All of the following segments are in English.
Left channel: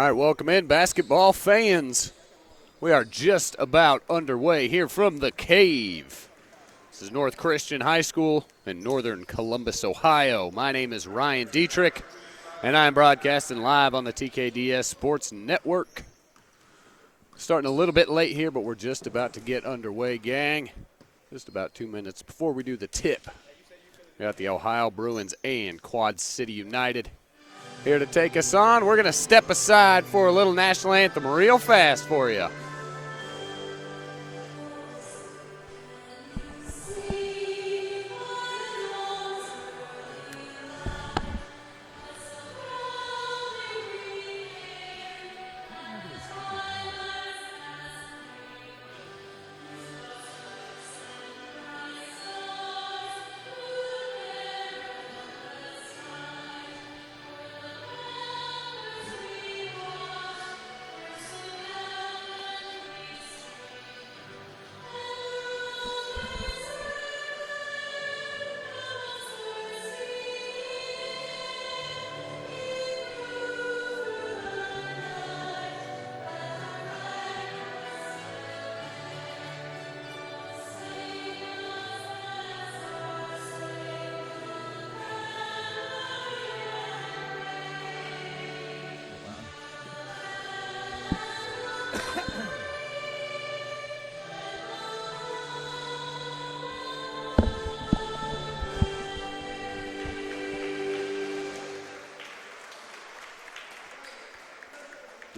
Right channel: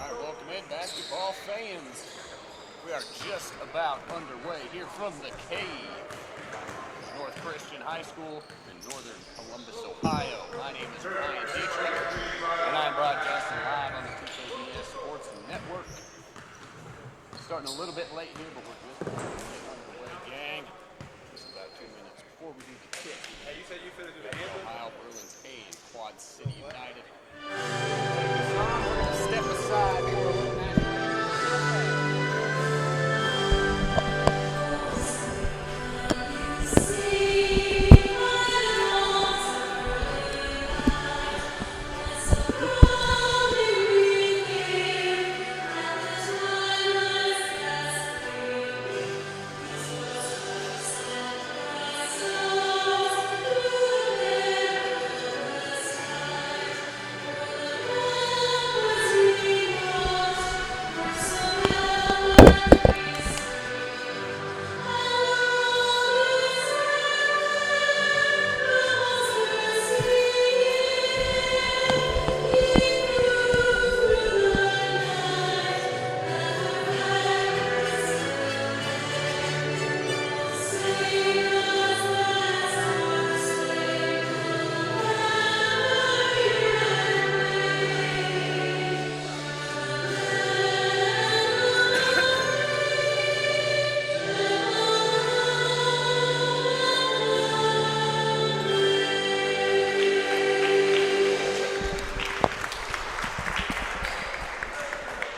right, welcome in, basketball fans. We are just about underway here from the Cave. This is North Christian High School in northern Columbus, Ohio. My name is Ryan Dietrich, and I'm broadcasting live on the TKDS Sports Network. Starting a little bit late here, but we're just about to get underway, gang. Just about 2 minutes before we do the tip. We got the Ohio Bruins and Quad City United here to take us on. We're going to step aside for a little national anthem real fast for you.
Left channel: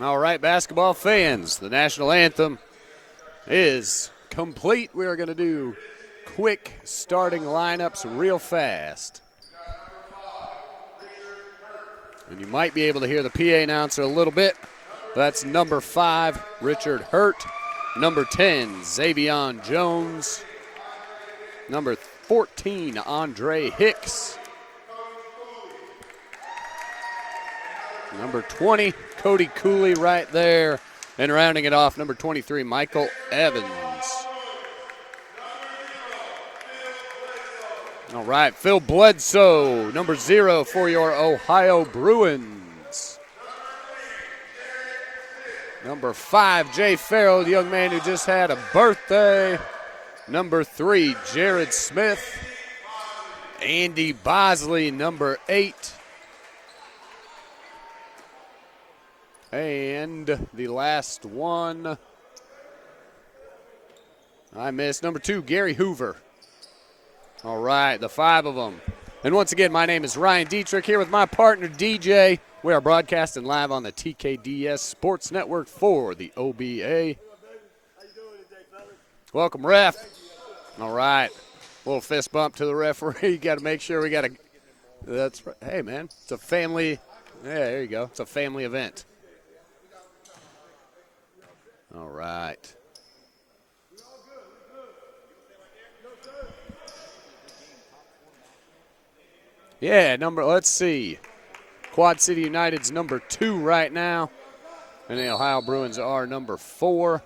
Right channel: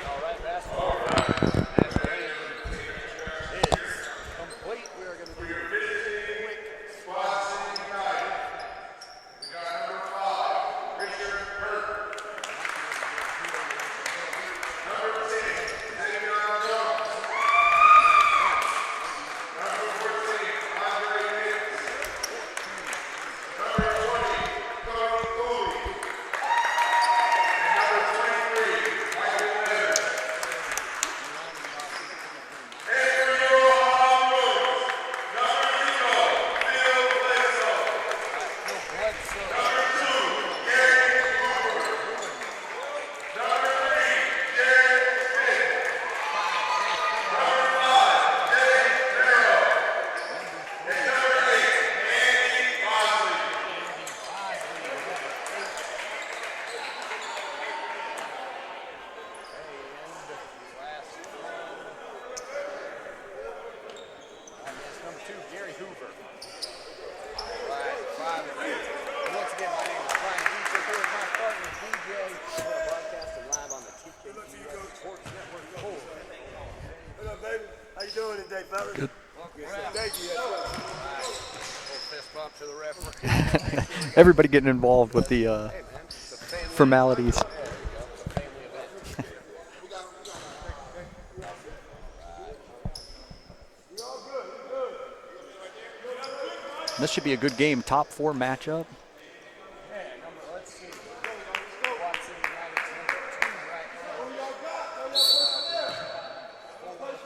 All right, basketball fans, the national anthem is complete. We are going to do quick starting lineups real fast. And you might be able to hear the PA announcer a little bit. That's number 5, Richard Hurt. Number 10, Xavion Jones. Number 14, Andre Hicks. Number 20, Cody Cooley right there. And rounding it off, number 23, Michael Evans. All right, Phil Bledsoe, number 0 for your Ohio Bruins. Number 5, Jay Farrell, the young man who just had a birthday. Number 3, Jared Smith. Andy Bosley, number 8. And the last one, I missed, number 2, Gary Hoover. All right, the 5 of them. And once again, my name is Ryan Dietrich here with my partner, DJ. We are broadcasting live on the TKDS Sports Network for the OBA. How you doing today, fellas? Good. Welcome, ref. All right. A little fist bump to the referee. You got to make sure we got everybody getting involved with the hey, man, it's a family formalities. Yeah, there you go. It's a family event. All right. This should be a good game. Top 4 matchup. Yeah, let's see. Quad City United's number 2 right now. And the Ohio Bruins are number 4.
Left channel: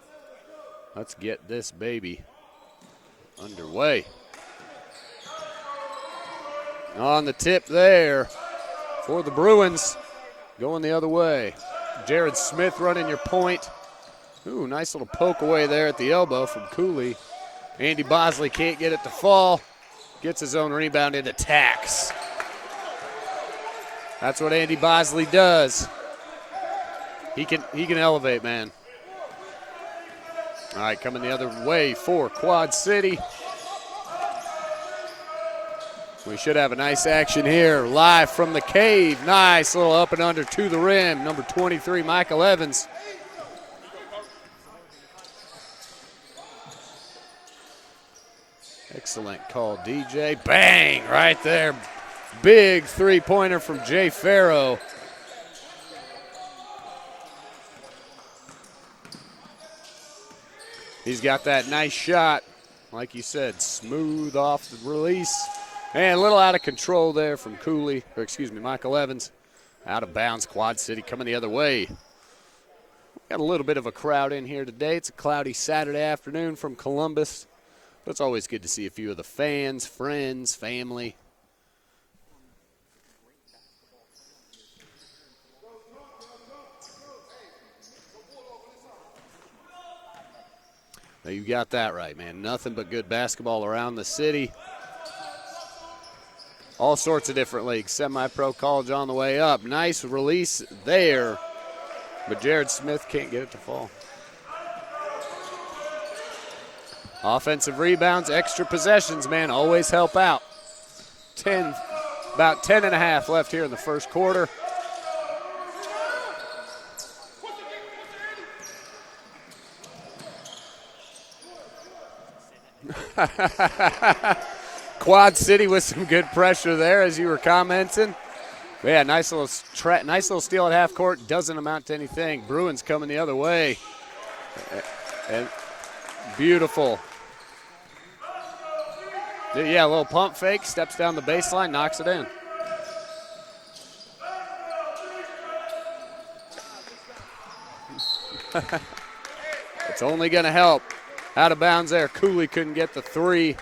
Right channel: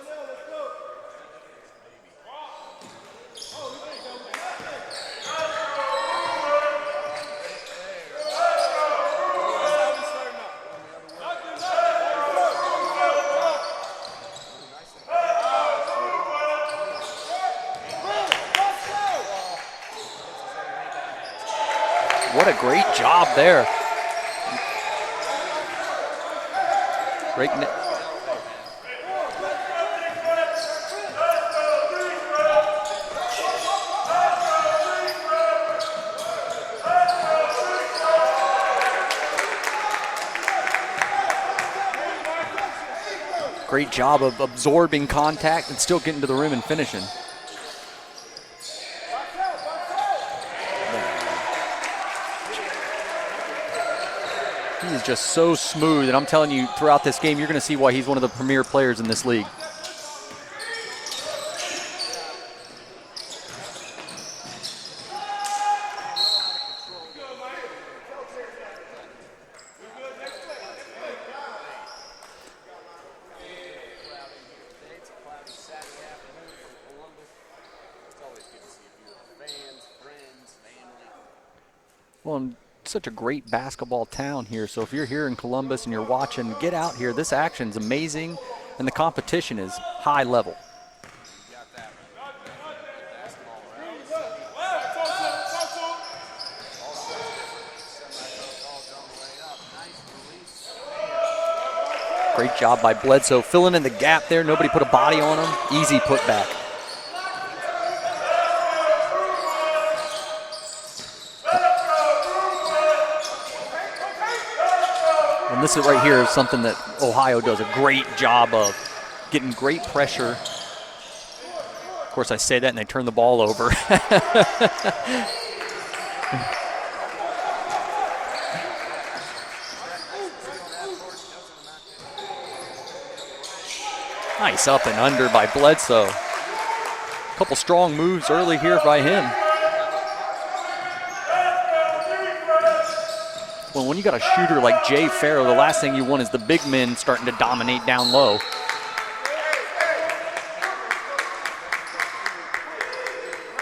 Let's get this baby underway. On the tip there for the Bruins. Going the other way. Jared Smith running your point. Ooh, nice little poke away there at the elbow from Cooley. Andy Bosley can't get it to fall. Gets his own rebound and attacks. What a great job there. That's what Andy Bosley does. He can elevate, man. All right, coming the other way for Quad City. We should have a nice action here live from the Cave. Nice little up and under to the rim. Number 23, Michael Evans. Great job of absorbing contact and still getting to the rim and finishing. Excellent call, DJ. Bang, right there. Big three-pointer from Jay Farrow. He is just so smooth, and I'm telling you, throughout this game, you're going to see why he's one of the premier players in this league. He's got that nice shot. Like you said, smooth off the release. And a little out of control there from Michael Evans. Out of bounds, Quad City coming the other way. Got a little bit of a crowd in here today. It's a cloudy Saturday afternoon from Columbus. It's always good to see a few of the fans, friends, family. Well, such a great basketball town here. So if you're here in Columbus and you're watching, get out here. This action's amazing, and the competition is high level. Now you got that right, man. Nothing but good basketball around the city. All sorts of different leagues. Semi-pro, college on the way up. Nice release there. Great job by Bledsoe, filling in the gap there. Nobody put a body on him. Easy putback. Offensive rebounds, extra possessions, man, always help out. About 10 and a half left here in the first quarter. And this is right here is something that Ohio does a great job of, getting great pressure. Of course, I say that and they turn the ball over. Quad City with some good pressure there, as you were commenting. Yeah, nice little steal at half court. Doesn't amount to anything. Bruins coming the other way. Nice up and under by Bledsoe. Beautiful. A couple strong moves early here by him. Yeah, a little pump fake, steps down the baseline, knocks it in. Well, when you got a shooter like Jay Farrow, the last thing you want is the big men starting to dominate down low. It's only going to help. Out of bounds there. Cooley couldn't get the three.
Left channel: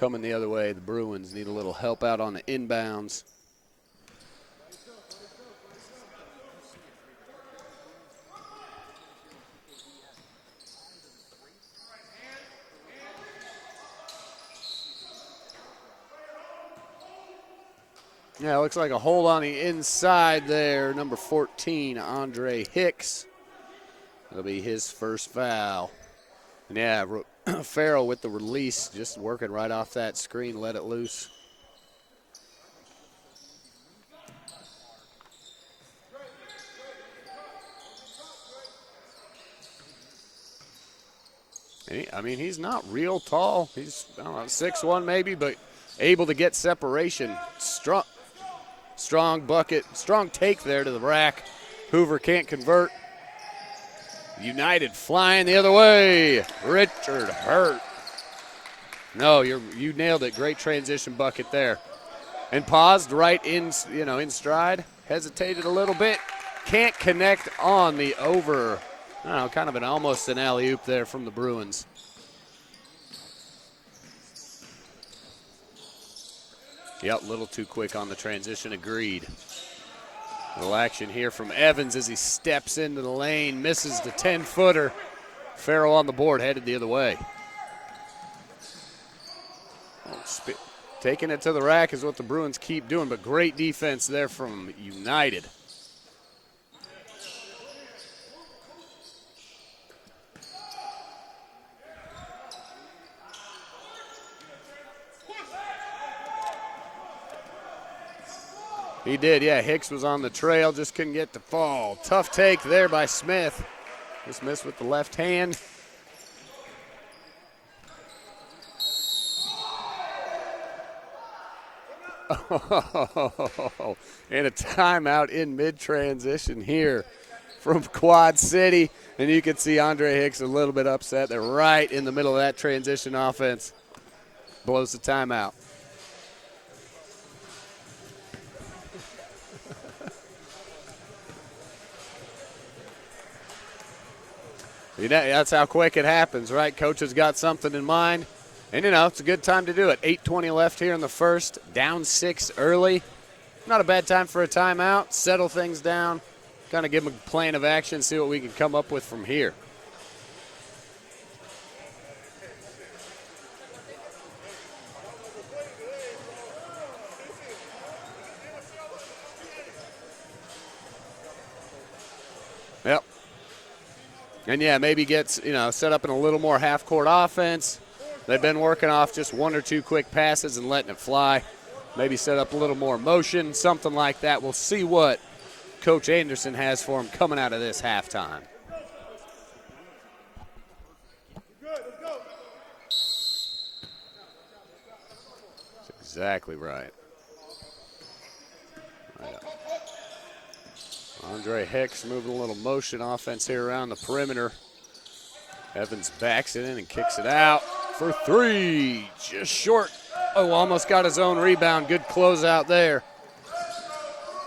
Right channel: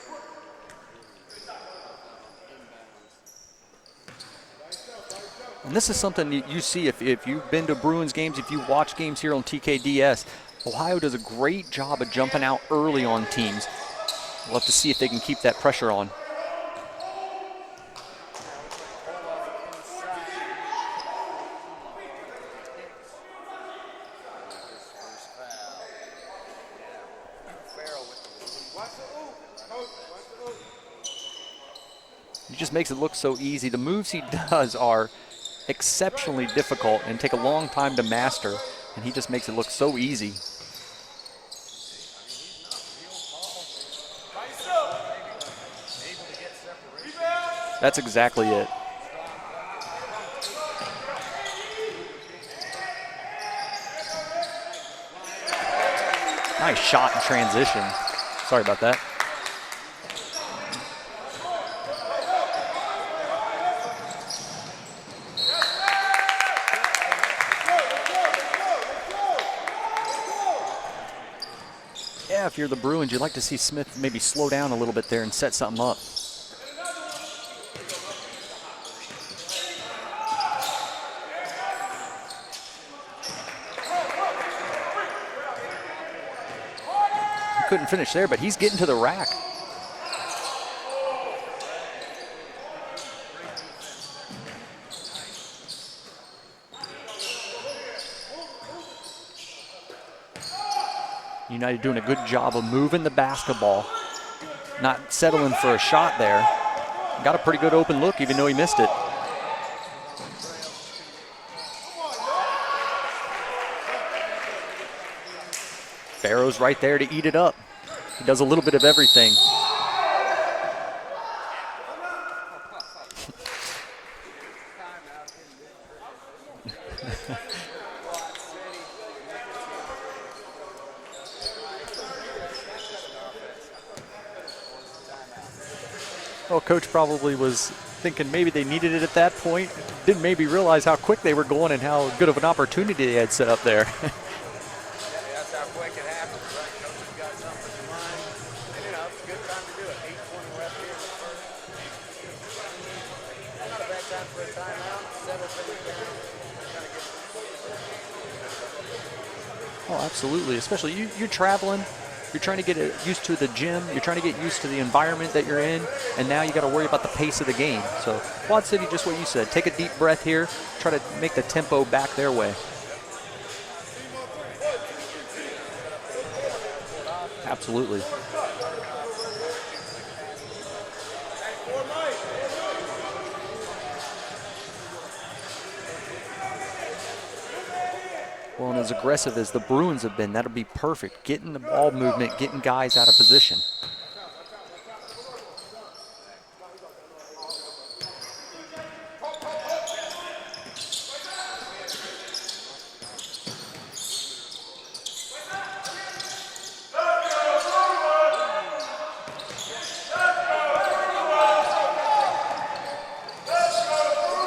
Coming the other way, the Bruins need a little help out on the inbounds. And this is something you see if you've been to Bruins games, if you watch games here on TKDS. Ohio does a great job of jumping out early on teams. We'll have to see if they can keep that pressure on. Yeah, looks like a hole on the inside there. Number 14, Andre Hicks. That'll be his first foul. Yeah, Farrell with the release, just working right off that screen, let it loose. He just makes it look so easy. The moves he does are exceptionally difficult and take a long time to master, and he just makes it look so easy. I mean, he's not real tall. He's, I don't know, 6'1" maybe, but able to get separation. That's exactly it. Strong bucket, strong take there to the rack. Hoover can't convert. United flying the other way. Nice shot in transition. Sorry about that. No, you nailed it. Great transition bucket there. And paused right in, in stride. Hesitated a little bit. Can't connect on the over. I don't know, kind of almost an alley-oop there from the Bruins. Yeah, if you're the Bruins, you'd like to see Smith maybe slow down a little bit there and set something up. Yep, a little too quick on the transition, agreed. A little action here from Evans as he steps into the lane, misses the 10-footer. Farrell on the board, headed the other way. He couldn't finish there, but he's getting to the rack. Taking it to the rack is what the Bruins keep doing, but great defense there from United. United doing a good job of moving the basketball, not settling for a shot there. Got a pretty good open look, even though he missed it. He did, yeah. Hicks was on the trail, just couldn't get the ball. Tough take there by Smith. Just missed with the left hand. Farrow's right there to eat it up. He does a little bit of everything. And a timeout in mid-transition here from Quad City. And you can see Andre Hicks a little bit upset. They're right in the middle of that transition offense. Blows the timeout. Well, coach probably was thinking maybe they needed it at that point. Didn't maybe realize how quick they were going and how good of an opportunity they had set up there. That's how quick it happens, right? Coach has got something in mind. And, it's a good time to do it. 8:20 left here in the first. Down 6 early. Not a bad time for a timeout. Settle things down. Kind of give them a plan of action, see what we can come up with from here. Oh, absolutely. Especially you're traveling. You're trying to get used to the gym. You're trying to get used to the environment that you're in. And now you got to worry about the pace of the game. So Quad City, just what you said. Take a deep breath here. Try to make the tempo back their way. Yep. And, yeah, maybe gets, set up in a little more half-court offense. Absolutely. They've been working off just 1 or 2 quick passes and letting it fly. Maybe set up a little more motion, something like that. We'll see what Coach Anderson has for him coming out of this halftime. Well, and as aggressive as the Bruins have been, that'll be perfect. Getting the ball movement, getting guys out of position. Exactly right. Andre Hicks moving a little motion offense here around the perimeter. Evans backs it in and kicks it out for 3. Just short. Oh, almost got his own rebound. Good closeout there.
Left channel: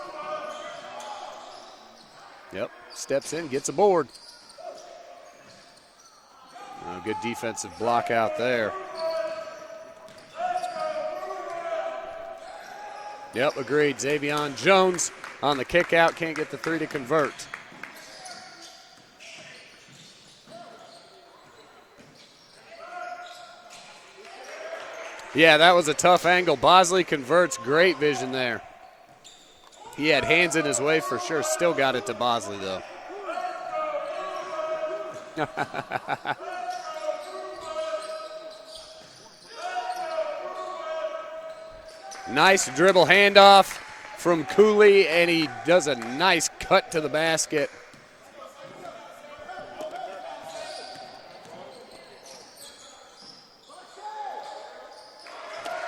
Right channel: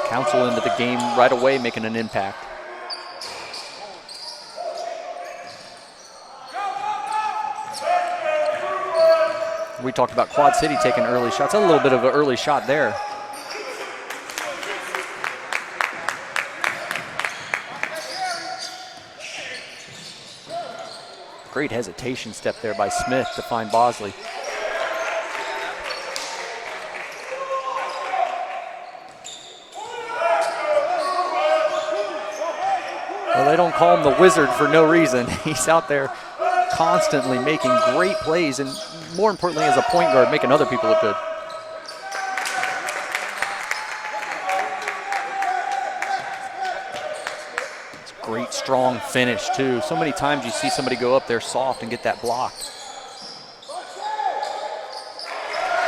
Council into the game right away, making an impact. Yep, steps in, gets a board. And a good defensive block out there. We talked about Quad City taking early shots. A little bit of an early shot there. Yep, agreed. Xavion Jones on the kick out, can't get the three to convert. Great hesitation step there by Smith to find Bosley. Yeah, that was a tough angle. Bosley converts, great vision there. He had hands in his way for sure, still got it to Bosley though. Well, they don't call him the wizard for no reason. He's out there constantly making great plays and more importantly as a point guard, making other people look good. Nice dribble handoff from Cooley, and he does a nice cut to the basket. It's a great strong finish too. So many times you see somebody go up there soft and get that blocked.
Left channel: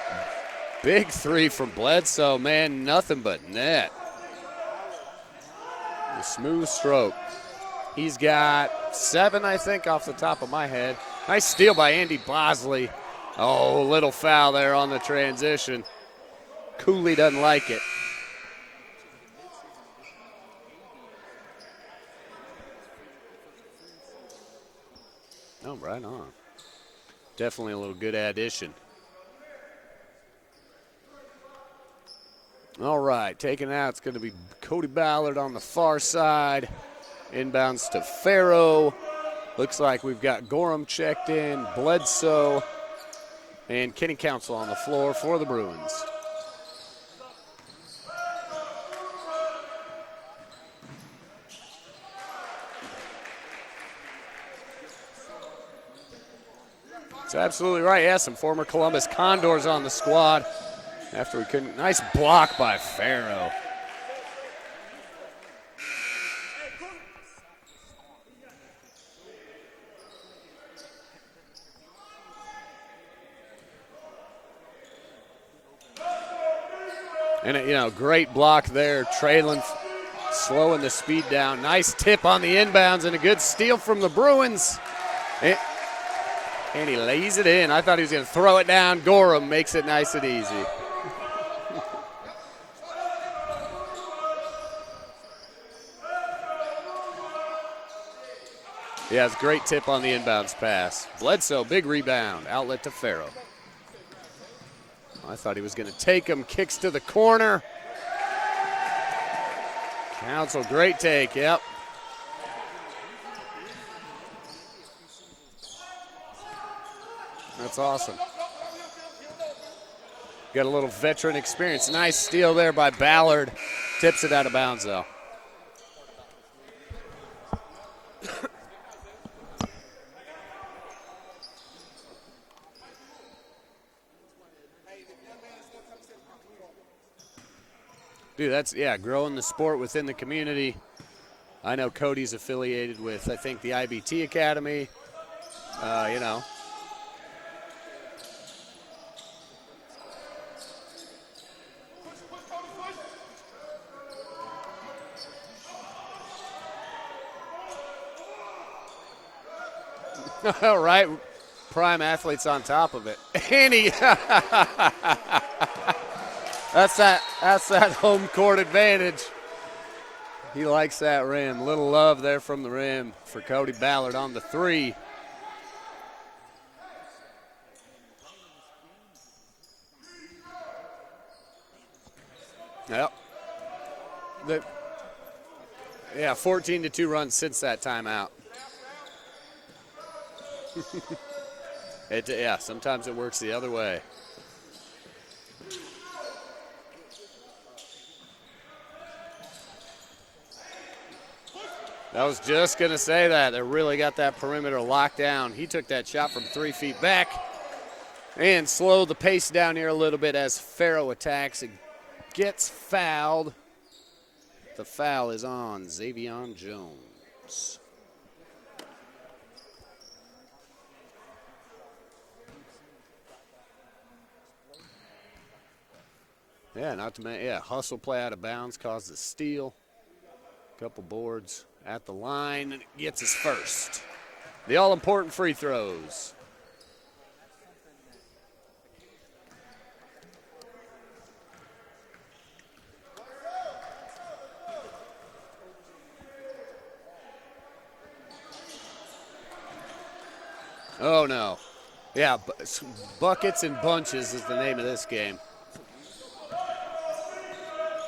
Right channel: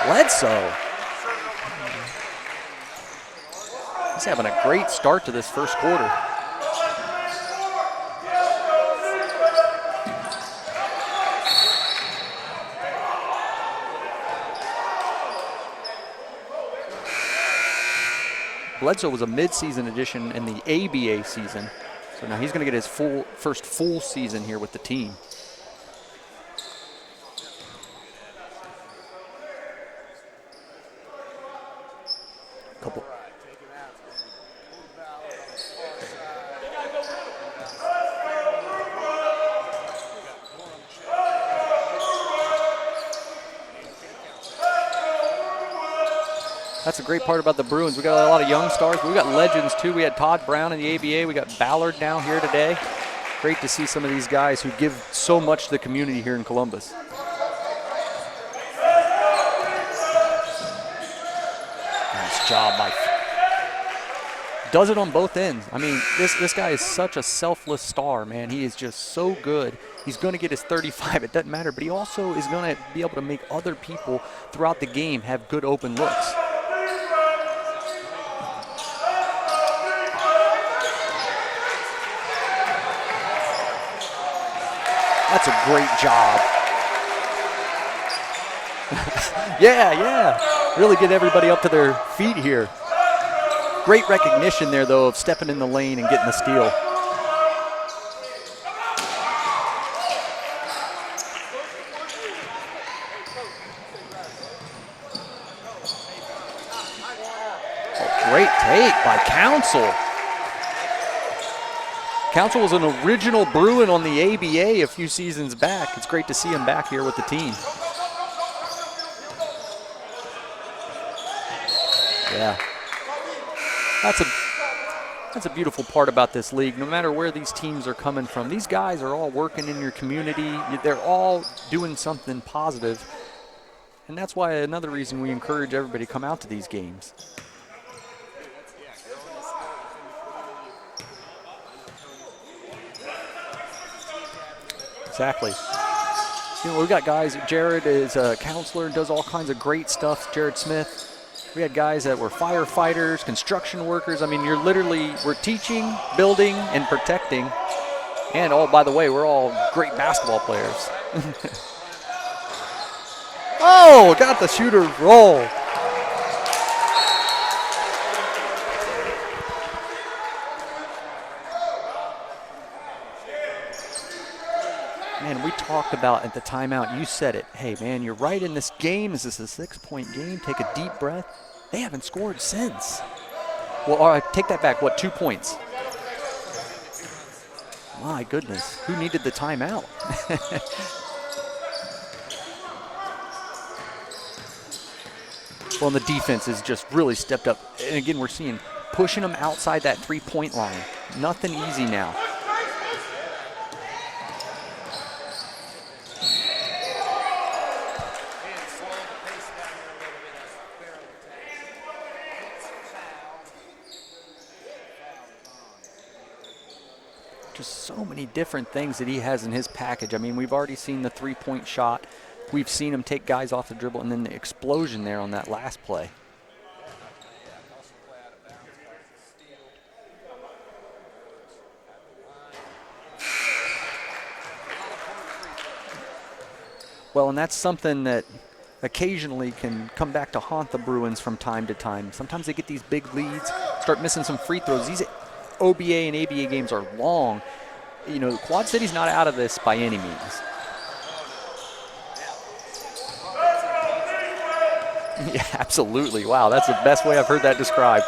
Bledsoe. Big three from Bledsoe, man, nothing but net. He's having a great start to this first quarter. Smooth stroke. He's got 7, I think, off the top of my head. Nice steal by Andy Bosley. Oh, a little foul there on the transition. Cooley doesn't like it. Bledsoe was a midseason addition in the ABA season. So now he's going to get his first full season here with the team. Oh, right on. Definitely a little good addition. All right, taken out. It's going to be Cody Ballard on the far side. Inbounds to Farrow. Looks like we've got Gorham checked in, Bledsoe, and Kenny Council on the floor for the Bruins. That's a great part about the Bruins. We got a lot of young stars, but we got legends too. We had Todd Brown in the ABA. We got Ballard down here today. Great to see some of these guys who give so much to the community here in Columbus. That's absolutely right. Yeah, some former Columbus Condors on the squad. After we couldn't, nice block by Farrow. Does it on both ends. I mean, this guy is such a selfless star, man. He is just so good. He's going to get his 35. It doesn't matter, but he also is going to be able to make other people throughout the game have good open looks. And, great block there. Traylon slowing the speed down. Nice tip on the inbounds and a good steal from the Bruins. That's a great job. And he lays it in. I thought he was going to throw it down. Gorham makes it nice and easy. Really get everybody up to their feet here. Great recognition there, though, of stepping in the lane and getting the steal. Yeah, it's a great tip on the inbounds pass. Bledsoe, big rebound. Outlet to Farrow. I thought he was going to take him. Kicks to the corner. Oh, great take by Council. Council, great take, yep. Council was an original Bruin on the ABA a few seasons back. It's great to see him back here with the team. That's awesome. Got a little veteran experience. Nice steal there by Ballard. Tips it out of bounds, though. That's a beautiful part about this league. No matter where these teams are coming from, these guys are all working in your community. They're all doing something positive. And that's why another reason we encourage everybody to come out to these games. Dude, that's, growing the sport within the community. I know Cody's affiliated with, I think, the IBT Academy. Exactly. You we've got guys, Jared is a counselor, does all kinds of great stuff, Jared Smith. We had guys that were firefighters, construction workers. I mean, we're teaching, building, and protecting. And, by the way, we're all great basketball players. All right. Prime athletes on top of it. Got the shooter's roll. That's that home court advantage. He likes that rim. Little love there from the rim for Cody Ballard on the three. Man, we talked about at the timeout, you said it. Hey, man, you're right in this game. Is this a 6-point game? Take a deep breath. They haven't scored since. Yep. Well, all right, take that back. 2 points? Yeah, 14-2 run since that timeout. My goodness. Who needed the timeout? Sometimes it works the other way. Well, and the defense has just really stepped up. And again, we're seeing pushing them outside that 3-point line. Nothing easy now. I was just going to say that. They really got that perimeter locked down. He took that shot from 3 feet back and slowed the pace down here a little bit as Farrow attacks and gets fouled. The foul is on Xavion Jones. Just so many different things that he has in his package. I mean, we've already seen the 3-point shot. We've seen him take guys off the dribble, and then the explosion there on that last play. Yeah, hustle play out of bounds caused a steal. A couple boards at the line, and gets his first. The all-important free throws. Well, and that's something that occasionally can come back to haunt the Bruins from time to time. Sometimes they get these big leads, start missing some free throws. These OBA and ABA games are long. Quad City's not out of this by any means. Oh, no. Yeah, buckets and bunches is the name of this game. Yeah, absolutely. Wow, that's the best way I've heard that described.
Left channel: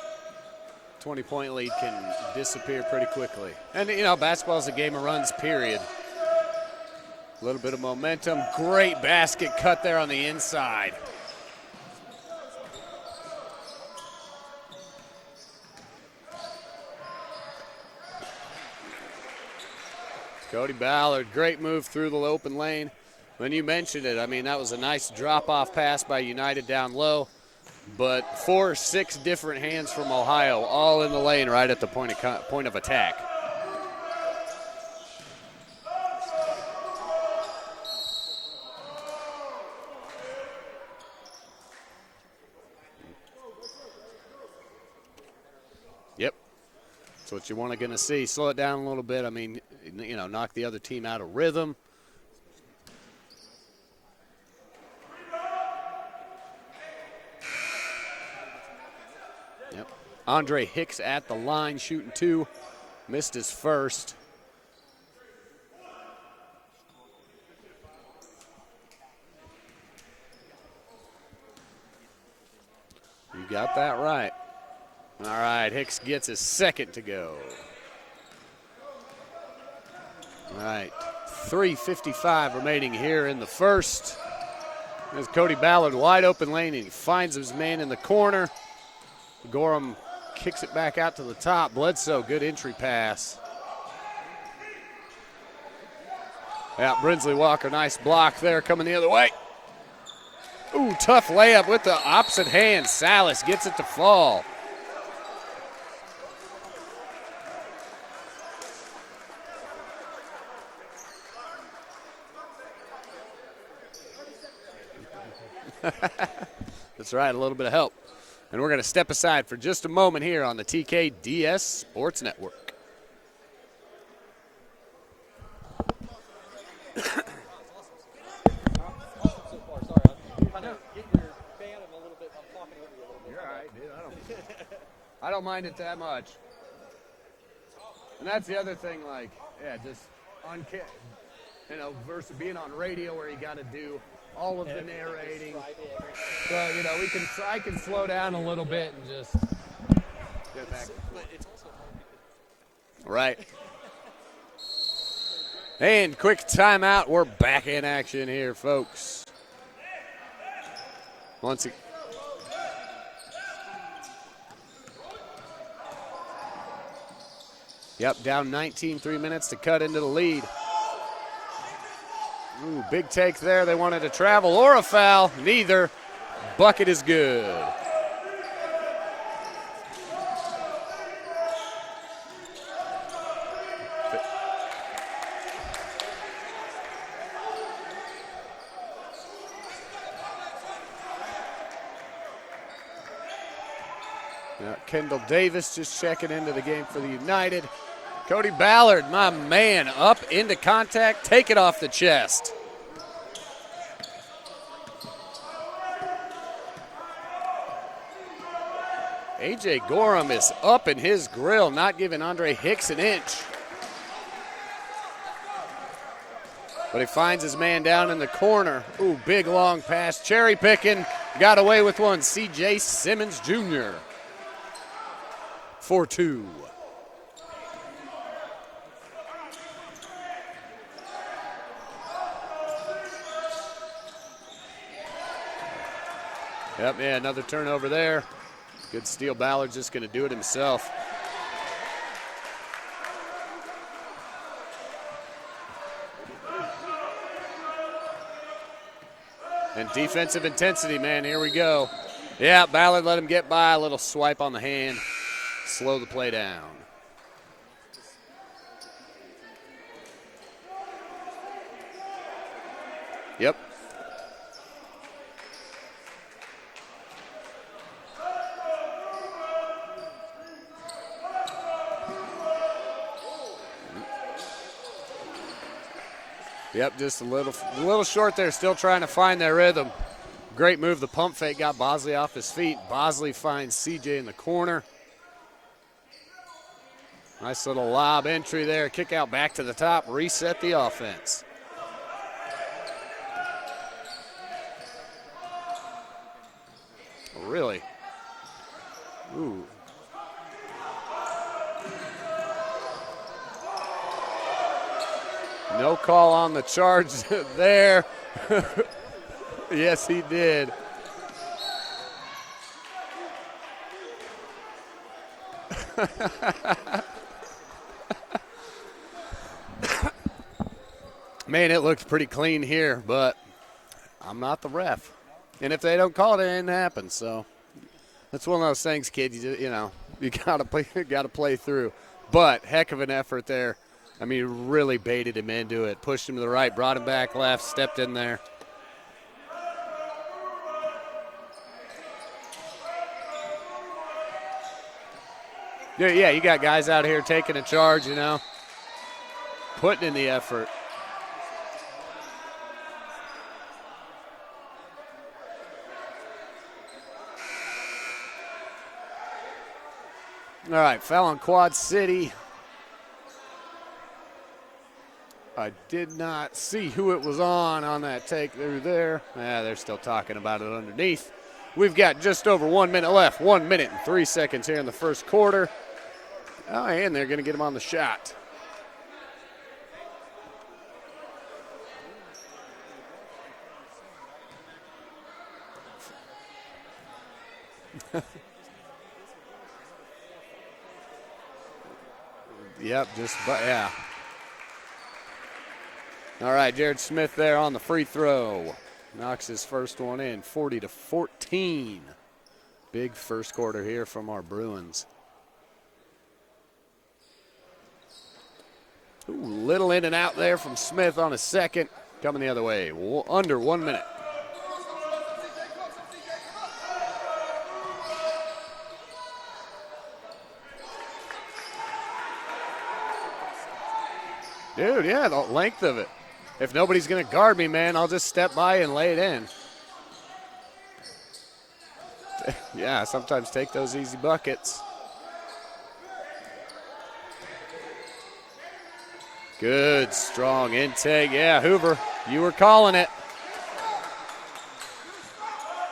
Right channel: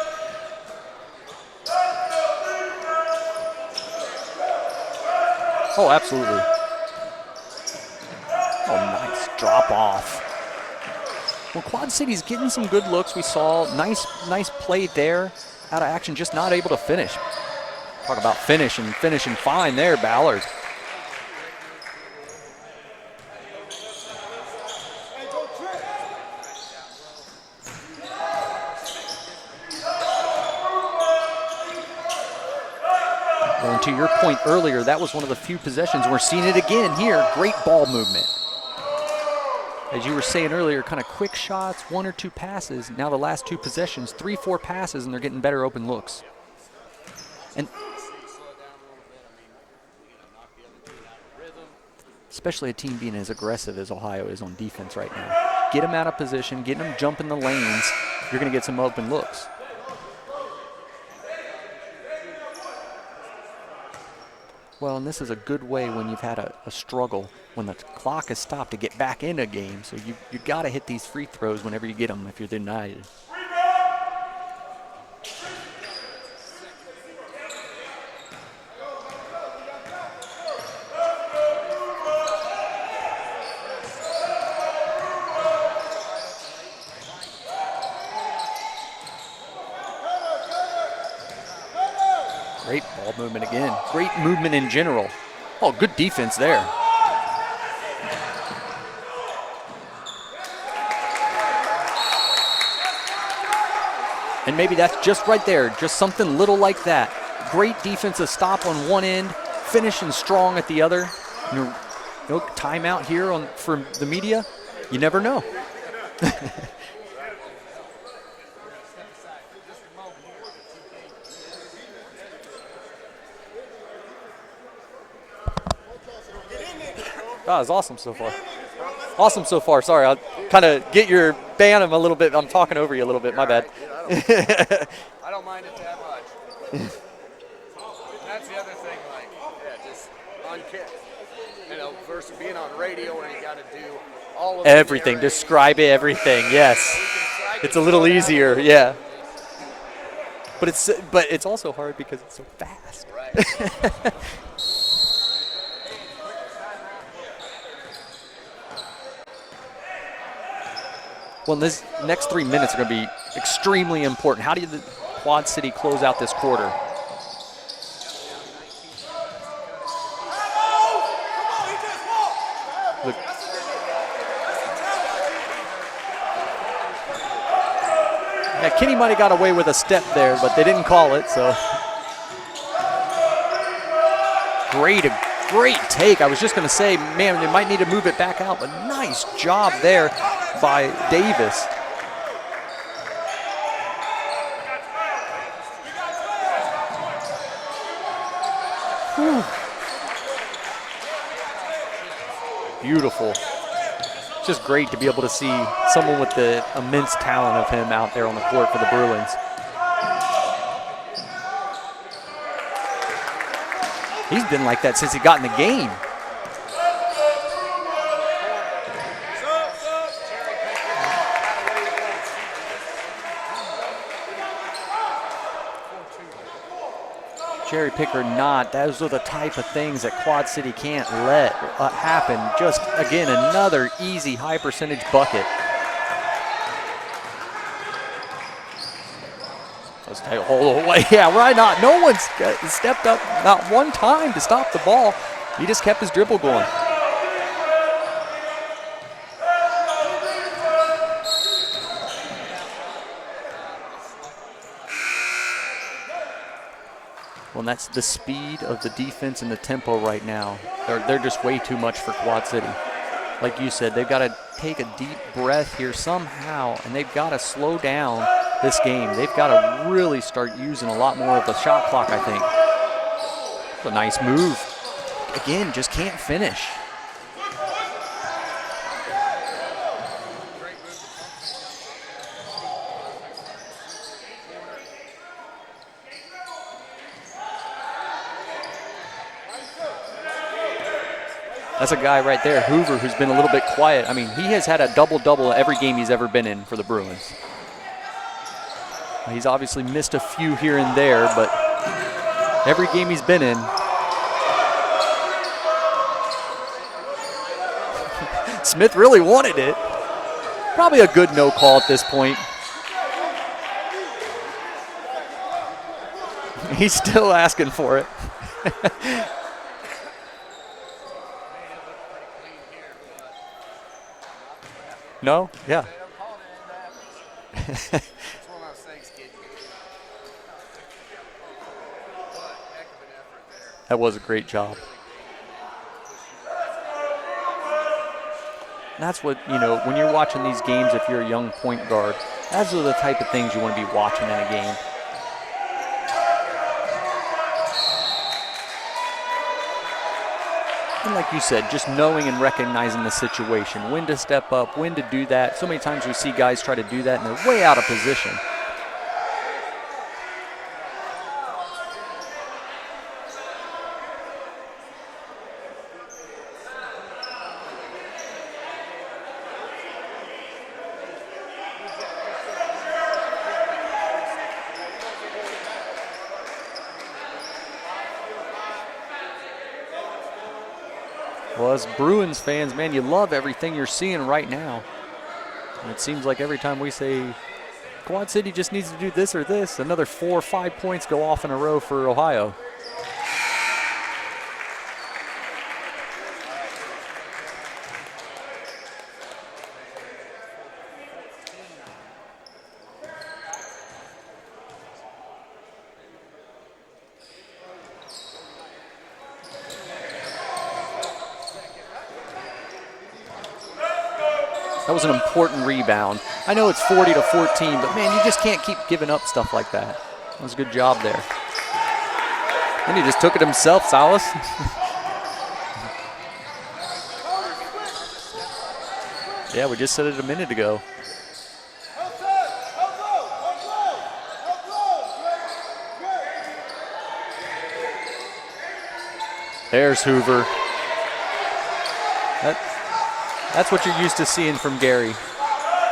20-point lead can disappear pretty quickly. And, you know, basketball is a game of runs, period. Oh, absolutely. A little bit of momentum. Great nice basket drop cut off. there on the inside. Well, Quad City's getting some good looks. We saw nice play there out of action, just not able to finish. Talk about finishing fine there, Ballard. Cody Ballard, great move through the open lane. When you mentioned it, I mean, that was a nice drop-off pass by United down low. But 4-6 different hands from Ohio, all in the lane right at the point of attack. Well, and to your point earlier, that was one of the few possessions. We're seeing it again here. Great ball movement. As you were saying earlier, kind of quick shots, 1 or 2 passes. Now the last 2 possessions, 3-4 passes, and they're getting better open looks. Yep. That's what you want to see. Slow it down a little bit. I mean, you know, knock the other team out of rhythm. Especially a team being as aggressive as Ohio is on defense right now. Get them out of position, get them jumping the lanes. You're going to get some open looks. Yep. Andre Hicks at the line, shooting 2. Missed his first. Well, and this is a good way when you've had a struggle, when the clock is stopped, to get back in a game. So you got to hit these free throws whenever you get them if you're the United. You got that right. All right, Hicks gets his second to go. All right, 3:55 remaining here in the first. There's Cody Ballard, wide open lane. He finds his man in the corner. Gorham kicks it back out to the top. Bledsoe, good entry pass. Great movement again. Great movement in general. Oh, good defense there. Yeah, Brinsley Walker, nice block there, coming the other way. Ooh, tough layup with the opposite hand. Salas gets it to fall. And maybe that's just right there, just something little like that. Great defensive stop on one end, finishing strong at the other. No timeout here for the media. You never know. That's right, a little bit of help. And we're going to step aside for just a moment here on the TKDS Sports Network. That was awesome so far. Awesome so far. Sorry, I'll kind of get your band a little bit. I'm talking over you a little bit. My bad. I don't mind it that much. And that's the other thing, like, yeah, just you know, versus being on radio where you got to do all of everything. Describe everything. Yes. It's a little easier. Yeah. But it's also hard because it's so fast. Right. And quick timeout. We're back in action here, folks. Well, this next 3 minutes are going to be extremely important. How do the Quad City close out this quarter? Yep, down 19, 3 minutes to cut into the lead. Ooh, big take there. They wanted to travel or a foul. Neither. Bucket is good. Yeah, Kenny might have got away with a step there, but they didn't call it, so. Great take. I was just going to say, man, they might need to move it back out, but nice job there by Davis. Kendall Davis just checking into the game for United. Cody Ballard, my man, up into contact, take it off the chest. Beautiful. It's just great to be able to see someone with the immense talent of him out there on the court for the Bruins. A.J. Gorham is up in his grill, not giving Andre Hicks an inch. He's been like that since he got in the game. But he finds his man down in the corner. Ooh, big long pass, cherry picking, got away with one. C.J. Simmons Jr. 4-2. Cherry pick or not, those are the type of things that Quad City can't let happen. Just, again, another easy high percentage bucket. Yep, yeah, another turnover there. Good steal. Ballard's just going to do it himself. Yeah, why not? No one's stepped up not one time to stop the ball. He just kept his dribble going. And defensive intensity, man, here we go. Yeah, Ballard let him get by, a little swipe on the hand, slow the play down. Well, and that's the speed of the defense and the tempo right now. They're just way too much for Quad City. Like you said, they've got to take a deep breath here somehow, and they've got to slow down this game. They've got to really start using a lot more of the shot clock, I think. A nice move. Again, just can't finish. Yep, just a little short there, still trying to find their rhythm. Great move, the pump fake got Bosley off his feet. Bosley finds CJ in the corner. Nice little lob entry there, kick out back to the top, reset the offense. That's a guy right there, Hoover, who's been a little bit quiet. I mean, he has had a double-double every game he's ever been in for the Bruins. Really? He's obviously missed a few here and there, but every game he's been in. No call on the charge there. Smith really wanted it. Yes, he did. Probably a good no call at this point. He's still asking for it. Man, it looks pretty clean here, but I'm not the ref. No? And if they don't call it, it ain't happen. So it's one of those things, kid. You gotta play through. But heck of an effort there. That was a great job. Really baited him into it, pushed him to the right, brought him back left, stepped in there. That's what, when you're watching these games, if you're a young point guard, those are the type of things you want to be watching in a game. Yeah, you got guys out here taking a charge, putting in the effort. And like you said, just knowing and recognizing the situation, when to step up, when to do that. So many times we see guys try to do that, and they're way out of position. All right, foul on Quad City. I did not see who it was on that take there. Yeah, they're still talking about it underneath. We've got just over 1 minute left. 1 minute and 3 seconds here in the first quarter. Oh, and they're going to get him on the shot. Well, as Bruins fans, man, you love everything you're seeing right now. And it seems like every time we say Quad City just needs to do this or this, another 4 or 5 points go off in a row for Ohio. Yep, yeah. All right, Jared Smith there on the free throw. Knocks his first one in, 40-14. Big first quarter here from our Bruins. Ooh, little in and out there from Smith on a second. Coming the other way, under 1 minute. That was an important rebound. I know it's 40-14, but man, you just can't keep giving up stuff like that. That was a good job there. And he just took it himself, Salas. Dude, yeah, the length of it. If nobody's going to guard me, man, I'll just step by and lay it in. Yeah, we just said it a minute ago. Yeah, sometimes take those easy buckets. Good, there's Hoover. Strong intake. Yeah, Hoover, you were calling it. That's what you're used to seeing from Gary.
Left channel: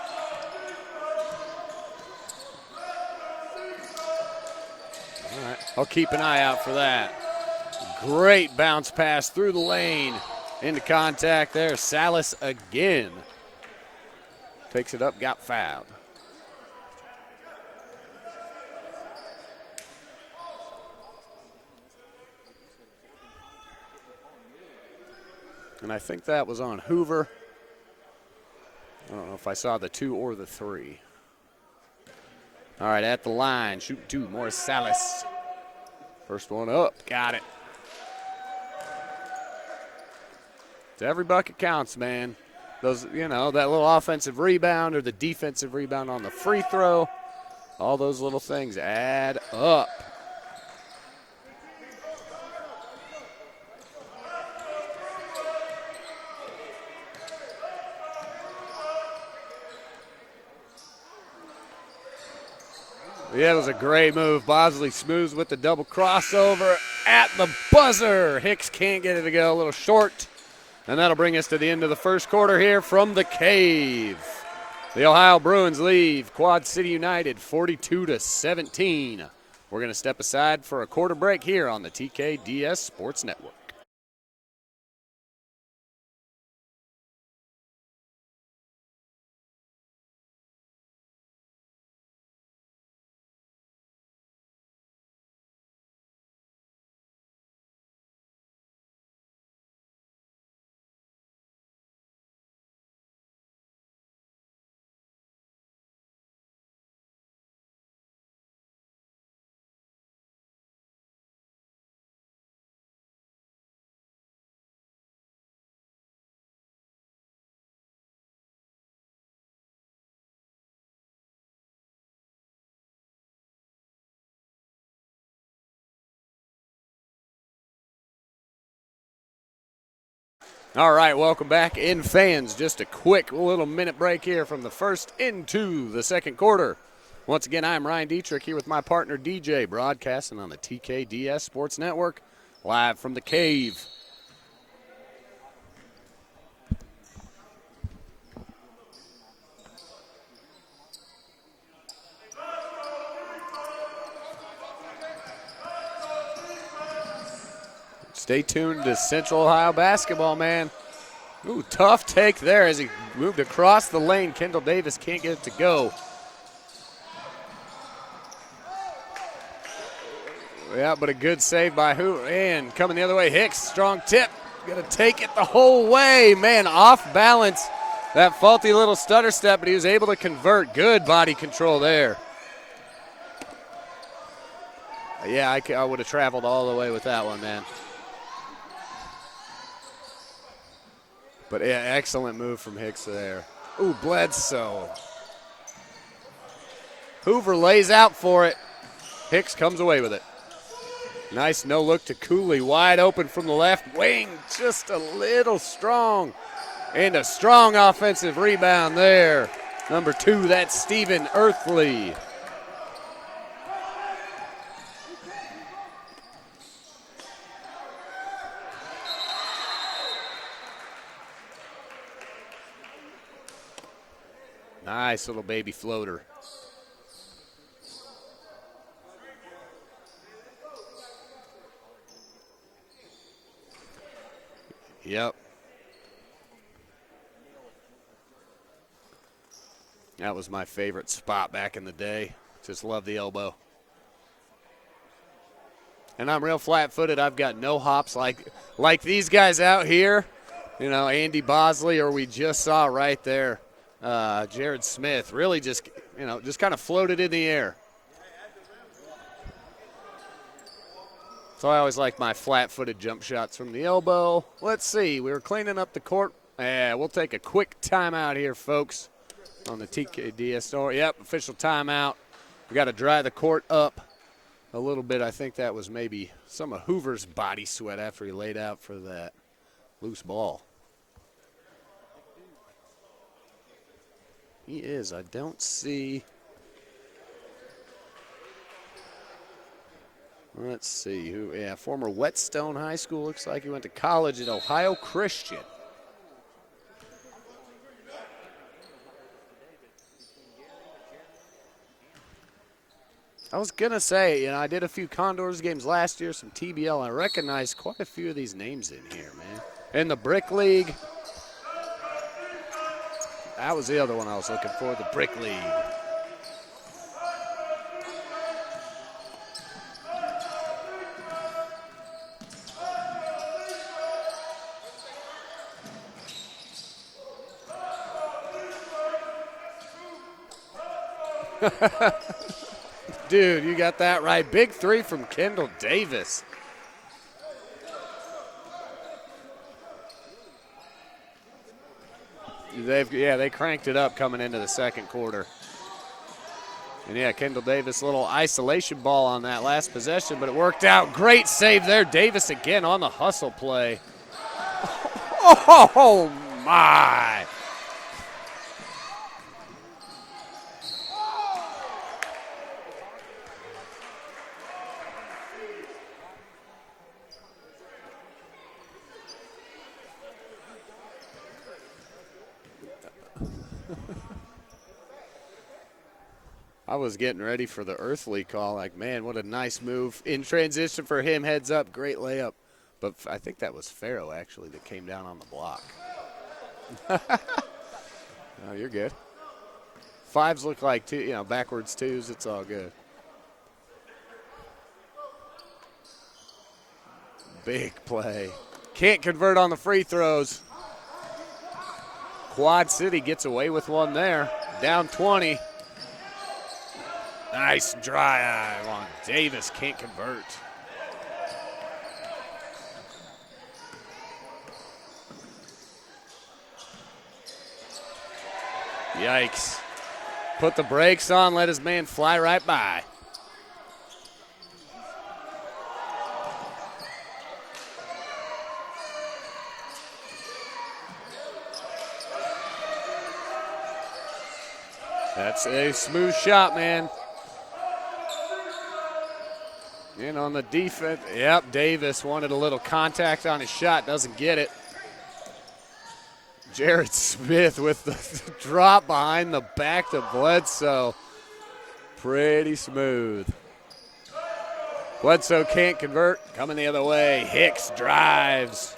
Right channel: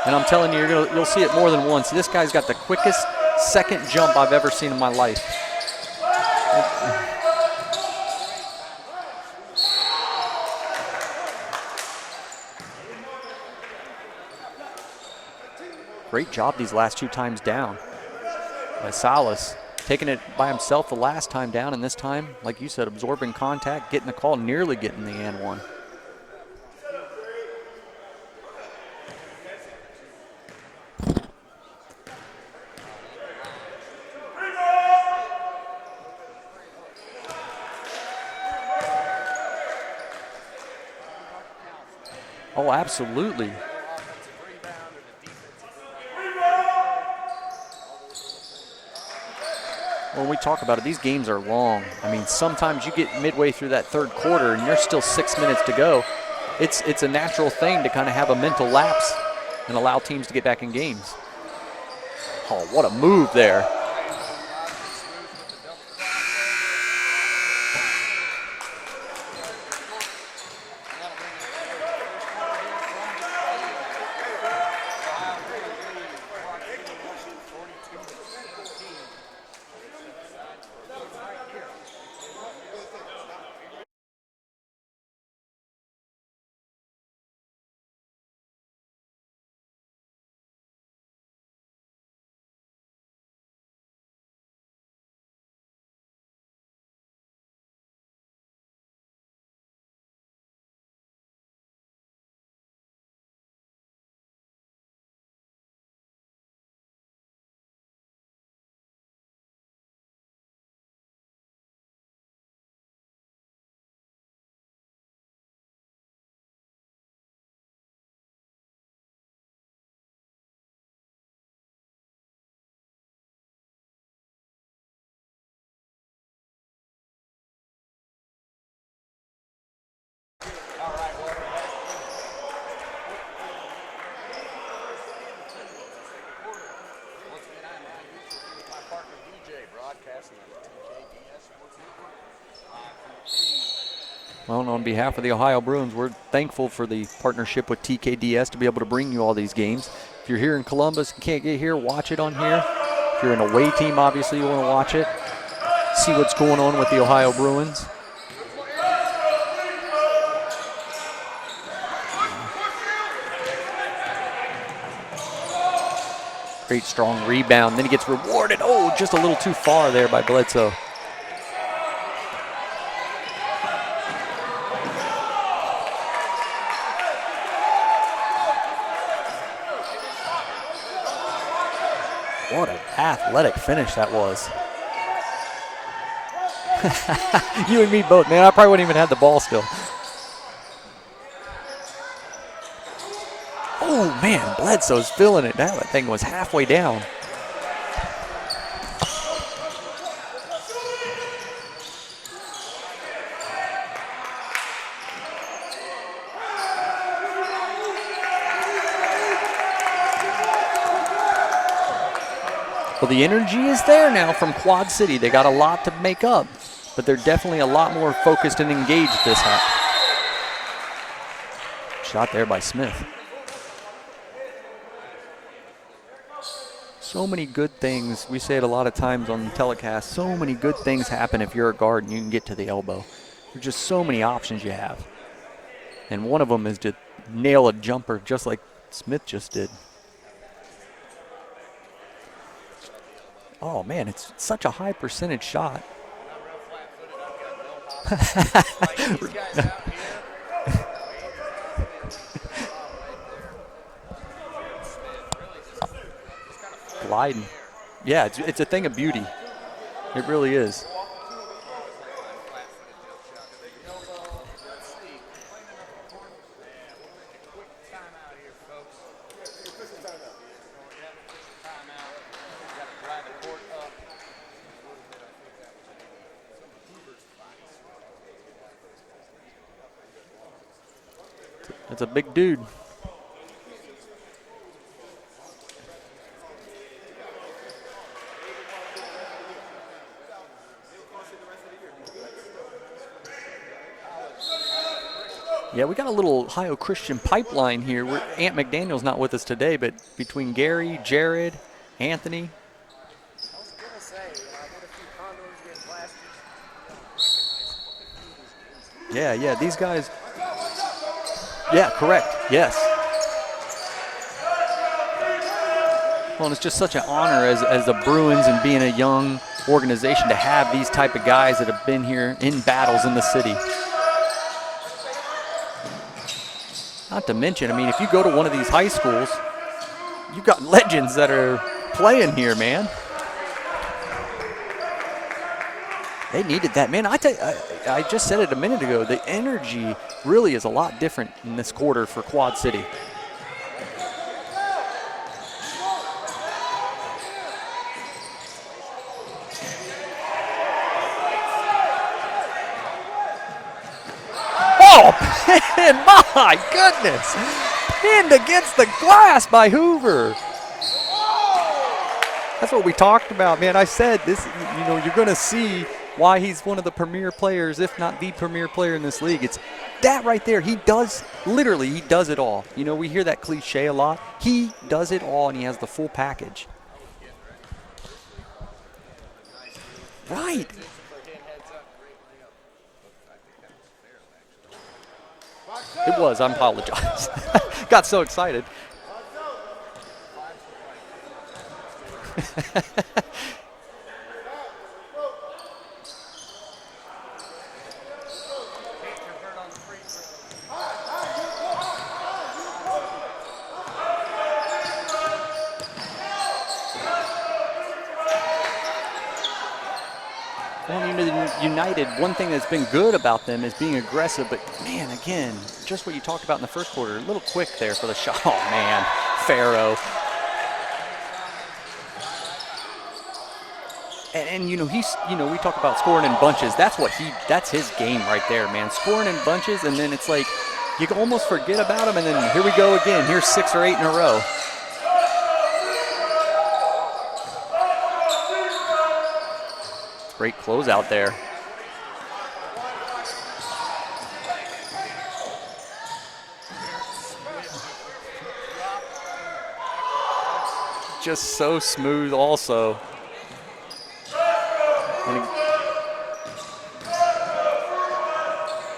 And I'm telling you, you'll see it more than once. This guy's got the quickest second jump I've ever seen in my life. I'll keep an eye out for that. Great bounce pass through the lane. Into contact there. Salas again. Picks it up, got fouled. Great job these last 2 times down by Salas. Taking it by himself the last time down, and this time, like you said, absorbing contact, getting the call, nearly getting the and one. And I think that was on Hoover. I don't know if I saw the 2 or the 3. All right, at the line, shoot 2, Morris Salas. First one up, got it. Every bucket counts, man. Oh, absolutely. That little offensive rebound or the defensive rebound on the free throw. All those little things add up. When we talk about it, these games are long. I mean, sometimes you get midway through that third quarter and there's still 6 minutes to go. It's a natural thing to kind of have a mental lapse and allow teams to get back in games. Oh, what a move there. That was a great move. Bosley smooths with the double crossover at the buzzer. Hicks can't get it to go, a little short. And that'll bring us to the end of the first quarter here from the Cave. The Ohio Bruins lead Quad City United 42-17. We're going to step aside for a quarter break here on the TKDS Sports Network. All right, welcome back in, fans. Just a quick little minute break here from the first into the second quarter. Once again, I'm Ryan Dietrich here with my partner DJ, broadcasting on the TKDS Sports Network, live from the Cave. Well, on behalf of the Ohio Bruins, we're thankful for the partnership with TKDS to be able to bring you all these games. If you're here in Columbus and can't get here, watch it on here. If you're an away team, obviously you want to watch it. See what's going on with the Ohio Bruins. Stay tuned to Central Ohio basketball, man. Ooh, tough take there as he moved across the lane. Kendall Davis can't get it to go. Great strong rebound. Then he gets rewarded. Oh, just a little too far there by Bledsoe. Yeah, but a good save by who? And coming the other way, Hicks, strong tip. Gonna take it the whole way. Man, off balance. That faulty little stutter step, but he was able to convert. Good body control there. What an athletic finish that was. Yeah, I would have traveled all the way with that one, man. You and me both, man. I probably wouldn't even have the ball still. But yeah, excellent move from Hicks there. Oh, man, Bledsoe's feeling it. That thing was halfway down. Hoover lays out for it. Hicks comes away with it. Nice no-look to Cooley, wide open from the left wing, just a little strong. And a strong offensive rebound there. Number 2, that's Stephen Earthley. Well, the energy is there now from Quad City. They got a lot to make up, but they're definitely a lot more focused and engaged this half. Shot there by Smith. Nice little baby floater. So many good things. We say it a lot of times on the telecast. So many good things happen if you're a guard and you can get to the elbow. There's just so many options you have. Yep. And one of them is to nail a jumper just like Smith just did. That was my favorite spot back in the day. Just love the elbow. Oh, man, it's such a high percentage shot. And I'm real flat-footed. I've got no hops like these guys out here. You know, Andy Bosley, or we just saw right there, Jared Smith, really just, you know, just kind of floated in the air. Yeah, it's a thing of beauty. It really is. So I always like my flat-footed jump shots from the elbow. Let's see, we were cleaning up the court. Yeah, we'll take a quick timeout here, folks, on the TKDS store. Yep, official timeout. We got to dry the court up a little bit. I think that was maybe some of Hoover's body sweat after he laid out for that loose ball. That's a big dude. He is. I don't see. Let's see. Yeah, former Whetstone High School. Looks like he went to college at Ohio Christian. Yeah, we got a little Ohio Christian pipeline here. Aunt McDaniel's not with us today, but between Gary, Jared, Anthony. I was going to say, you know, I did a few Condors games last year, some TBL. I recognized quite a few of these names. Yeah, these guys. In the Brick League. Yeah, correct. Yes. That was the other one I was looking for, the Brick League. Well, and it's just such an honor as the Bruins and being a young organization to have these type of guys that have been here in battles in the city. Not to mention, I mean, if you go to one of these high schools, you've got legends that are playing here, man. Dude, you got that right. Big 3 from Kendall Davis. They needed that, man. I just said it a minute ago. The energy really is a lot different in this quarter for Quad City. They cranked it up coming into the second quarter. And yeah, Kendall Davis, a little isolation ball on that last possession, but it worked out. Great save there. Davis again on the hustle play. Oh, man, my goodness. Pinned against the glass by Hoover. That's what we talked about, man. I said this, you know, you're going to see why he's one of the premier players, if not the premier player in this league. It's that right there. He does it all. You know, we hear that cliche a lot. He does it all, and he has the full package. I was getting ready for the Earthley call. Like, man, what a nice move. In transition for him, heads up, great layup. But I think that was Farrow, actually, that came down on the block. It was. I apologize. Got so excited. Oh, you're good. 5s look like two, you know, backwards 2s. It's all good. Big play. Can't convert on the free throws. Quad City gets away with one there. Down 20. Nice drive. Davis can't convert. Well, you know, United, one thing that's been good about them is being aggressive, but, man, again, just what you talked about in the first quarter, a little quick there for the shot. Oh, man, yikes. Farrow. Put the brakes on, let his man fly right by. And you know, we talk about scoring in bunches. That's his game right there, man. Scoring in bunches, and then it's like you can almost forget about him, and then here we go again. Here's 6 or 8 in a row. That's a smooth shot, man. in Great on the closeout there. Yep, Davis wanted a little contact on his shot, doesn't get it. Jared Smith with the drop behind the back to Bledsoe. Just so smooth Pretty also. smooth. Bledsoe can't convert, coming the other way. Hicks drives,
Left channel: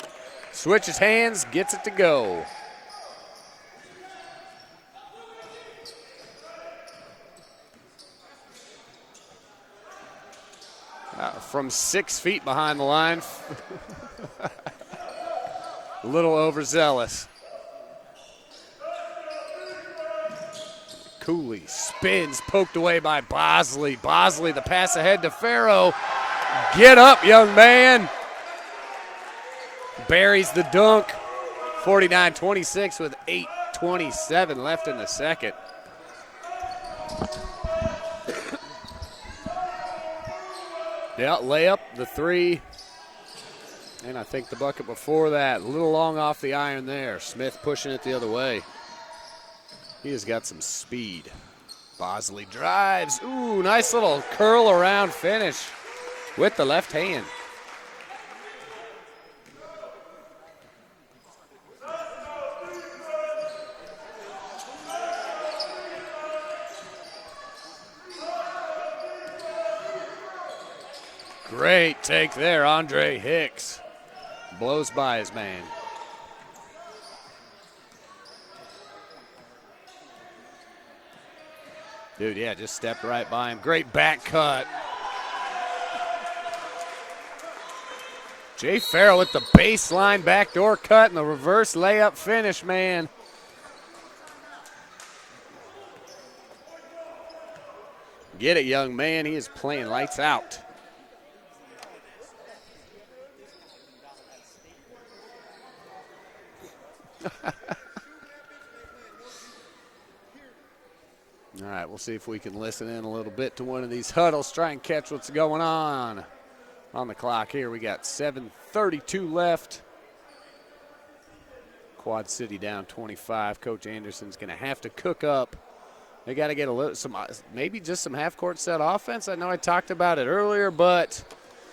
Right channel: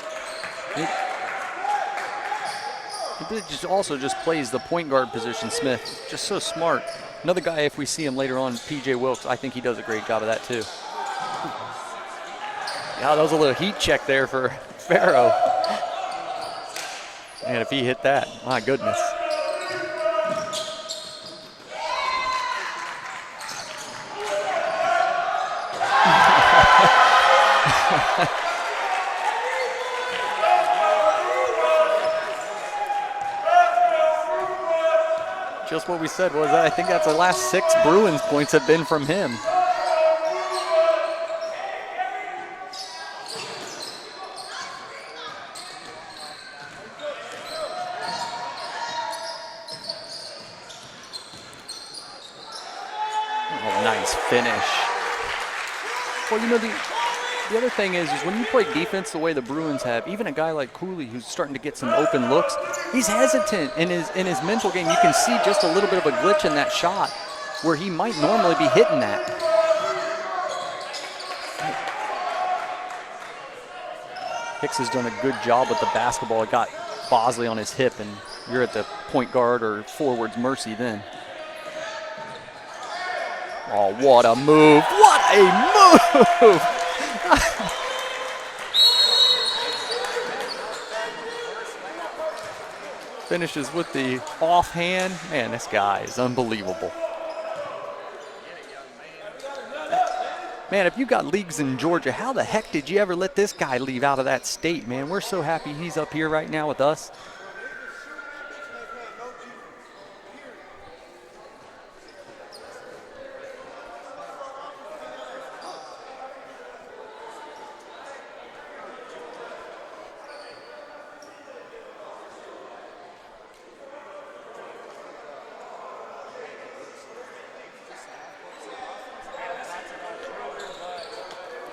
switches hands, gets it to go. He just plays the point guard position, Smith. Just so smart. Another guy, if we see him later on, P.J. Wilkes, I think he does a great job of that too. From 6 feet behind the line. That was a little heat check there for Farrow. A little overzealous. And if he hit that, my goodness. Cooley spins, poked away by Bosley. Bosley, the pass ahead to Farrow. Get up, young man. Buries the dunk. 49-26 with 8:27 left in the second. Just what we said was that I think that's the last 6 Bruins points have been from him. Yeah, layup, the 3. And I think the bucket before that, a little long off the iron there. Smith pushing it the other way. He has got some speed. Bosley drives. Ooh, nice little finish. curl around finish with the left hand. The other thing is when you play defense the way the Bruins have, even a guy like Cooley who's starting to get some open looks, he's hesitant in his mental game. You can see just a little bit of a glitch in that shot where he might normally be hitting that. Great take there, Andre Hicks. Hicks has done a good job with the basketball. It got Bosley on his hip, and you're at the point guard or forward's mercy then. Dude, yeah, just stepped right by him. Great Oh, back what a cut. move. What a move. Jay Farrell with the baseline backdoor cut and the reverse layup finish, man. Finishes with the offhand. Man, this guy is unbelievable. Get it, young man. He is playing lights out. Man, if you got leagues in Georgia, how the heck did you ever let this guy leave out of that state, man? We're so happy he's up here right now with us. All right, we'll see if we can listen in a little bit to one of these huddles, try and catch what's going on the clock here. We got 7:32 left. Quad City down 25. Coach Anderson's going to have to cook up. They got to get maybe just some half-court set offense. I know I talked about it earlier, but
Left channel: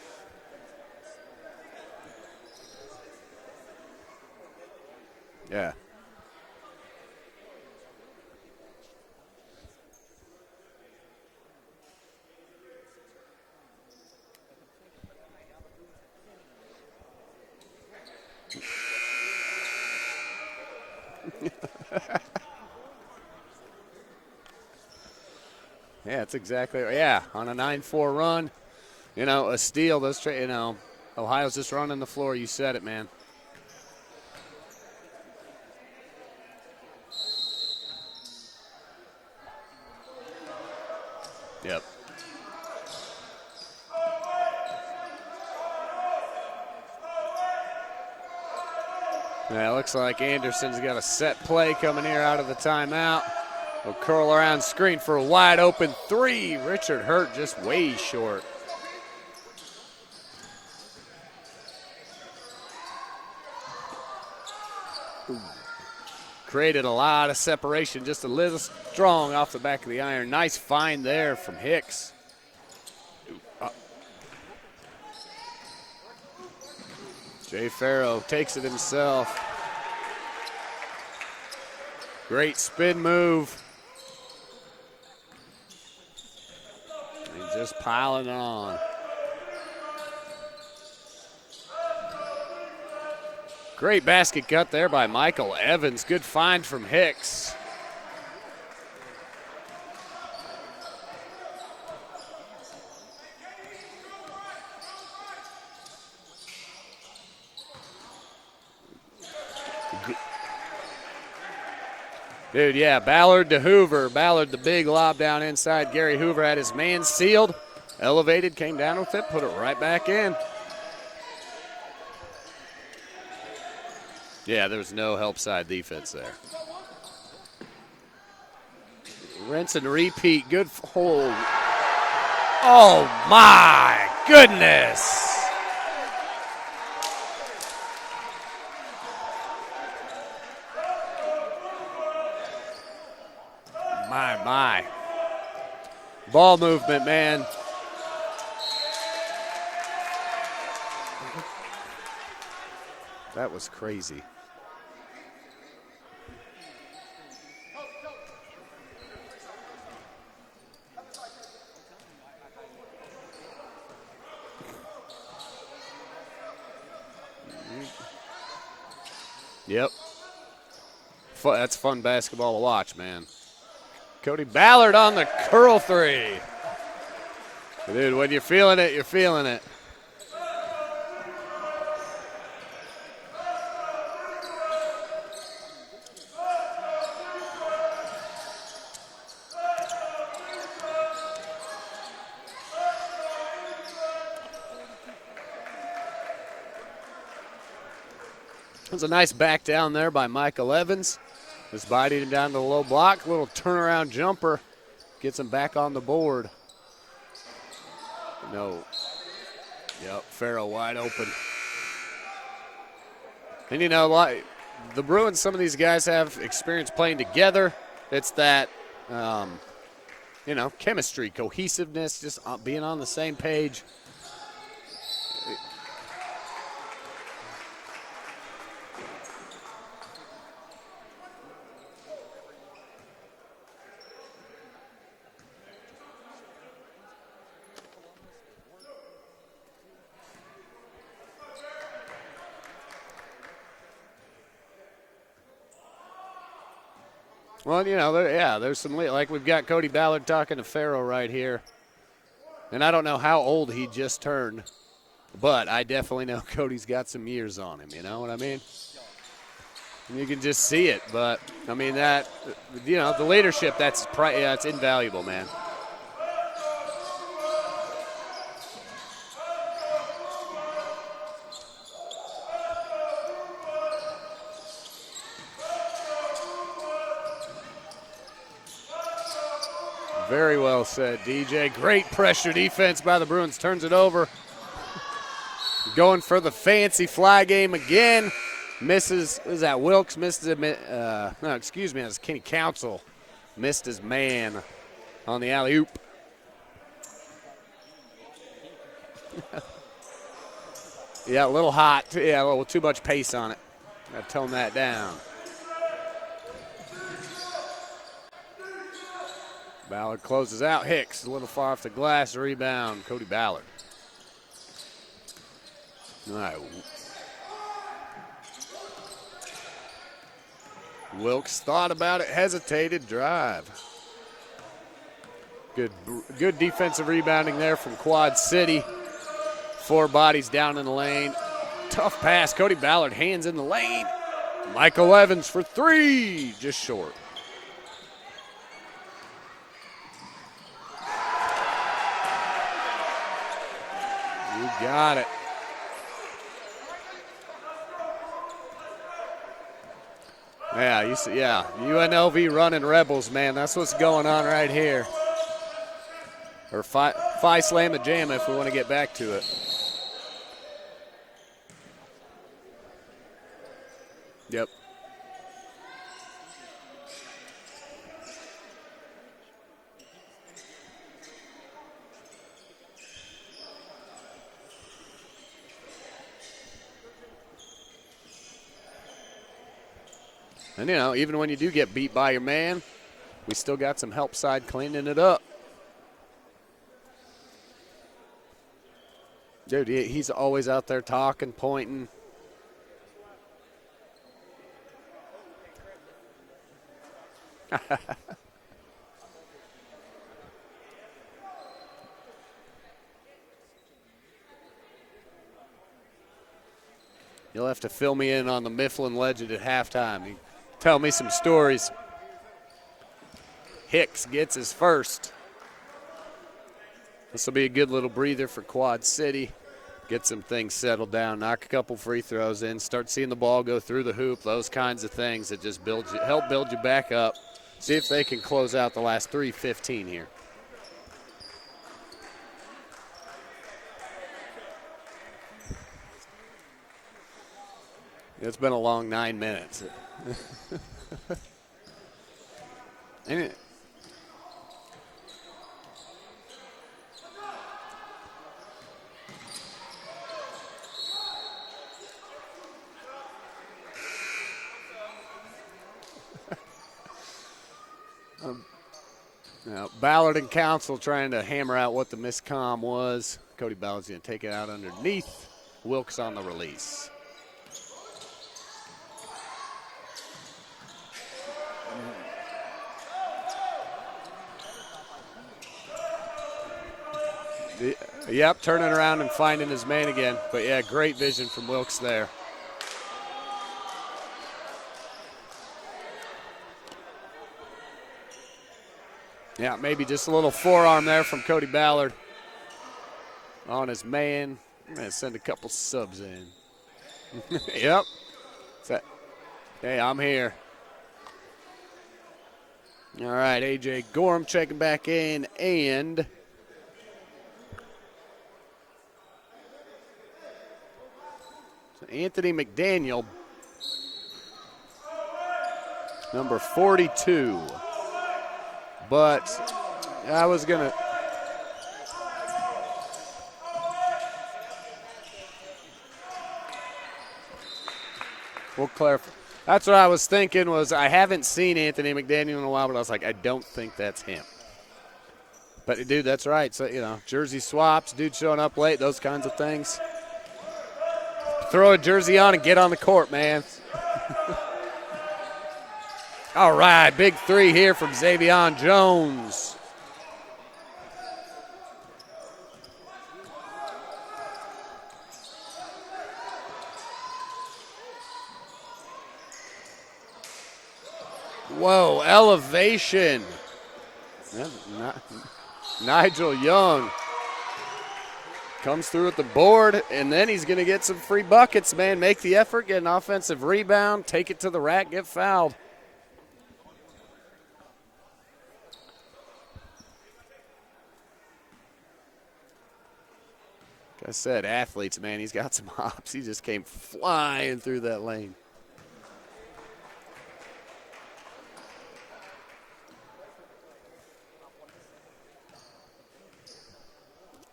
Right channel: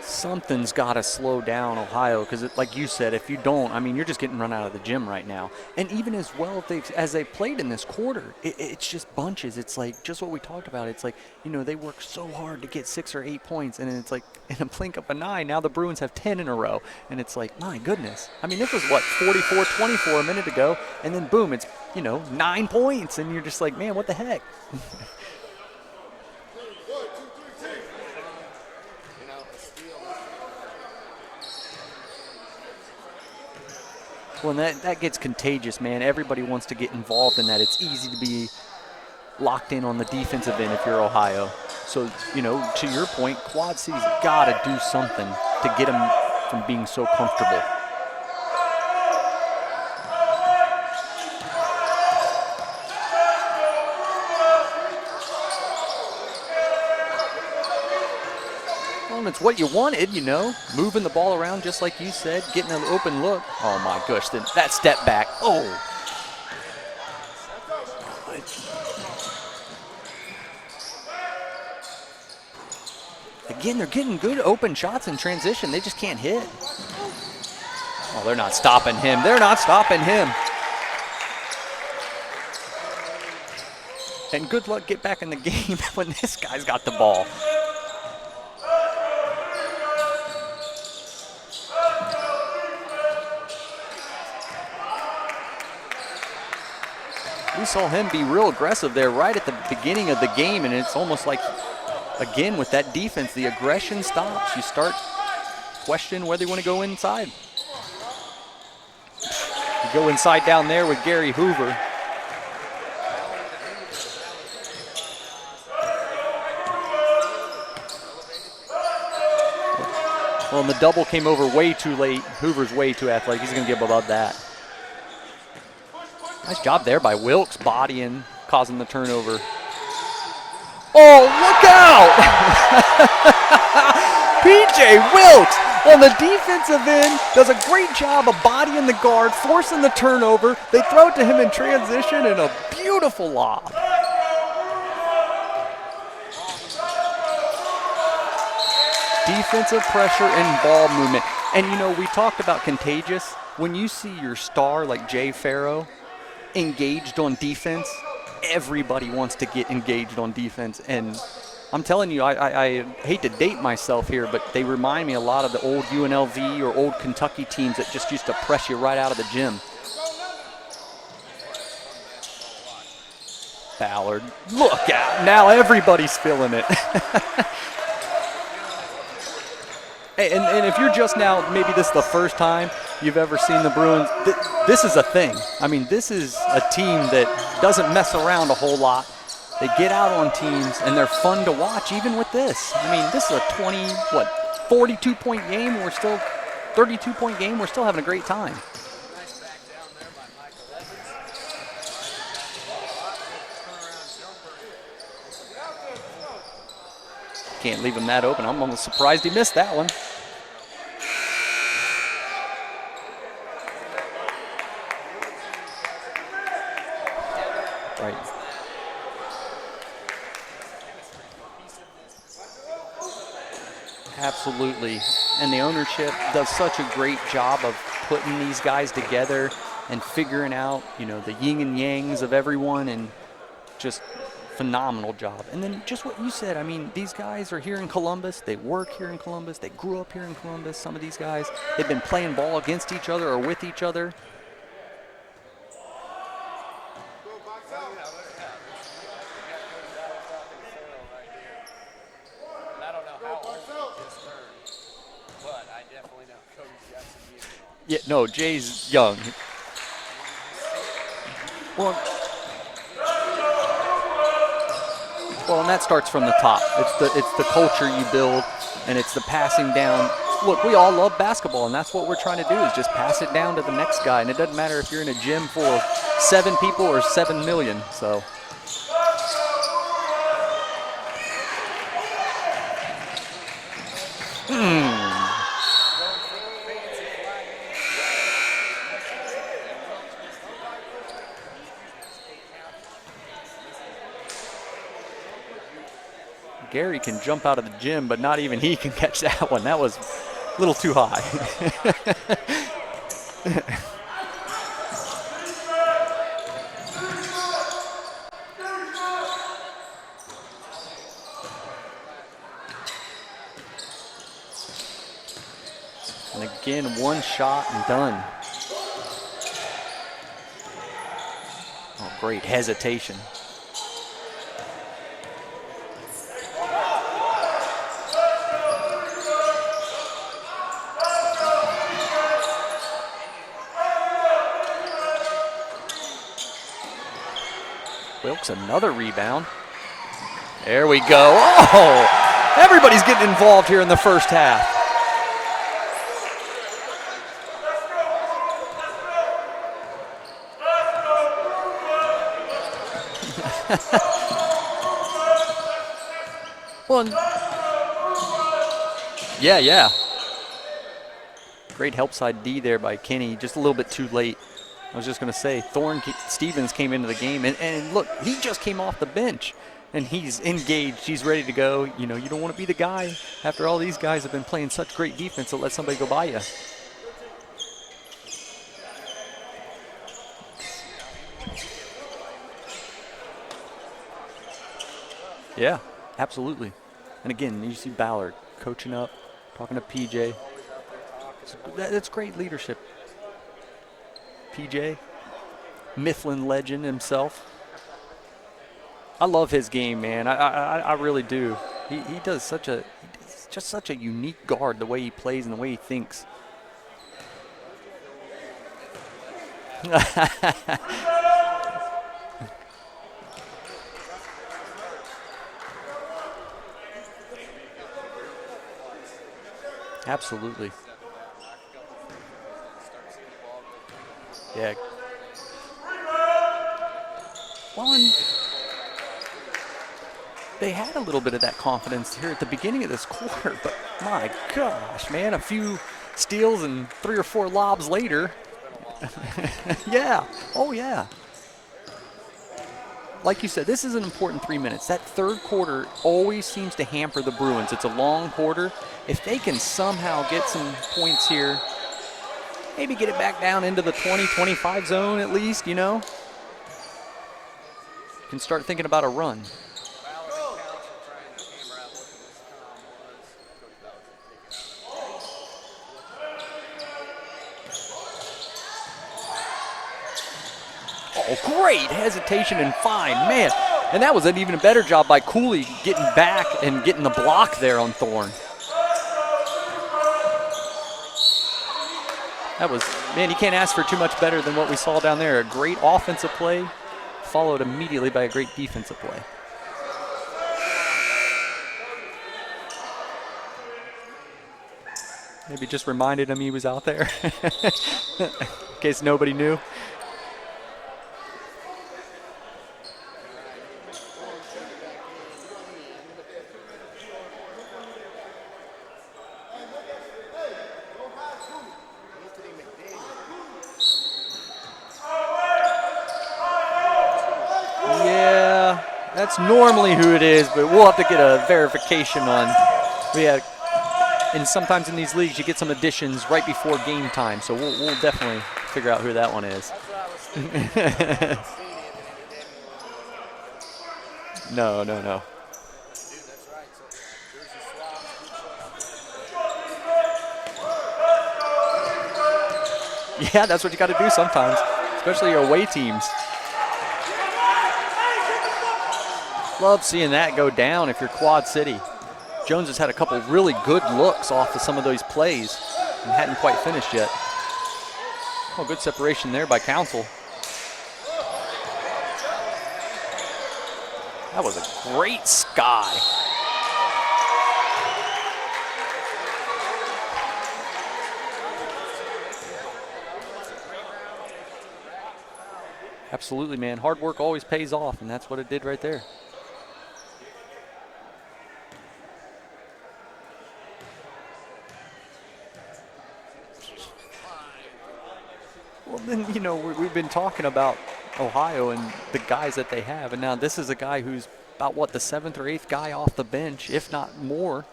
something's got to slow down Ohio because, like you said, if you don't, I mean, you're just getting run out of the gym right now. Yeah. And even as well as they played in this quarter, it's just bunches. It's like just what we talked about. It's like, you know, they work so hard to get 6 or 8 points, and it's like in a blink of an eye, now the Bruins have 10 in a row. And it's like, my goodness. I mean, this was, 44-24 a minute ago, and then boom, it's, 9 points, and you're just like, man, what the heck? Yeah, it's exactly, on a 9-4 run. A steal. Ohio's just running the floor. You said it, man. Well, and that gets contagious, man. Everybody wants to get involved in that. It's easy to be locked in on the defensive end if you're Ohio. Yep. So, to your point, Quad City's got to do something to get them from being so comfortable. Yeah, it looks like Anderson's got a set play coming here out of the timeout. We'll curl around screen for a wide open 3. Richard Hurt just way short. Well, and it's what you wanted, moving the ball around just like you said, getting an open look. Oh, my gosh, that step back. Oh. Created a lot of separation, just a little strong off the back of the iron. Nice find there from Hicks. Again, they're getting good open shots in transition. They just can't hit. Jay Farrell. They're not stopping him. They're not stopping him. Great spin move. And good luck get back in the game when this guy's got the ball. He's just piling on. Great basket cut there by Michael Evans. Good find from Hicks. We saw him be real aggressive there right at the beginning of the game, and it's almost like, again, with that defense, the aggression stops. You start questioning whether you want to go inside. You go inside down there with Gary Hoover. Dude, yeah, Ballard to Hoover. Ballard, the big lob down inside. Gary Hoover had his man sealed, elevated, came down with it, put it right back in. Well, and the double came over way too late. Hoover's way too athletic. He's going to get above that. Yeah, there's no help side defense there. Nice job there by Wilkes, bodying, causing the turnover. Rinse and repeat. Good. Oh, look out! Oh, my goodness. P.J. Wilkes on the defensive end does a great job of bodying the guard, forcing the turnover. They throw it to him in transition, and a beautiful lob. My. Ball movement, man. defensive pressure and ball movement. And, you know, we talked about contagious. When you crazy. see your star like Jay Farrow engaged on defense, everybody wants to get engaged on defense. And I'm telling you, I hate to date myself here, but they remind me a lot of the old UNLV or old Kentucky teams that just used to press you right out of the gym. Yep. That's fun basketball to watch, man. Ballard. Cody Ballard on the Now everybody's girlfriend. feeling it. Dude, when you're feeling it, you're feeling it. Hey, and if you're just now, maybe this is the first time you've ever seen the Bruins, this is a thing. I mean, this is a team that doesn't mess around a whole lot. They get out on teams, and they're fun to watch even with this. I mean, this is a 42-point game. 32-point game. We're still having a great time. There's a nice back down there by Michael Evans. Just biting him down the low block. Little turnaround jumper. Gets him back on the board. Can't leave him that open. I'm almost surprised he missed that one. Yep, Farrow wide open. And you know, like the Bruins, some of these guys have experience playing together. Right. It's that, you know, chemistry, cohesiveness, just being on the same page. Absolutely. And the ownership does such a great job of putting these guys together and figuring out, you know, the yin and yangs of everyone, and just phenomenal job. And then just what you said, I mean, these guys are here in Columbus. They work here in Columbus. They grew up here in Columbus. Some of these guys, they've been playing ball against each other or with each other. Well, you know, there's some, like we've got Cody Ballard talking to Farrow right here. And I don't know how old he just turned, but I definitely know Cody's got some years on him. Yeah, you know no, Jay's young. You can just see it, but I mean that, you know, the leadership, it's invaluable, man. Well, and that starts from the top. It's the culture you build, and it's the passing down. Look, we all love basketball, and that's what we're trying to do is just pass it down to the next guy. And it doesn't matter if you're in a gym full of 7 people or 7 million. So. Very well said, DJ. Great pressure defense by the Bruins. Turns it over. Going for the fancy fly game again. Misses. Is that Wilkes? Misses it. No, excuse me. That's Kenny Council. Missed his man on the alley-oop. Gary can jump out of the gym, but not even he can catch that one. That was a little too high. Yeah, a little hot. Yeah, a little too much pace on it. I'll tone that down. Ballard closes out. Hicks a little far off the glass. Rebound. Cody Ballard. Again, one shot and done. Wilkes thought about it, Great hesitated, hesitation. drive. Good defensive rebounding there from Quad City. 4 bodies down in the lane. Tough pass. Cody Ballard, hands in the lane. Michael Evans for 3, just short. Wilkes, another rebound. There we go. Oh, everybody's getting involved here in the first half. Got it. Yeah, you see, yeah. UNLV running Rebels, man. That's what's going on right here. Or Phi Slam and Jam if we want to get back to it. Yeah. Great help side D there by Kenny, just a little bit too late. Yep. I was just going to say, Stevens came into the game, and look, he just came off the bench, and he's engaged. He's ready to go. You know, you don't want to be the guy after all these guys have been playing such great defense to let somebody go by you. And, you know, even when you do get beat by your man, we still got some help side cleaning it up. Yeah, absolutely. And again, you see Ballard coaching up, talking Dude, to PJ. he's always out there talking, pointing. That's great leadership. PJ, Mifflin legend himself. I love his game, man. I really do. He does just such a unique guard, the way he plays and the way he thinks. You'll have to fill me in on the Mifflin legend at halftime. Tell me some stories. Hicks gets his first. This will be a good little breather for Quad City. Get some Absolutely. things settled down, knock a couple free throws in, start seeing the ball go through the hoop, those kinds of things that just help build you back up. See if they can close out the last 3:15 here. They had a little bit of that confidence here at the beginning of this quarter, but my gosh, man, a few steals and 3 or 4 lobs later. It's been a long 9 minutes. Yeah. Oh, yeah. Like you said, this is an important 3 minutes. That third quarter always seems to hamper the Bruins. It's a long quarter. If they can somehow get some points here, maybe get it back down into the 20-25 zone at least, you know, can start thinking about a run. Ballard and Council trying to hammer out what the miscomm was. Cody Ballard's going to take it out underneath. Wilkes on the release. Oh, great hesitation and fine, man. And that was an even better job by Cooley getting back and getting the block there on Thorne. Yep, turning around and finding his man again. But, yeah, great vision from Wilkes there. That was, man, you can't ask for too much better than what we saw down there. A great offensive play, followed immediately by a great defensive play. Yeah, maybe just a little forearm there from Cody Ballard on his man. Send a couple Maybe just subs reminded in. him he was out there. Yep. In case nobody knew. Hey, I'm here. All right, A.J. Gorham checking back in, and Anthony McDaniel, number 42. Yeah, But that's normally who it is, I was but we'll have to get a verification on. And sometimes in these leagues, you get some additions right before game time, so we'll definitely figure out who that one is. That's what I was thinking. Was I haven't seen Anthony McDaniel in a while, but I was like, I don't think that's him. No. But dude, that's right. So jersey swaps, dude showing up late, those kinds of things. Throw a jersey on and get on the court. Yeah, man. that's what you got to do sometimes, especially your away teams. All right, big three here from Xavier Jones. Love seeing that go down if you're Quad City. Jones has had a couple really good looks off of some of those plays and hadn't quite finished yet. Oh, good separation there by Council. Whoa, elevation. That was a great sky. Nigel Young comes through at the board, and then he's going to get some free buckets, man. Make the effort, get an offensive rebound, take it to the rack, get fouled. Absolutely, man. Hard work always pays off, and that's what it did right there. I said, athletes, man, he's got some hops. He just came flying through that lane. Well, then, we've been talking about Ohio and the guys that they have, and now this is a guy who's about, the 7th or 8th guy off the bench, if not more,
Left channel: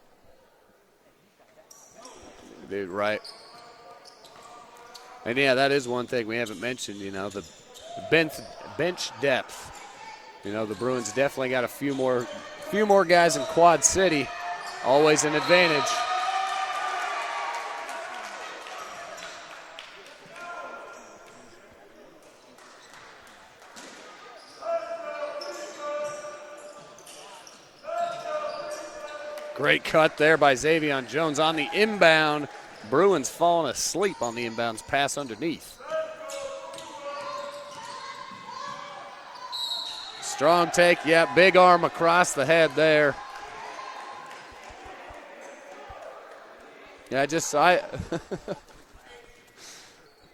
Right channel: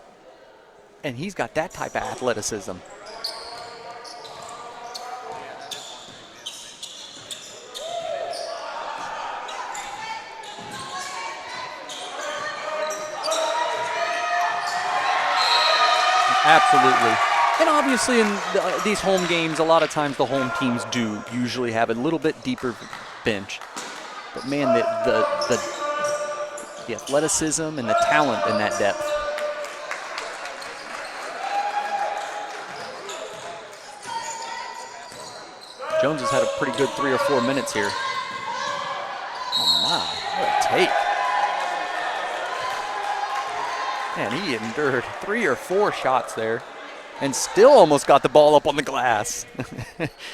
and he's got that type of athleticism. Dude, right. And, yeah, that is one thing we haven't mentioned, the bench depth. The Bruins definitely got a few more guys in Quad City. Always an advantage. Absolutely. And obviously in these home games, a lot of times the home teams do usually have a little bit deeper bench. But, man, the athleticism and the talent in that depth. Great cut there by Xavier Jones on the inbound. Bruins falling asleep on the inbounds pass underneath. Jones has had a pretty good 3 or 4 minutes here. Oh, my. Strong take. Yeah, big arm across the head there. Man, he endured 3 or 4 shots there. Yeah, and still almost got the ball up on the glass.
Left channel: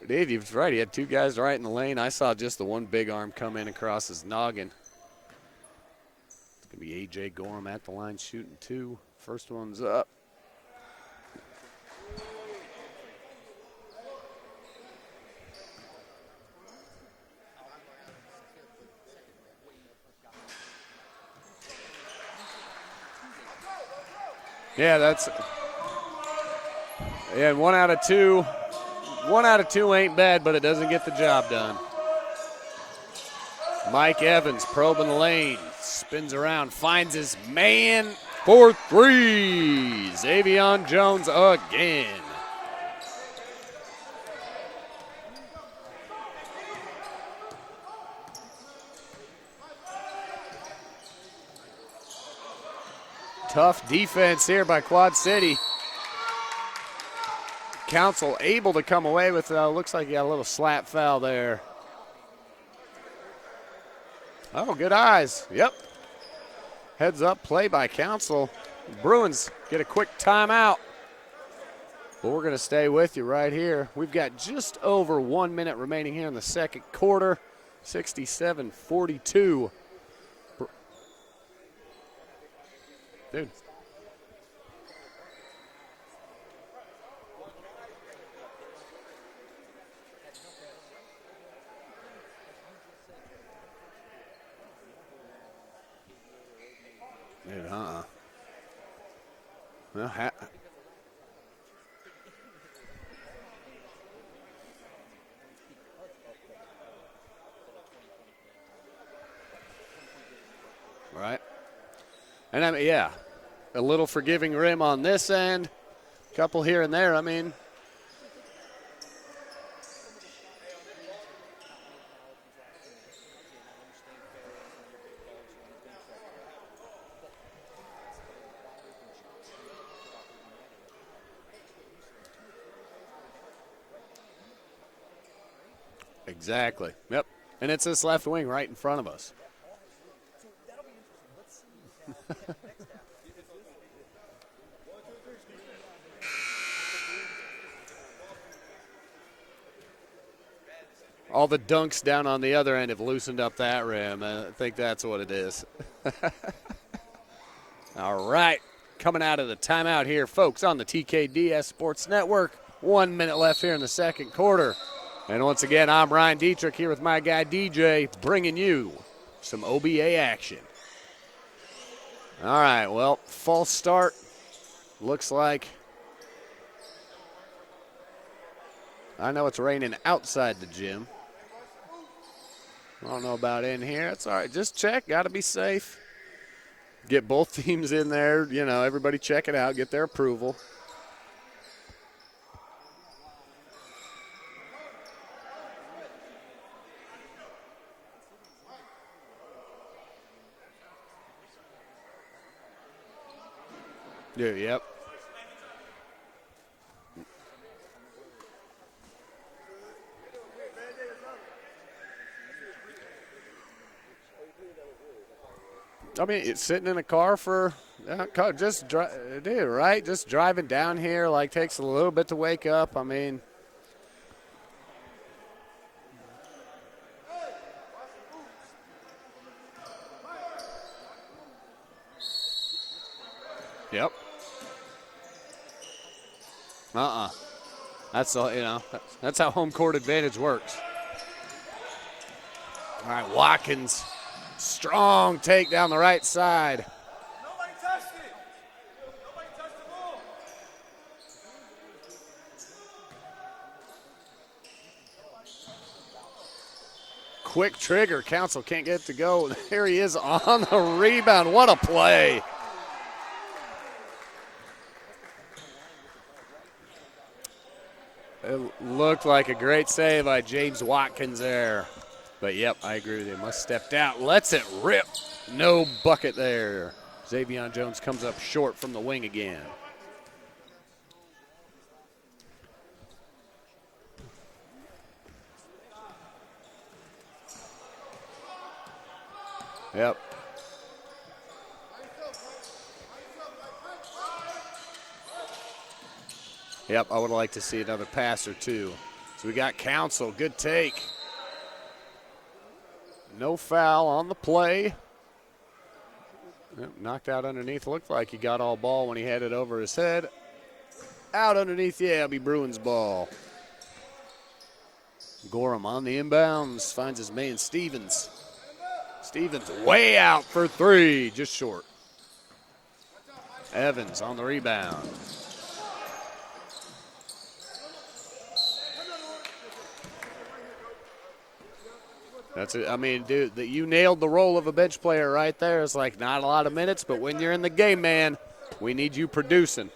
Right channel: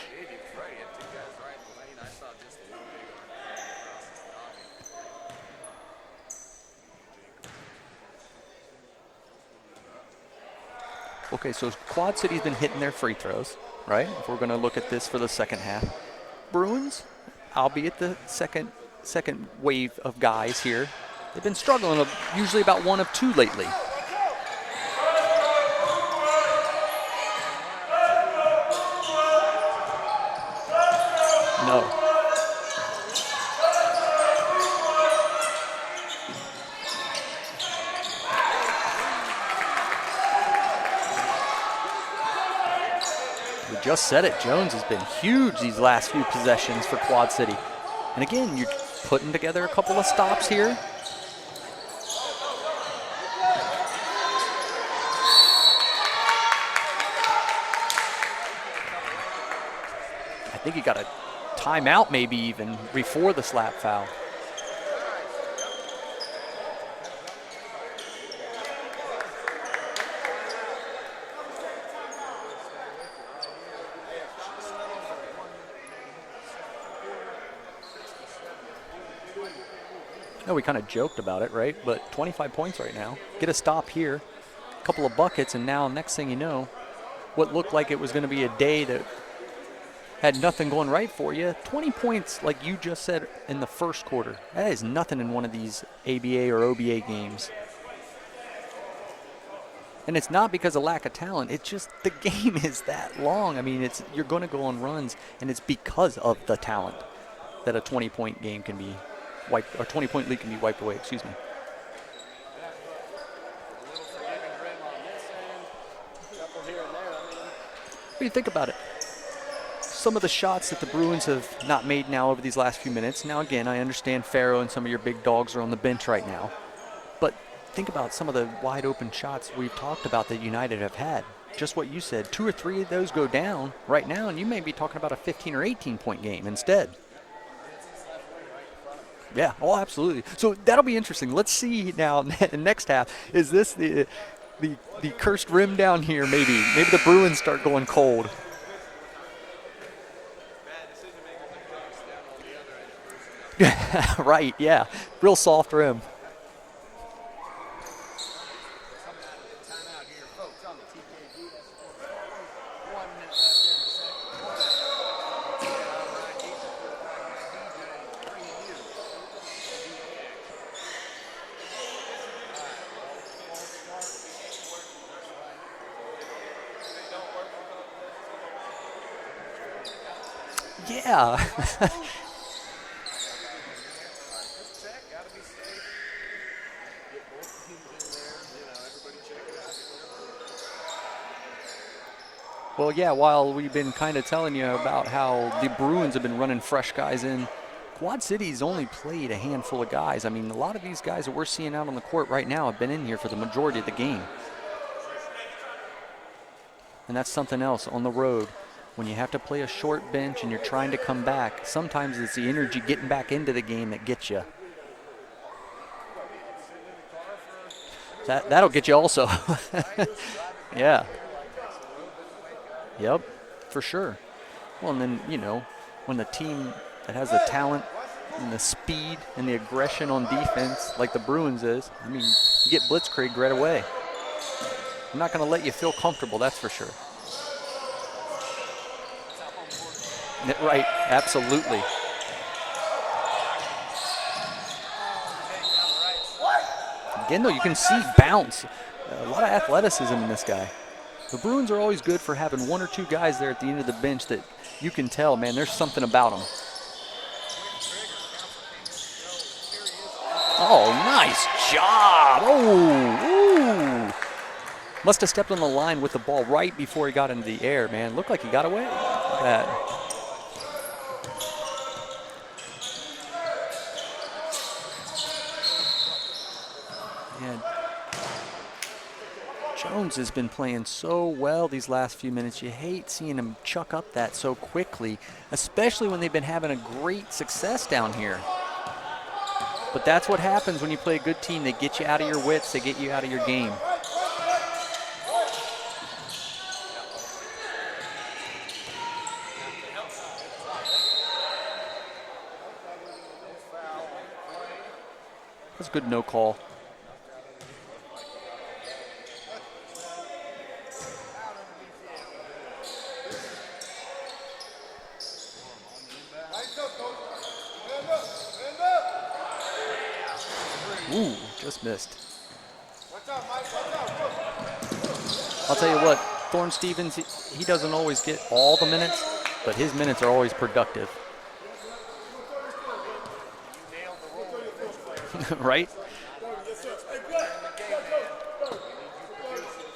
Dave, he was right. He had 2 guys right in the lane. I saw just the one big arm come in across his noggin. It's going to be A.J. Gorham at the line shooting 2. First one's up. Okay, so Quad City's been hitting their free throws, right? If we're going to look at this for the second half. Bruins, albeit the second wave of guys here, they've been struggling usually about 1 of 2 lately. Yeah, and 1 out of 2. 1 out of 2 ain't bad, but it doesn't get the job done. No. Mike Evans probing the lane, spins around, finds his man for 3. Xavier Jones again. We just said it. Jones has been huge these last few possessions for Quad City. And again, you're putting together a couple of stops here. Tough defense here by Quad City. Council able to come away with, looks like he got a little slap foul there. Timeout maybe even before the slap foul. Oh, good eyes. Yep. Heads up play by Council. Bruins get a quick timeout. But we're going to stay with you right here. We've got just over 1 minute remaining here in the second quarter. 67-42. No, we kind of joked about it, right? But 25 points right now. Get a stop here, a couple of buckets, and now next thing you know, what looked like it was going to be a day that had nothing going right for you. 20 points, like you just said, in the first quarter. That is nothing in one of these ABA or OBA games. Well, And it's not because of lack of talent. It's just the game is that long. I mean, you're going to go on runs, and it's because of the talent that a 20-point game can be wiped, or 20-point lead can be wiped away. Excuse me. And I mean, yeah, a little forgiving rim on this end, a couple here and there. I mean, what do you think about it? Some of the shots that the Bruins have not made now over these last few minutes. Now, again, I understand Farrow and some of your big dogs are on the bench right now. But think about some of the wide open shots we've talked about that United have had. Just what you said, 2 or 3 of those go down right now, and you may be talking about a 15 or 18-point game instead. Yep. And it's this left wing right in front of us. Yeah, oh, absolutely. So that'll be interesting. Let's see now in the next half. Is this the cursed rim down here maybe? Maybe the Bruins start going cold. All the dunks down on the other end have loosened up that rim. Right, yeah. That's what it Real is. soft rim. All right. Coming out of the timeout here, folks, on the TKDS Sports Network. 1 minute left here in the second quarter. And once again, I'm Ryan Dietrich here with my guy DJ, bringing you some OBA action. All right, well, false start. Looks like, I know it's raining outside the gym. Yeah. I don't know about in here. It's all right. Just check. Got to be safe. Get both teams in there. You know, everybody check it out. Get their approval. Well, yeah, while we've been kind of telling you about how the Bruins have been running fresh guys in, Quad City's only played a handful of guys. I mean, a lot of these guys that we're seeing out on the court right now have been in here for the majority of the game. Yeah, yep. And that's something else on the road. When you have to play a short bench and you're trying to come back, sometimes it's the energy getting back into the game that gets you. I mean, it's sitting in a car for that'll get you also. You do, right? Just driving down here, like, takes a little bit to wake up. I mean, for sure. Well, and then, you know, when the team that has the talent and the speed and the aggression on defense, like the Bruins is, I mean, you get blitzkrieg right away. Yep. I'm not going to let you feel comfortable, that's for sure. That's that's how home court advantage works. Right, absolutely. All right, Watkins, strong take down the right side. Again, though, you can see bounce. A lot of athleticism in this guy. The Bruins are always good for having 1 or 2 guys there at the end of the bench that you can tell, man, there's something about them. Quick trigger. Council can't get it to go. There he is on the rebound. Nice what a play. Oh, must have stepped on the line with the ball right before he got into the air, man. Looked like he got away. Looked like a great save by James Watkins there. But, yep, I agree with you. Must have stepped out. Lets it rip. No bucket there. Xavion Jones comes up short from the wing again. Jones has been playing so well these last few minutes. You hate seeing him chuck up that so quickly, especially when they've been having a great success down here. But that's what happens when you play a good team. They get you out of your wits. They get you out of your game. Yep, I would like to see another pass or two. So we got Council. Good take. No foul on the play. That's a good no call. Yep, knocked out underneath. Looked like he got all ball when he had it over his head. Out underneath, yeah, it'll be Bruins ball. Gorham on the inbounds. Finds his man Stevens. Stevens way out for 3. Just short. Just missed. Evans on the rebound. I'll tell you what, Thorne Stevens, he doesn't always get all the minutes, but his minutes are always productive. That's it. I mean, dude, you nailed the role of a bench player right there. Right. It's like not a lot of minutes, but when you're in the game, man, we need you producing.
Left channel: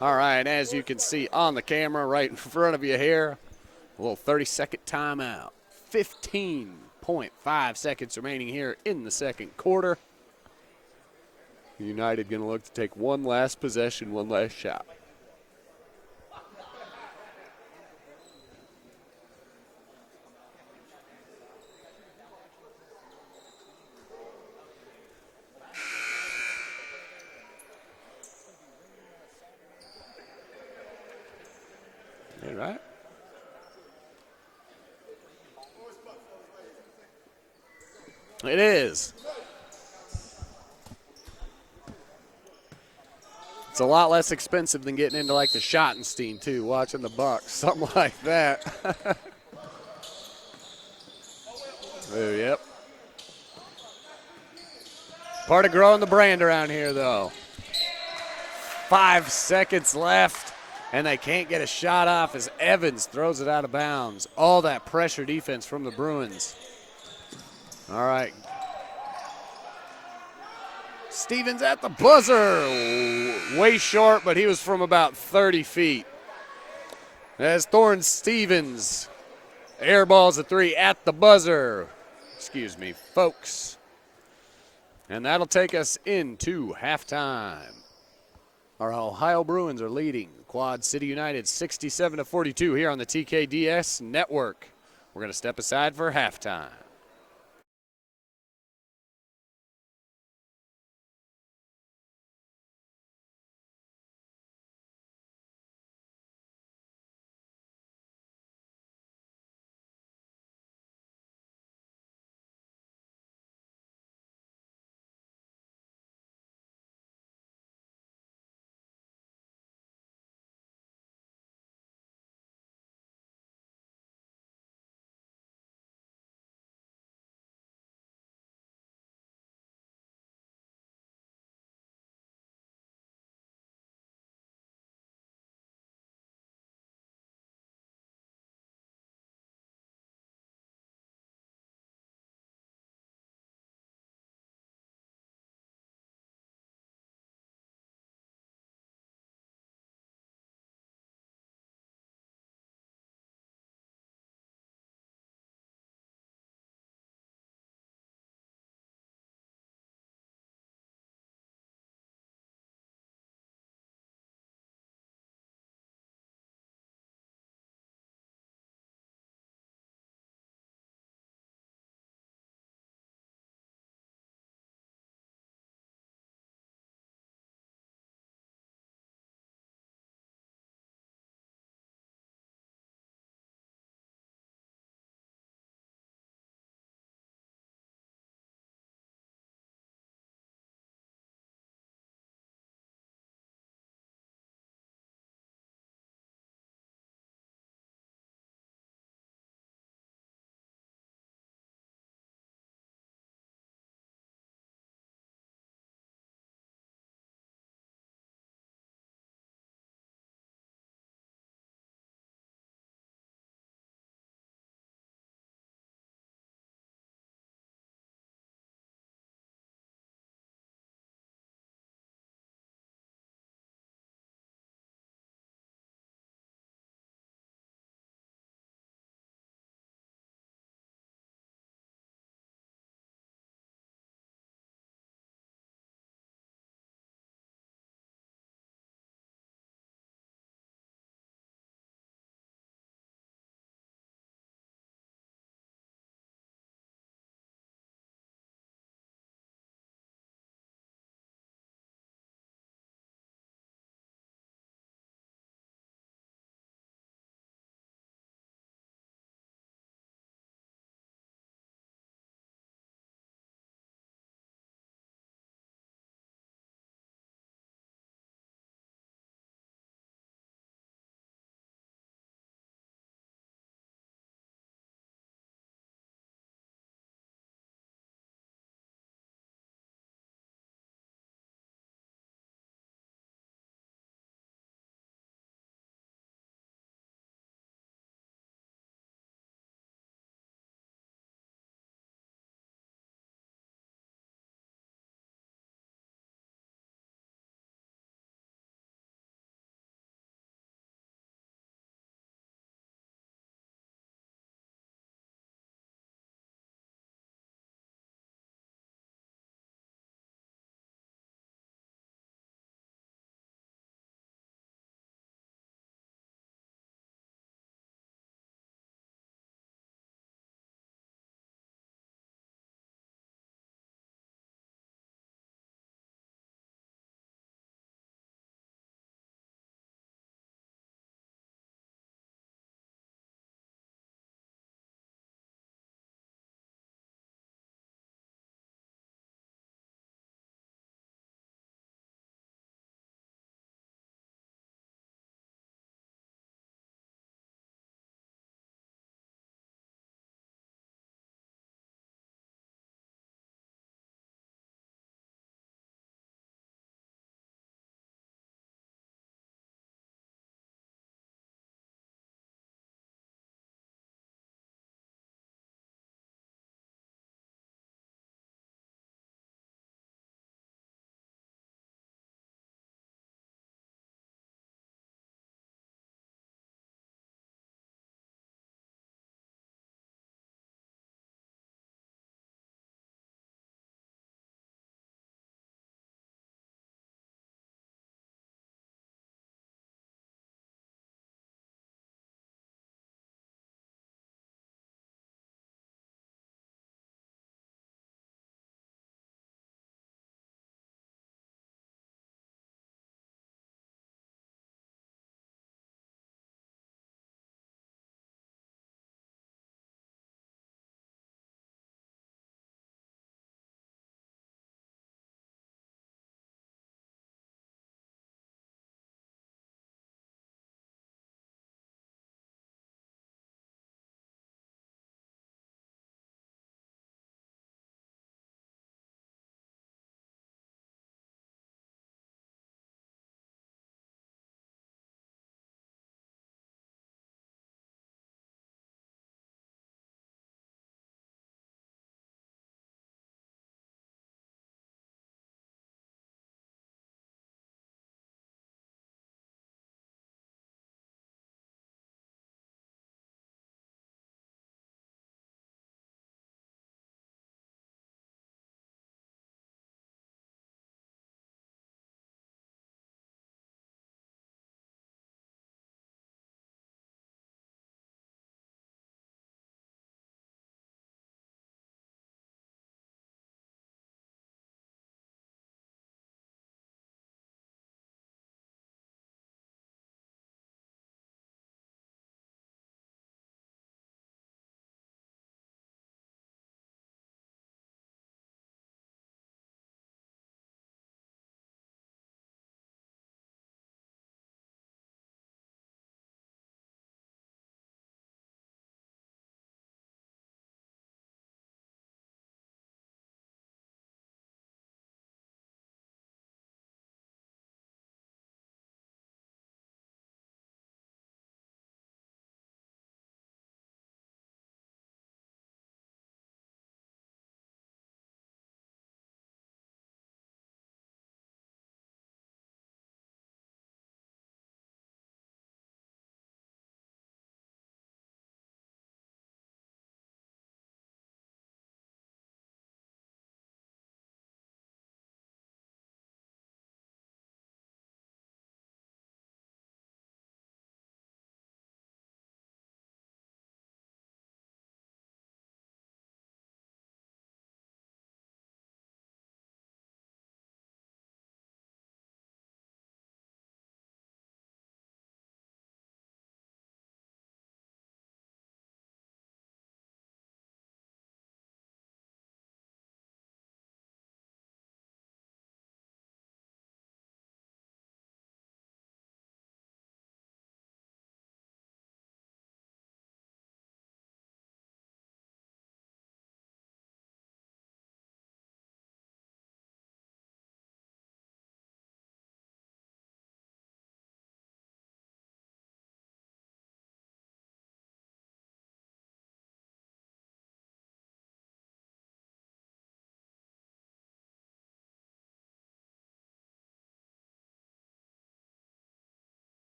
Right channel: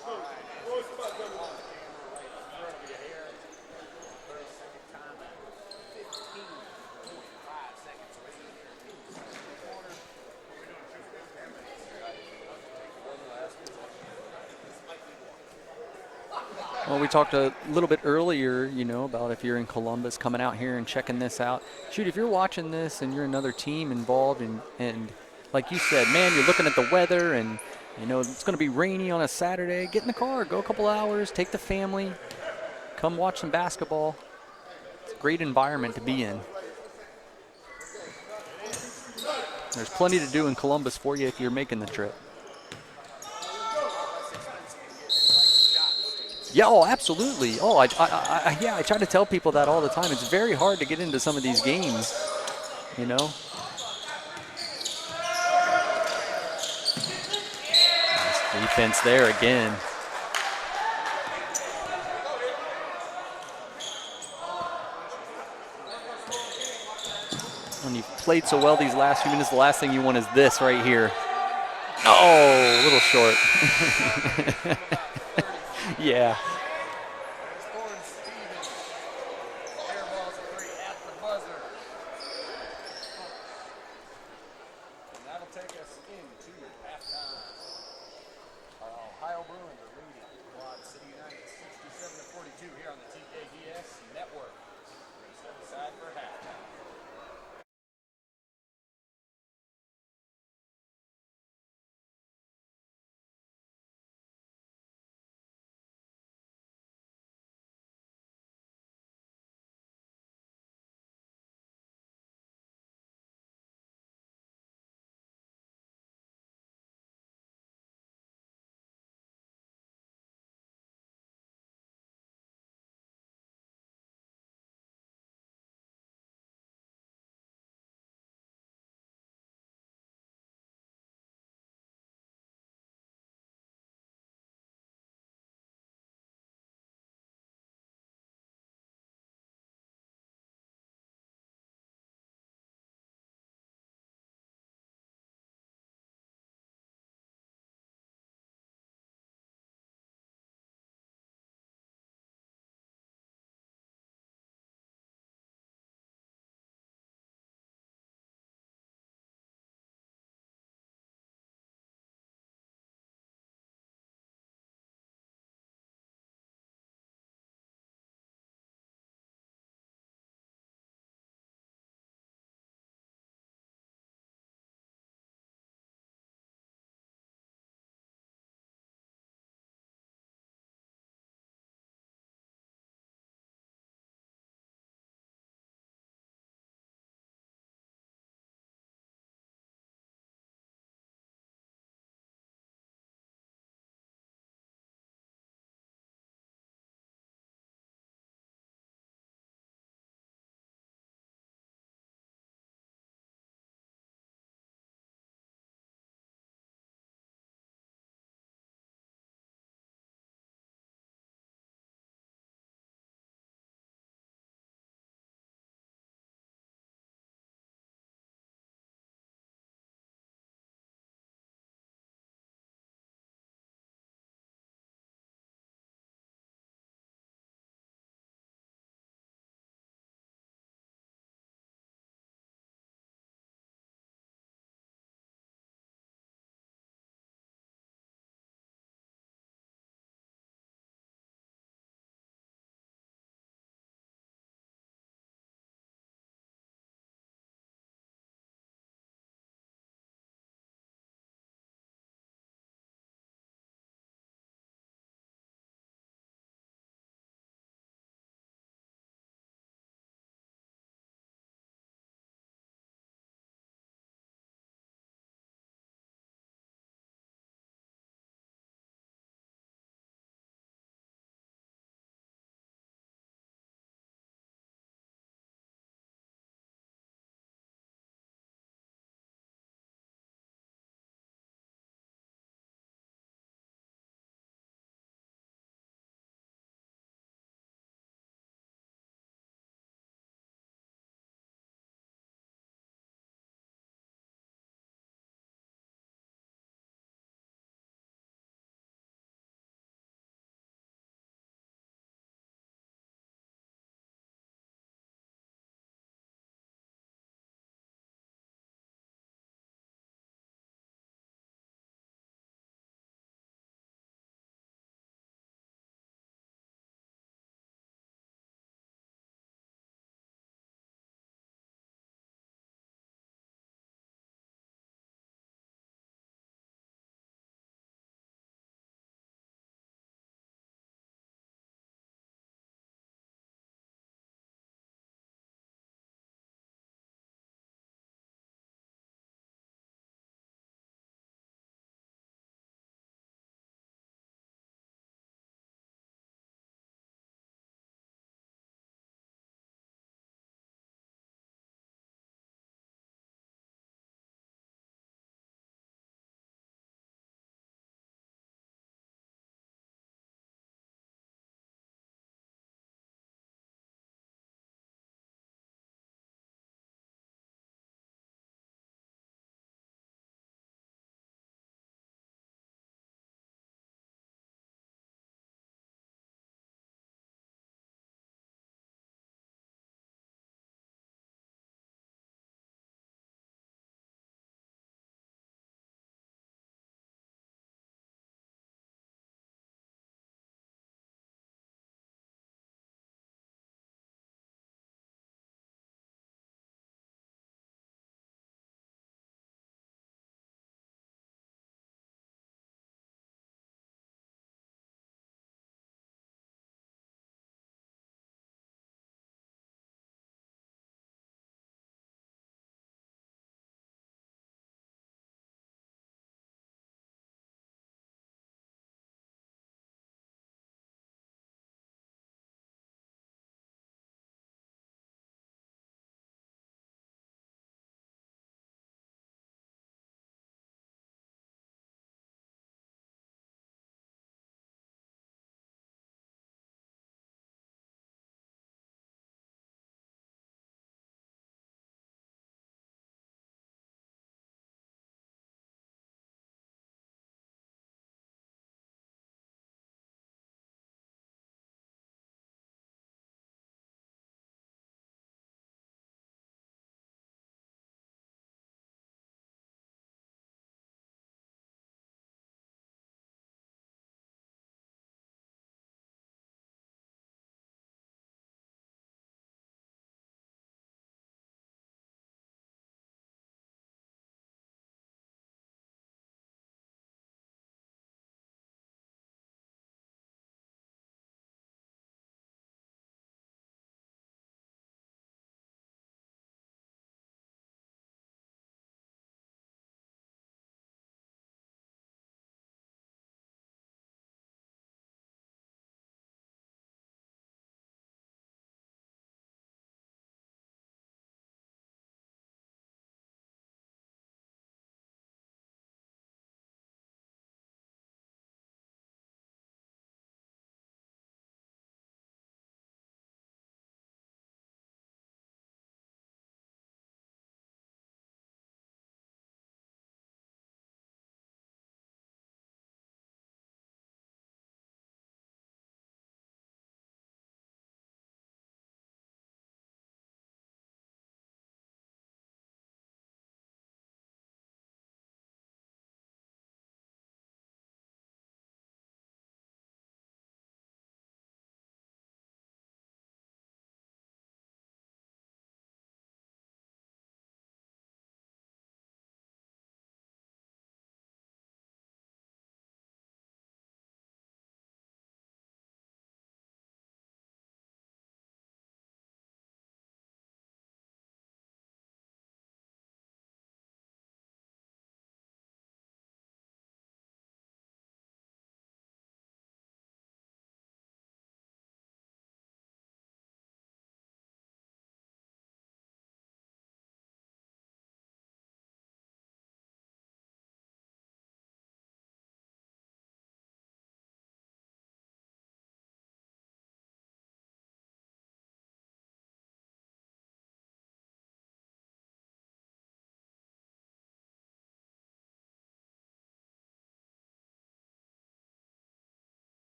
All right, as you can see on the camera right in front of you here, a little 30-second timeout. 15.5 seconds remaining here in the second quarter. United going to look to take one last possession, one last shot. Well, we talked a little bit earlier, you know, about if you're in Columbus coming out here and checking this out. Shoot, if you're watching this and you're another team involved and like you said, man, you're looking at the weather and, you know, it's going to be rainy on a Saturday, get in the car, go a couple hours, take the family, All right. come watch some basketball. It's a great environment to be in. It is. There's plenty to do in Columbus for you if you're making the trip. It's a lot less expensive than getting into like the Schottenstein too. Yeah, oh, watching the absolutely. Bucks, Oh, I something try to tell people that all the time. It's very hard to get into some of these games. Yep. You know. Part of growing the brand around here, though. Defense 5 there again. seconds left, and they can't get a shot off as Evans throws it out of bounds. All that pressure defense from the Bruins. And All you right. played so well these last few minutes. The last thing you want is this right here. Stevens at the buzzer. Oh, a little short. Way short, but he was from about 30 feet. Yeah. As Thorne Stevens airballs a 3 at the buzzer. Excuse me, folks. And that'll take us into halftime. Our Ohio Bruins are leading Quad City United 67-42 here on the TKDS network. We're going to step aside for halftime.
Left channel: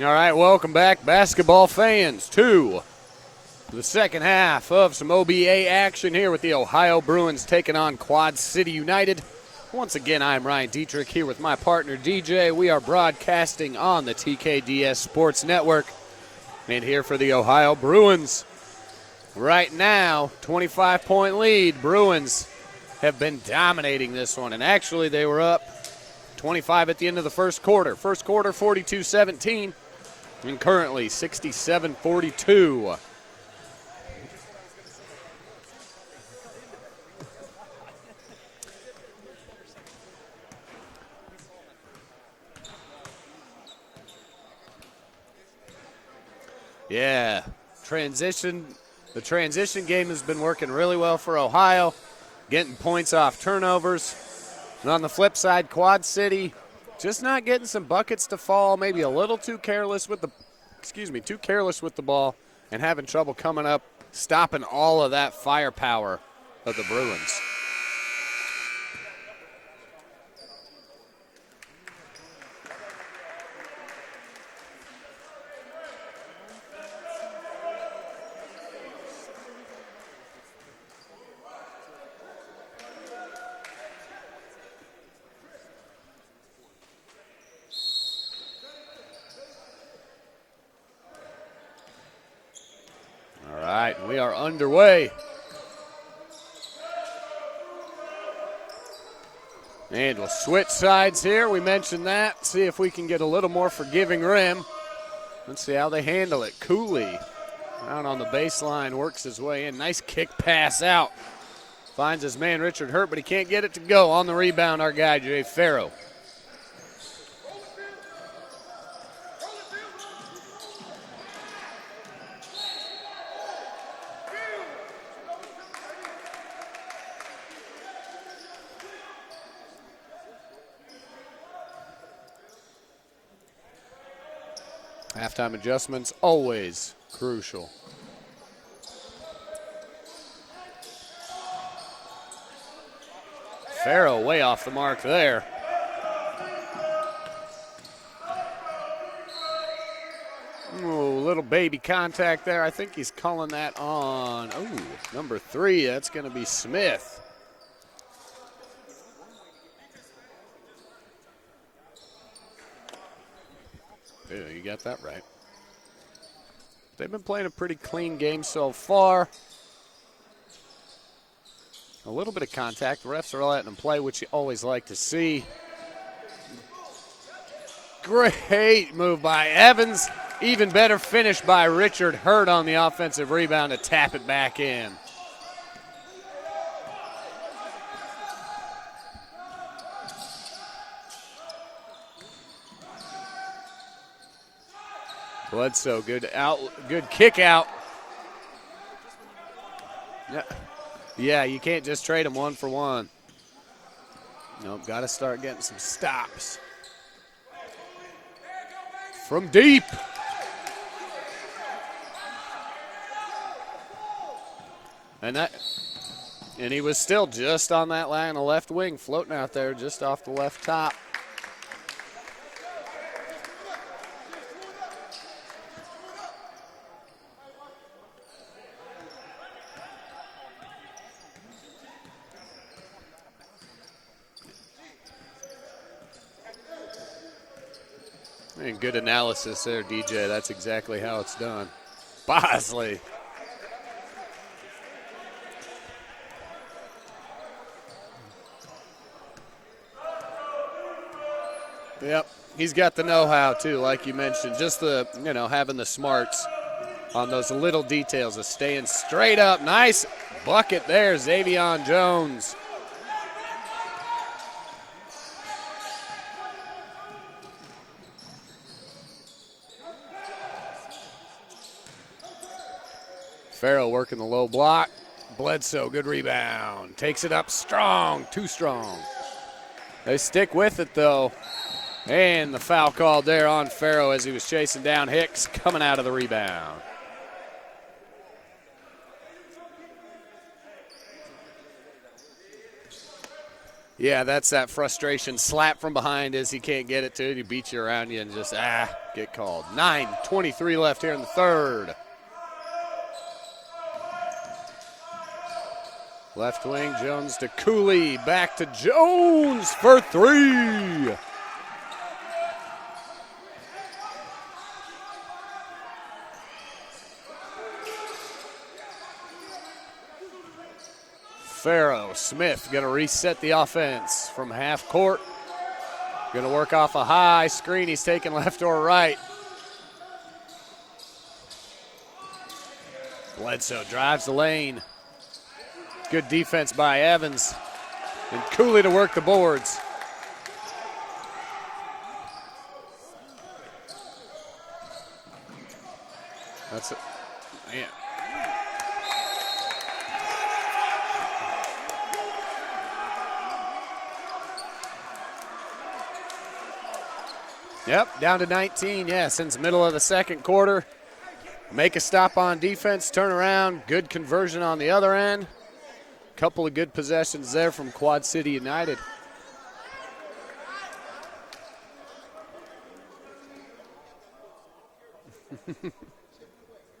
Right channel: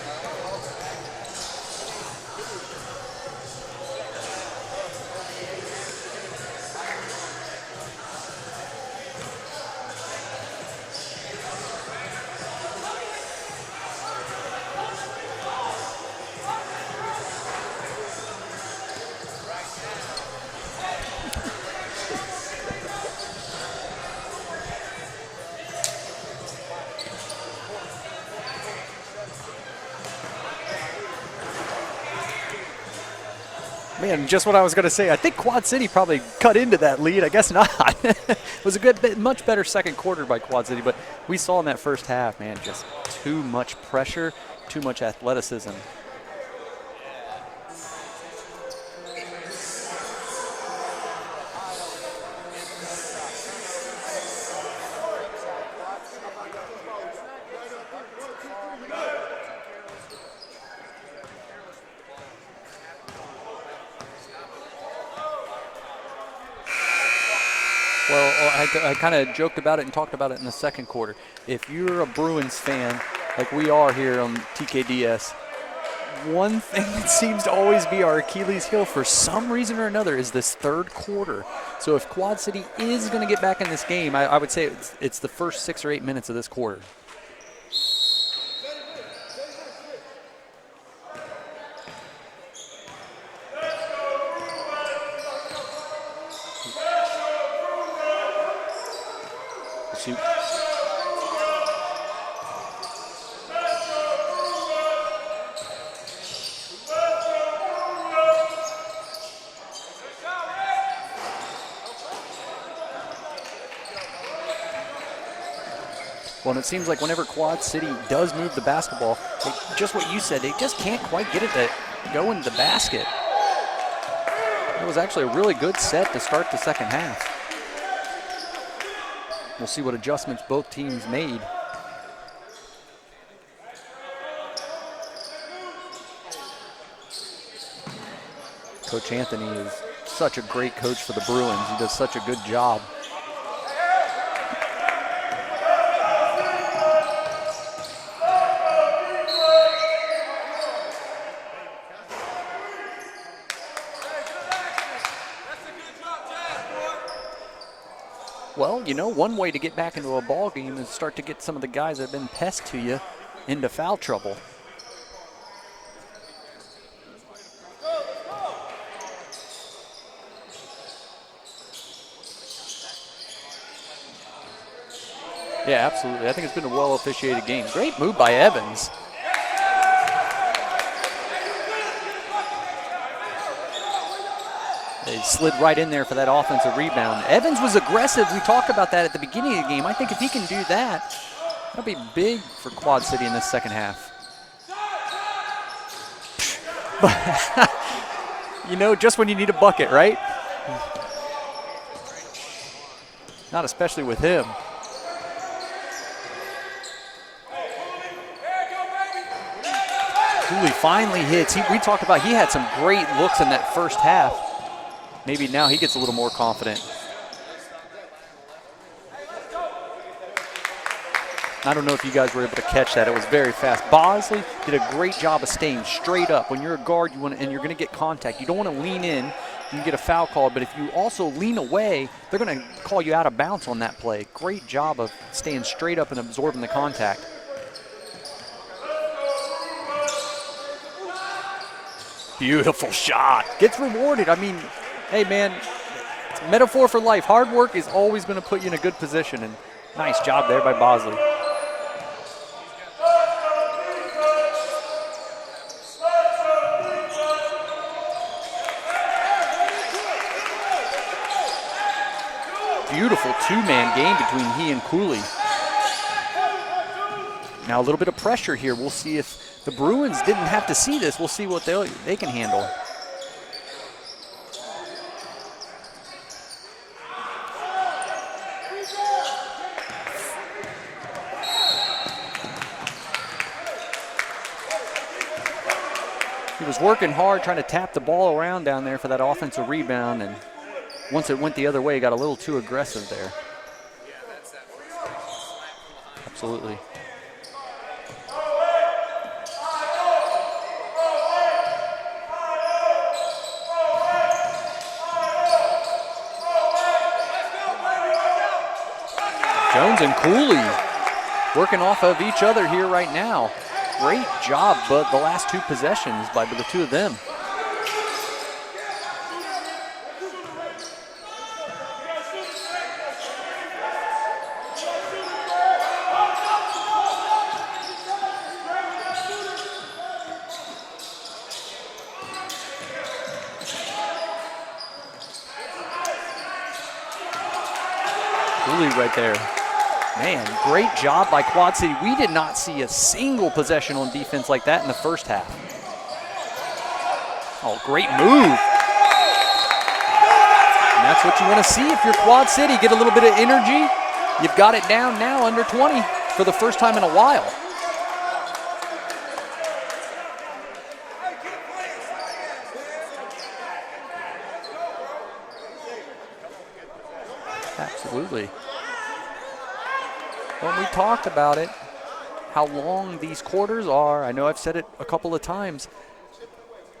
All right, welcome back, basketball fans, to the second half of some OBA action here with the Ohio Bruins taking on Quad City United. Once again, I'm Ryan Dietrich here with my partner DJ. We are broadcasting on the TKDS Sports Network. And here for the Ohio Bruins. Right now, 25-point lead. Bruins have been dominating this one. And actually, they were up 25 at the end of the first quarter. First quarter, 42-17. And currently, 67-42. Man, just what I was going to say. I think Quad City probably cut into that lead. I guess not. It was a much better second quarter by Quad City, but we saw in that first half, man, just too much pressure, too much athleticism. Yeah, the transition game has been working really well for Ohio, getting points off turnovers. And on the flip side, Quad City just not getting some buckets to fall, maybe a little too careless with the ball, and having trouble coming up, stopping all of that firepower of the Bruins. Well, I kind of joked about it and talked about it in the second quarter. If you're a Bruins fan, like we are here on TKDS, one thing that seems to always be our Achilles heel for some reason or another is this third quarter. So if Quad City is going to get back in this game, I would say it's the first 6 or 8 minutes of this quarter. All right, we are underway. And to switch sides here, we mentioned that. See if we can get a little more forgiving rim. Let's see how they handle it. Cooley down on the baseline, works his way in. Nice kick pass out. Finds his man Richard Hurt, but he can't get it to go. On the rebound, our guy, Jay Farrow. Well, and it seems like whenever Quad City does move the basketball, just what you said, they just can't quite get it to go into the basket. It was actually a really good set to start the second half. We'll see what adjustments both teams made. Halftime adjustments, always crucial. Coach Anthony is such a great coach for the Bruins. He does such a good job. Farrow way off the mark there. Ooh, little baby contact there. I think he's calling that on number 3. That's going to be Smith. Well, you know, one way to get back into a ball game is start to get some of the guys that have been pests to you into foul trouble. Yeah, you got that right. They've been playing a pretty clean game so far. A little bit of contact. The refs are letting them play, which you always like to see. Yeah, absolutely. I think it's been a well-officiated game. Great move by Evans. Great move by Evans. Even better finish by Richard Hurt on the offensive rebound to tap it back in. They slid right in there for that offensive rebound. Evans was aggressive. We talked about that at the beginning of the game. I think if he can do that, that'll be big for Quad City in this second half. Bledsoe, good kick out. You know, just when you need a bucket, right? Yeah, you can't just trade him 1 for 1. Not especially with him. Nope, got to start getting some stops. From deep. Cooley finally hits. We talked about he had some great looks in that first half. Maybe now he gets a little more confident. And he was still just on that line on the left wing, floating out there just off the left top. I don't know if you guys were able to catch that. It was very fast. Bosley did a great job of staying straight up. When you're a guard, and you're going to get contact. You don't want to lean in and get a foul call, but if you also lean away, they're going to call you out of bounds on that play. Great job of staying straight up and absorbing the contact. And good analysis there, DJ. That's exactly how it's done. Bosley. Beautiful shot. Gets rewarded. I mean, hey, man, it's a metaphor for life. Hard work is always going to put you in a good position, and nice job there by Bosley. Yep, he's got the know-how too, like you mentioned. Just having the smarts on those little details of staying straight up. Nice bucket there, Xavion Jones. Beautiful two-man game between he and Cooley. Now a little bit of pressure here. We'll see if the Bruins didn't have to see this. We'll see what they can handle. Farrow working the low block. Bledsoe, good rebound. Takes it up strong, too strong. They stick with it though. And the foul called there on Farrow as he was chasing down Hicks coming out of the rebound. He was working hard trying to tap the ball around down there for that offensive rebound, and once it went the other way, he got a little too aggressive there. Yeah, that's that frustration. Slap from behind as he can't get it to it. He beats you around you and just get called. 9:23 left here in the third. Left wing, Jones to Cooley, back to Jones. Jones and Cooley working off of each other here right now. Great job, but the last two possessions by the two of them. Farrow, Smith gonna reset the offense from half court. Gonna work off a high screen. He's taking left or right. Bledsoe drives the lane. Good defense by Evans. And Cooley to work the boards. Man, great job by Quad City. We did not see a single possession on defense like that in the first half. Oh, great move. And that's what you want to see if you're Quad City. Get a little bit of energy. You've got it down now under 20 for the first time in a while. Yep, down to 19, yeah, since middle of the second quarter. Make a stop on defense, turn around, good conversion on the other end. Couple of good possessions there from Quad City United. When we talked about it, how long these quarters are, I know I've said it a couple of times.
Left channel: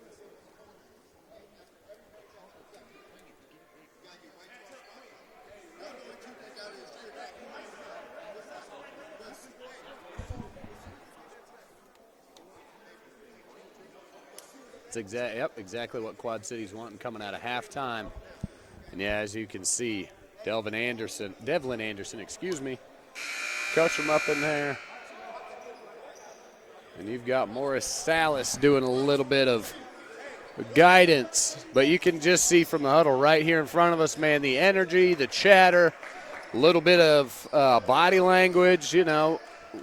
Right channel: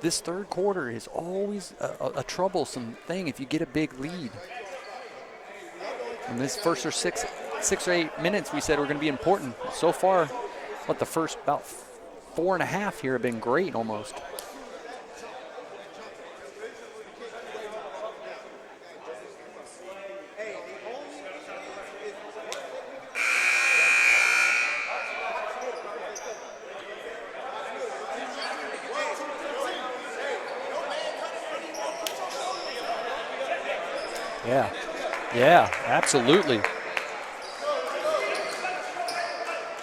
This third quarter is always a troublesome thing if you get a big lead. In this first or six or 8 minutes, we said we're going to be important. So far, the first about 4.5 here have been great almost. That's exactly what Quad City's wanting coming out of halftime. And yeah, as you can see, Devlin Anderson, coach him up in there. And we've got Morris Salas doing a little bit of guidance, but you can just see from the huddle right here in front of us, man, the energy, the chatter. Absolutely. A little bit of body language, you know,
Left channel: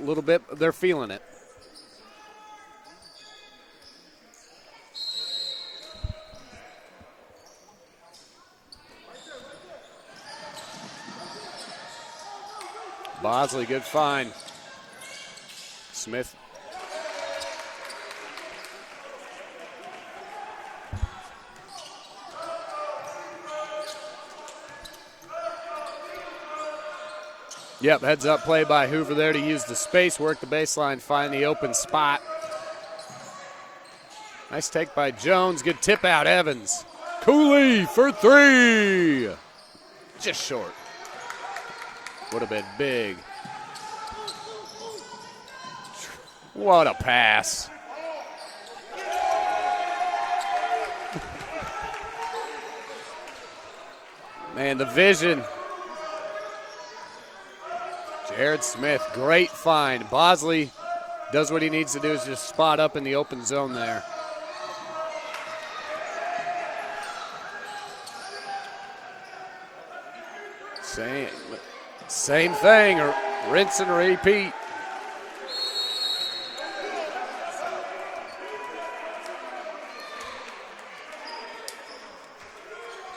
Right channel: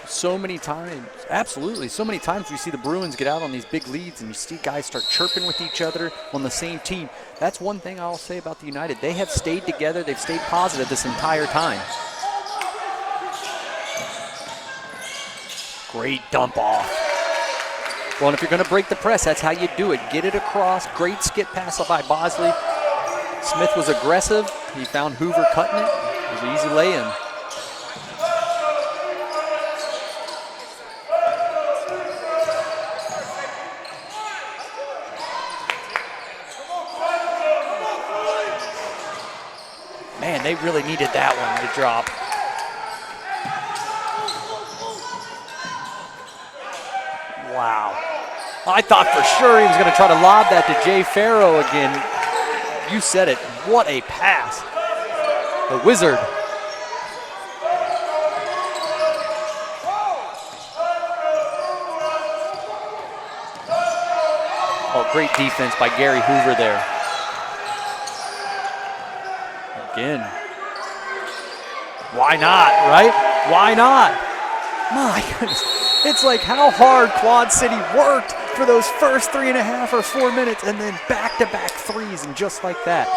a little bit, many they're times, feeling it. Absolutely. So many times we see the Bruins get out on these big leads and you see guys start chirping with each other on the same team. That's one thing I'll say about the United. They have stayed together. They've stayed positive this entire time. Bosley, good find. Great Smith. dump off. Well, and if you're going to break the press, that's how you do it. Get it across. Great skip pass by Bosley. Smith was aggressive. He found Hoover cutting it. It was an easy lay-in. Yep, heads up play by Hoover there to use the space, work the baseline, find the open spot. Nice take by Jones. Good tip out, Evans. Cooley for three. Man, they really needed that one to drop. Would have been big. What a pass. Wow. I thought for sure he was going to try to lob that to Jay Farrow again. You said it. What a pass. And the vision. The wizard. Jared Smith, great find. Bosley does what he needs to do, is just spot up in the open zone there. Oh, great defense by Gary Hoover there. Again. Why not, right? Why not? Repeat. My goodness. It's like how hard Quad City worked for those first 3.5 or 4 minutes and then back-to-back threes and just like that.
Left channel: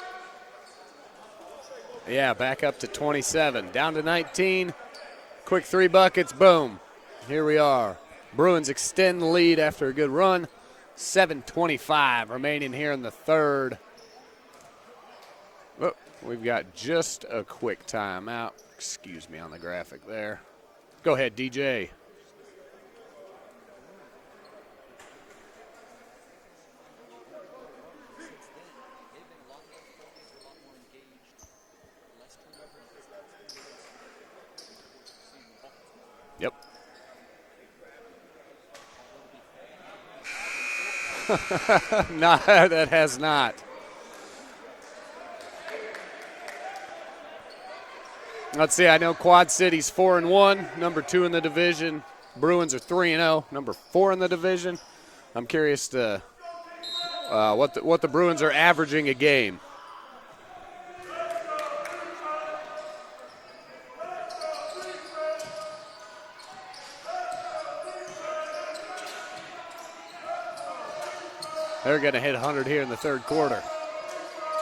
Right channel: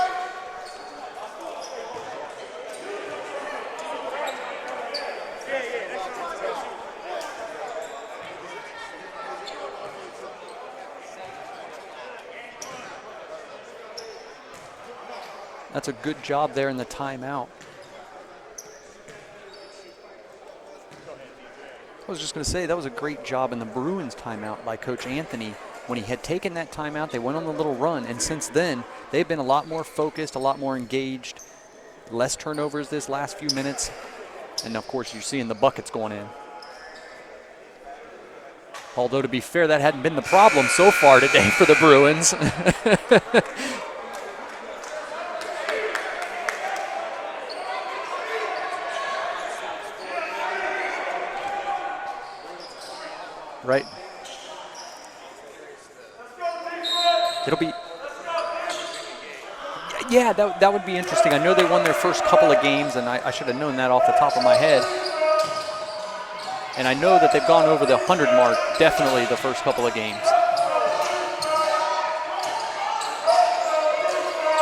Yeah, back up to 27, down to 19. Quick 3 buckets, boom. Here we are. Bruins extend the lead after a good run. 7:25 remaining here in the third. That's a good job there in the just timeout. A quick timeout. Excuse me on the graphic there. Go ahead, DJ. I was just going to say that was a great job in the Bruins timeout by Coach Anthony. When he had taken that timeout, they went on the little run, and since then, they've been a lot more focused, a lot more engaged. Less turnovers this last few minutes. And, of course, you're seeing the buckets going in. Yep. Although, to be fair, that hadn't been the problem so far today for the Bruins. No, that has not. Let's see, I know Quad City's 4-1, number 2 in the division. Bruins are 3-0, number 4 in the division. I'm curious to what the Bruins are averaging a game. Yeah, that would be interesting. I know they won their first couple of games, and I should have known that off the top of my head. And I know that they've gone over the 100 mark, definitely the first couple of games. They're going to hit 100 here in the third quarter.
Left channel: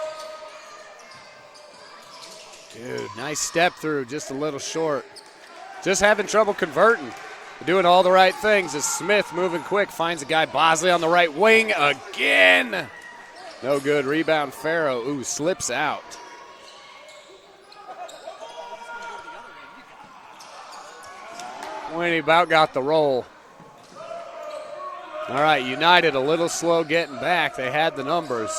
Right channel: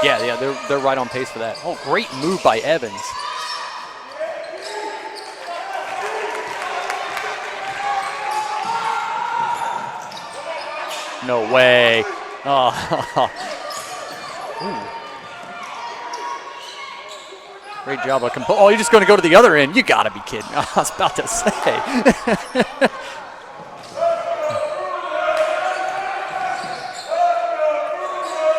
Yeah, they're right on pace for that. Oh, great move by Evans. Nice step through, just a little short. Just having trouble converting. Doing all the right things as Smith moving quick, finds a guy Bosley on the right wing. No way. Again. Oh. No good. Rebound Farrow. Ooh, slips out. Great job of oh, you're just going to go to the other end. You got to be kidding. I was about to say. He about got the roll. All right, United a little slow getting back. They had the numbers.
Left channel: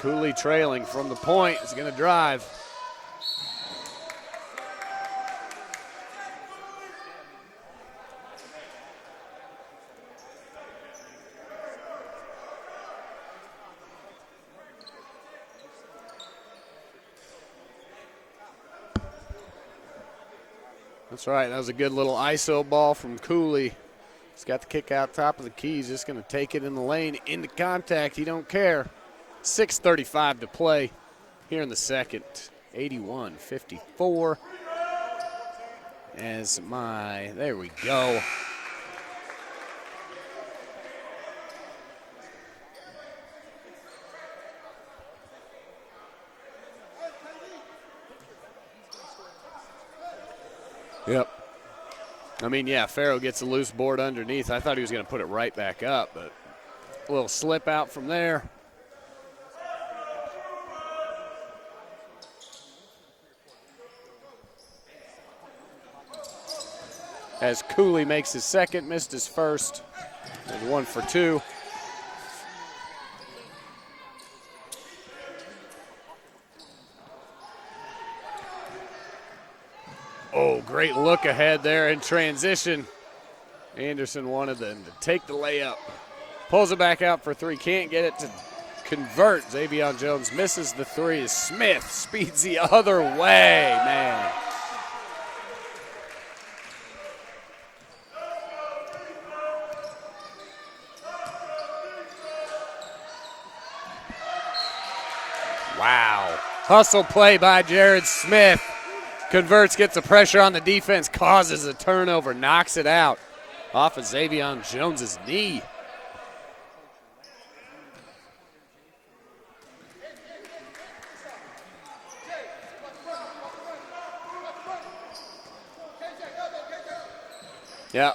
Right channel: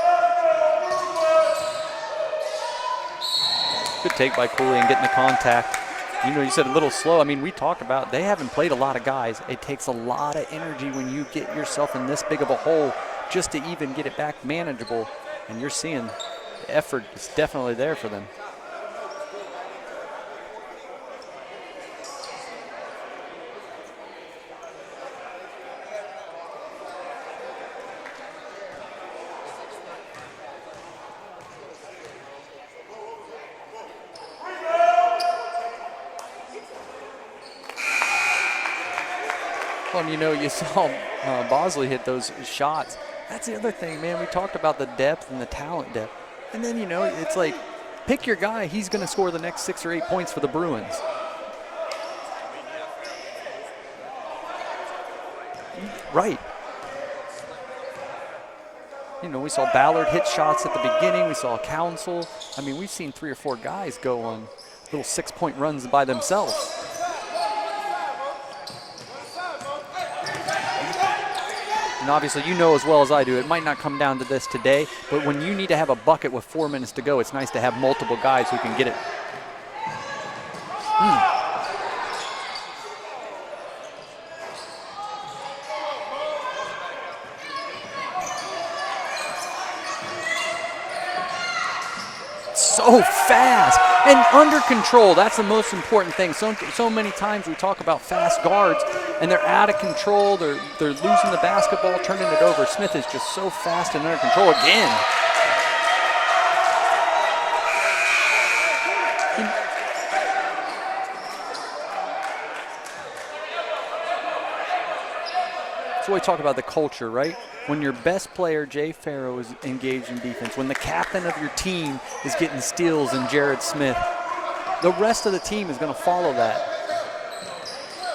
Cooley trailing from the point. He's going to drive. Good take by Cooley and getting the contact. You know, you said a little slow. I mean, we talked about they haven't played a lot of guys. It takes a lot of energy when you get yourself in this big of a hole just to even get it back manageable. And you're seeing the effort is definitely there for them. That's right. That was a good little ISO ball from Cooley. He's got the kick out top of the key. He's just going to take it in the lane into contact. He don't care. 6:35 to play here in the second. 81-54. There we go. Well, you know, you saw Bosley hit those shots. That's the other thing, man. We talked about the depth and the talent depth. And then, you know, it's like, pick your guy. He's going to score the next 6 or 8 points for the Bruins. Yep. I mean, yeah, Farrow gets a loose board underneath. I thought he was going to put it right back up. Right. A little slip out from there. You know, we saw Ballard hit shots at the beginning. We saw Council. I mean, we've seen 3 or 4 guys go on little 6-point runs by themselves. As Cooley makes his second, missed his first. 1 for 2. And obviously, you know as well as I do, it might not come down to this today, but when you need to have a bucket with 4 minutes to go, it's nice to have multiple guys who can get it. Oh, great look ahead there in transition. Anderson wanted to take the layup. Pulls it back out for 3. Can't get it to convert. Xavier Jones misses the 3. Smith speeds the other way. Fast and under control. That's the most important thing. So many times we talk about fast guards, and they're out of control. They're losing the basketball, turning it over. Smith is just so fast and under control again. Wow. Hustle play by Jared Smith. Converts, gets the pressure on the defense, causes a turnover, knocks it out off of Xavier Jones's knee. That's why we talk about the culture, right? When your best player, Jay Farrow, is engaged in defense, when the captain of your team is getting steals in Jared Smith, the rest of the team is going to follow that. Yeah,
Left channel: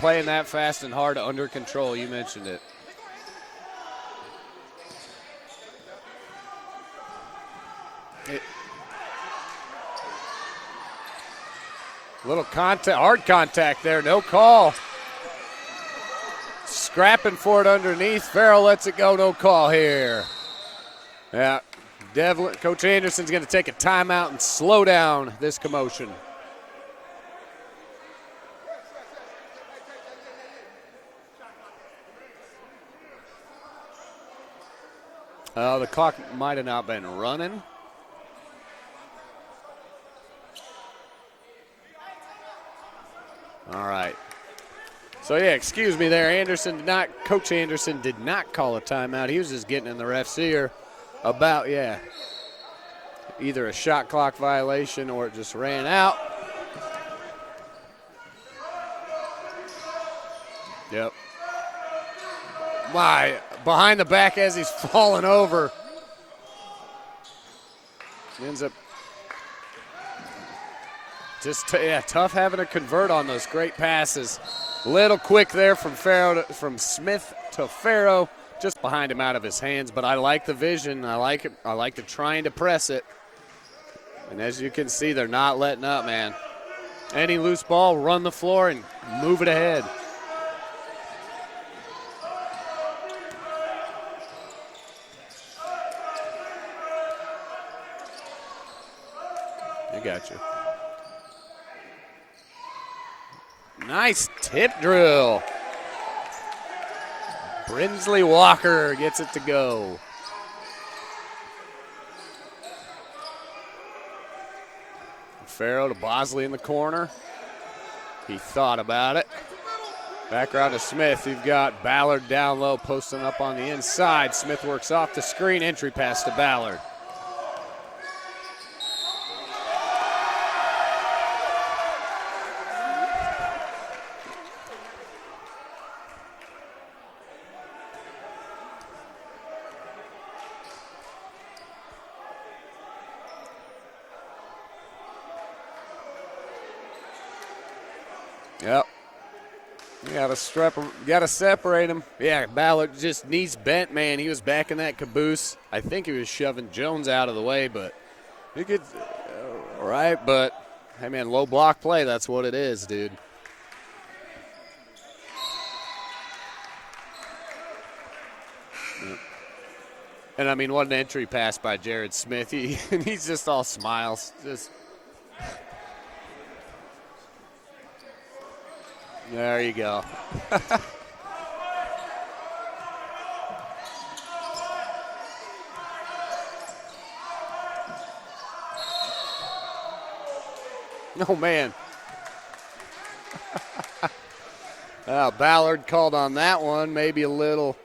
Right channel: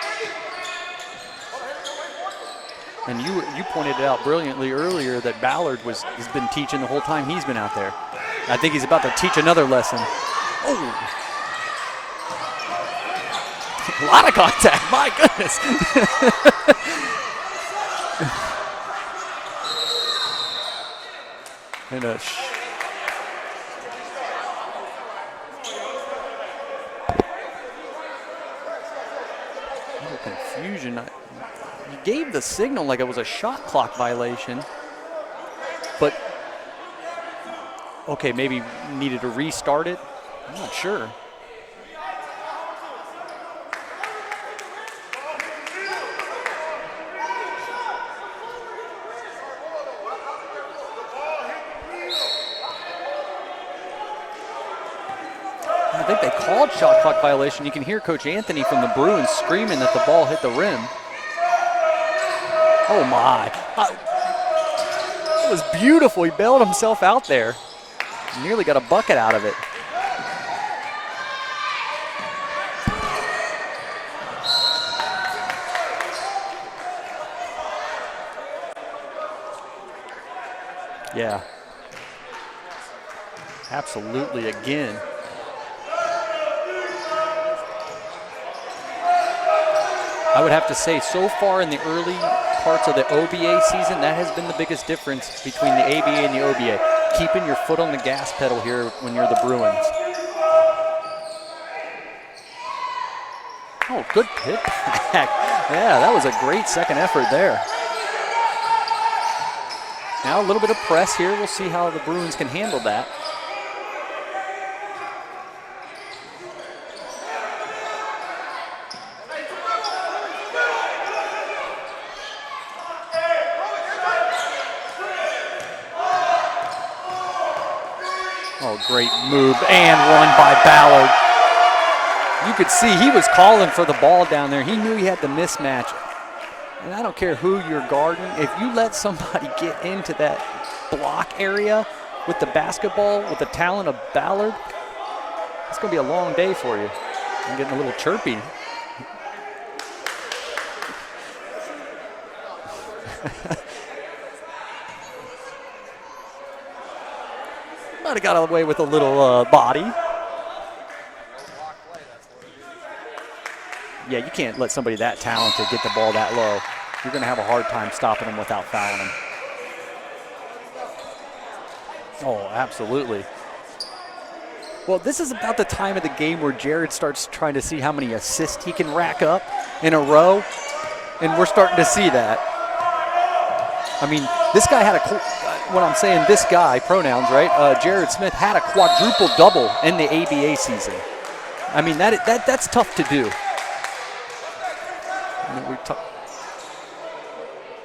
playing that fast and hard, under control. You mentioned it. And you pointed it out brilliantly earlier that Ballard has been teaching the whole time he's been out there. I think he's about to teach another lesson. Oh. Little contact, hard contact there. A lot of contact, my goodness. Scrapping for it underneath. Farrell lets it go, no call here. Yeah, Coach Anderson's going to take a timeout and slow down this commotion. Little confusion. You gave the signal like it was a shot clock violation. The clock might have not been running. Okay, maybe needed to restart it. I'm not sure. All right. So, yeah, excuse me there. Coach Anderson did not call a timeout. He was just getting in the ref's ear about, either a shot clock violation or it just ran out. I think they called shot clock violation. You can hear Coach Anthony from the Bruins screaming that the ball hit the rim. Yep. Oh, my. Behind the back as he's falling over. It was beautiful. He bailed himself out there. Nearly got a bucket out of it. Just tough having to convert on those great passes. Little quick there from Smith to Farrow, just behind him out of his hands. But I like the vision. I like it. I like the trying to press it. Absolutely. As you can see, they're not letting up, man. Any loose ball, run the floor and move it ahead. I would have to say, so far in the early parts of the OBA season, that has been the biggest difference between the ABA and the OBA. Keeping your foot on the gas pedal here when you're the Bruins. I got you. Nice tip drill. Yeah, that was a great second effort there. Brinsley Walker gets it to go. Now a little bit of press here. We'll see how the Bruins can handle that. Farrow to Bosley in the corner. He thought about it. Back around to Smith. You've got Ballard down low, posting up on the inside. Smith works off the screen. Entry pass to Ballard. Oh, great move and run by Ballard. You could see he was calling for the ball down there. He knew he had the mismatch. And I don't care who you're guarding. If you let somebody get into that block area with the basketball, with the talent of Ballard, it's going to be a long day for you. I'm getting a little chirpy. Yep. You gotta separate him. Yeah, Ballard just knees bent, man. He was back in that caboose. I think he was shoving Jones out of the way, but might have got away with a little body. Right, but hey, man, low block play. That's what it is, dude. Yeah, you can't let somebody that talented get the ball that low. You're going to have a hard time stopping them without fouling them. And, I mean, what an entry pass by Jared Smith. Oh, absolutely. He's just all smiles. Well, this is about the time of the game where Jared starts trying to see how many assists he can rack up in a row, and we're starting to see that. I mean, this guy had when I'm saying this guy, pronouns, right? Jared Smith had a quadruple double in the ABA season. Oh, man. I mean, that's tough to do. Ballard called on that one. Maybe a little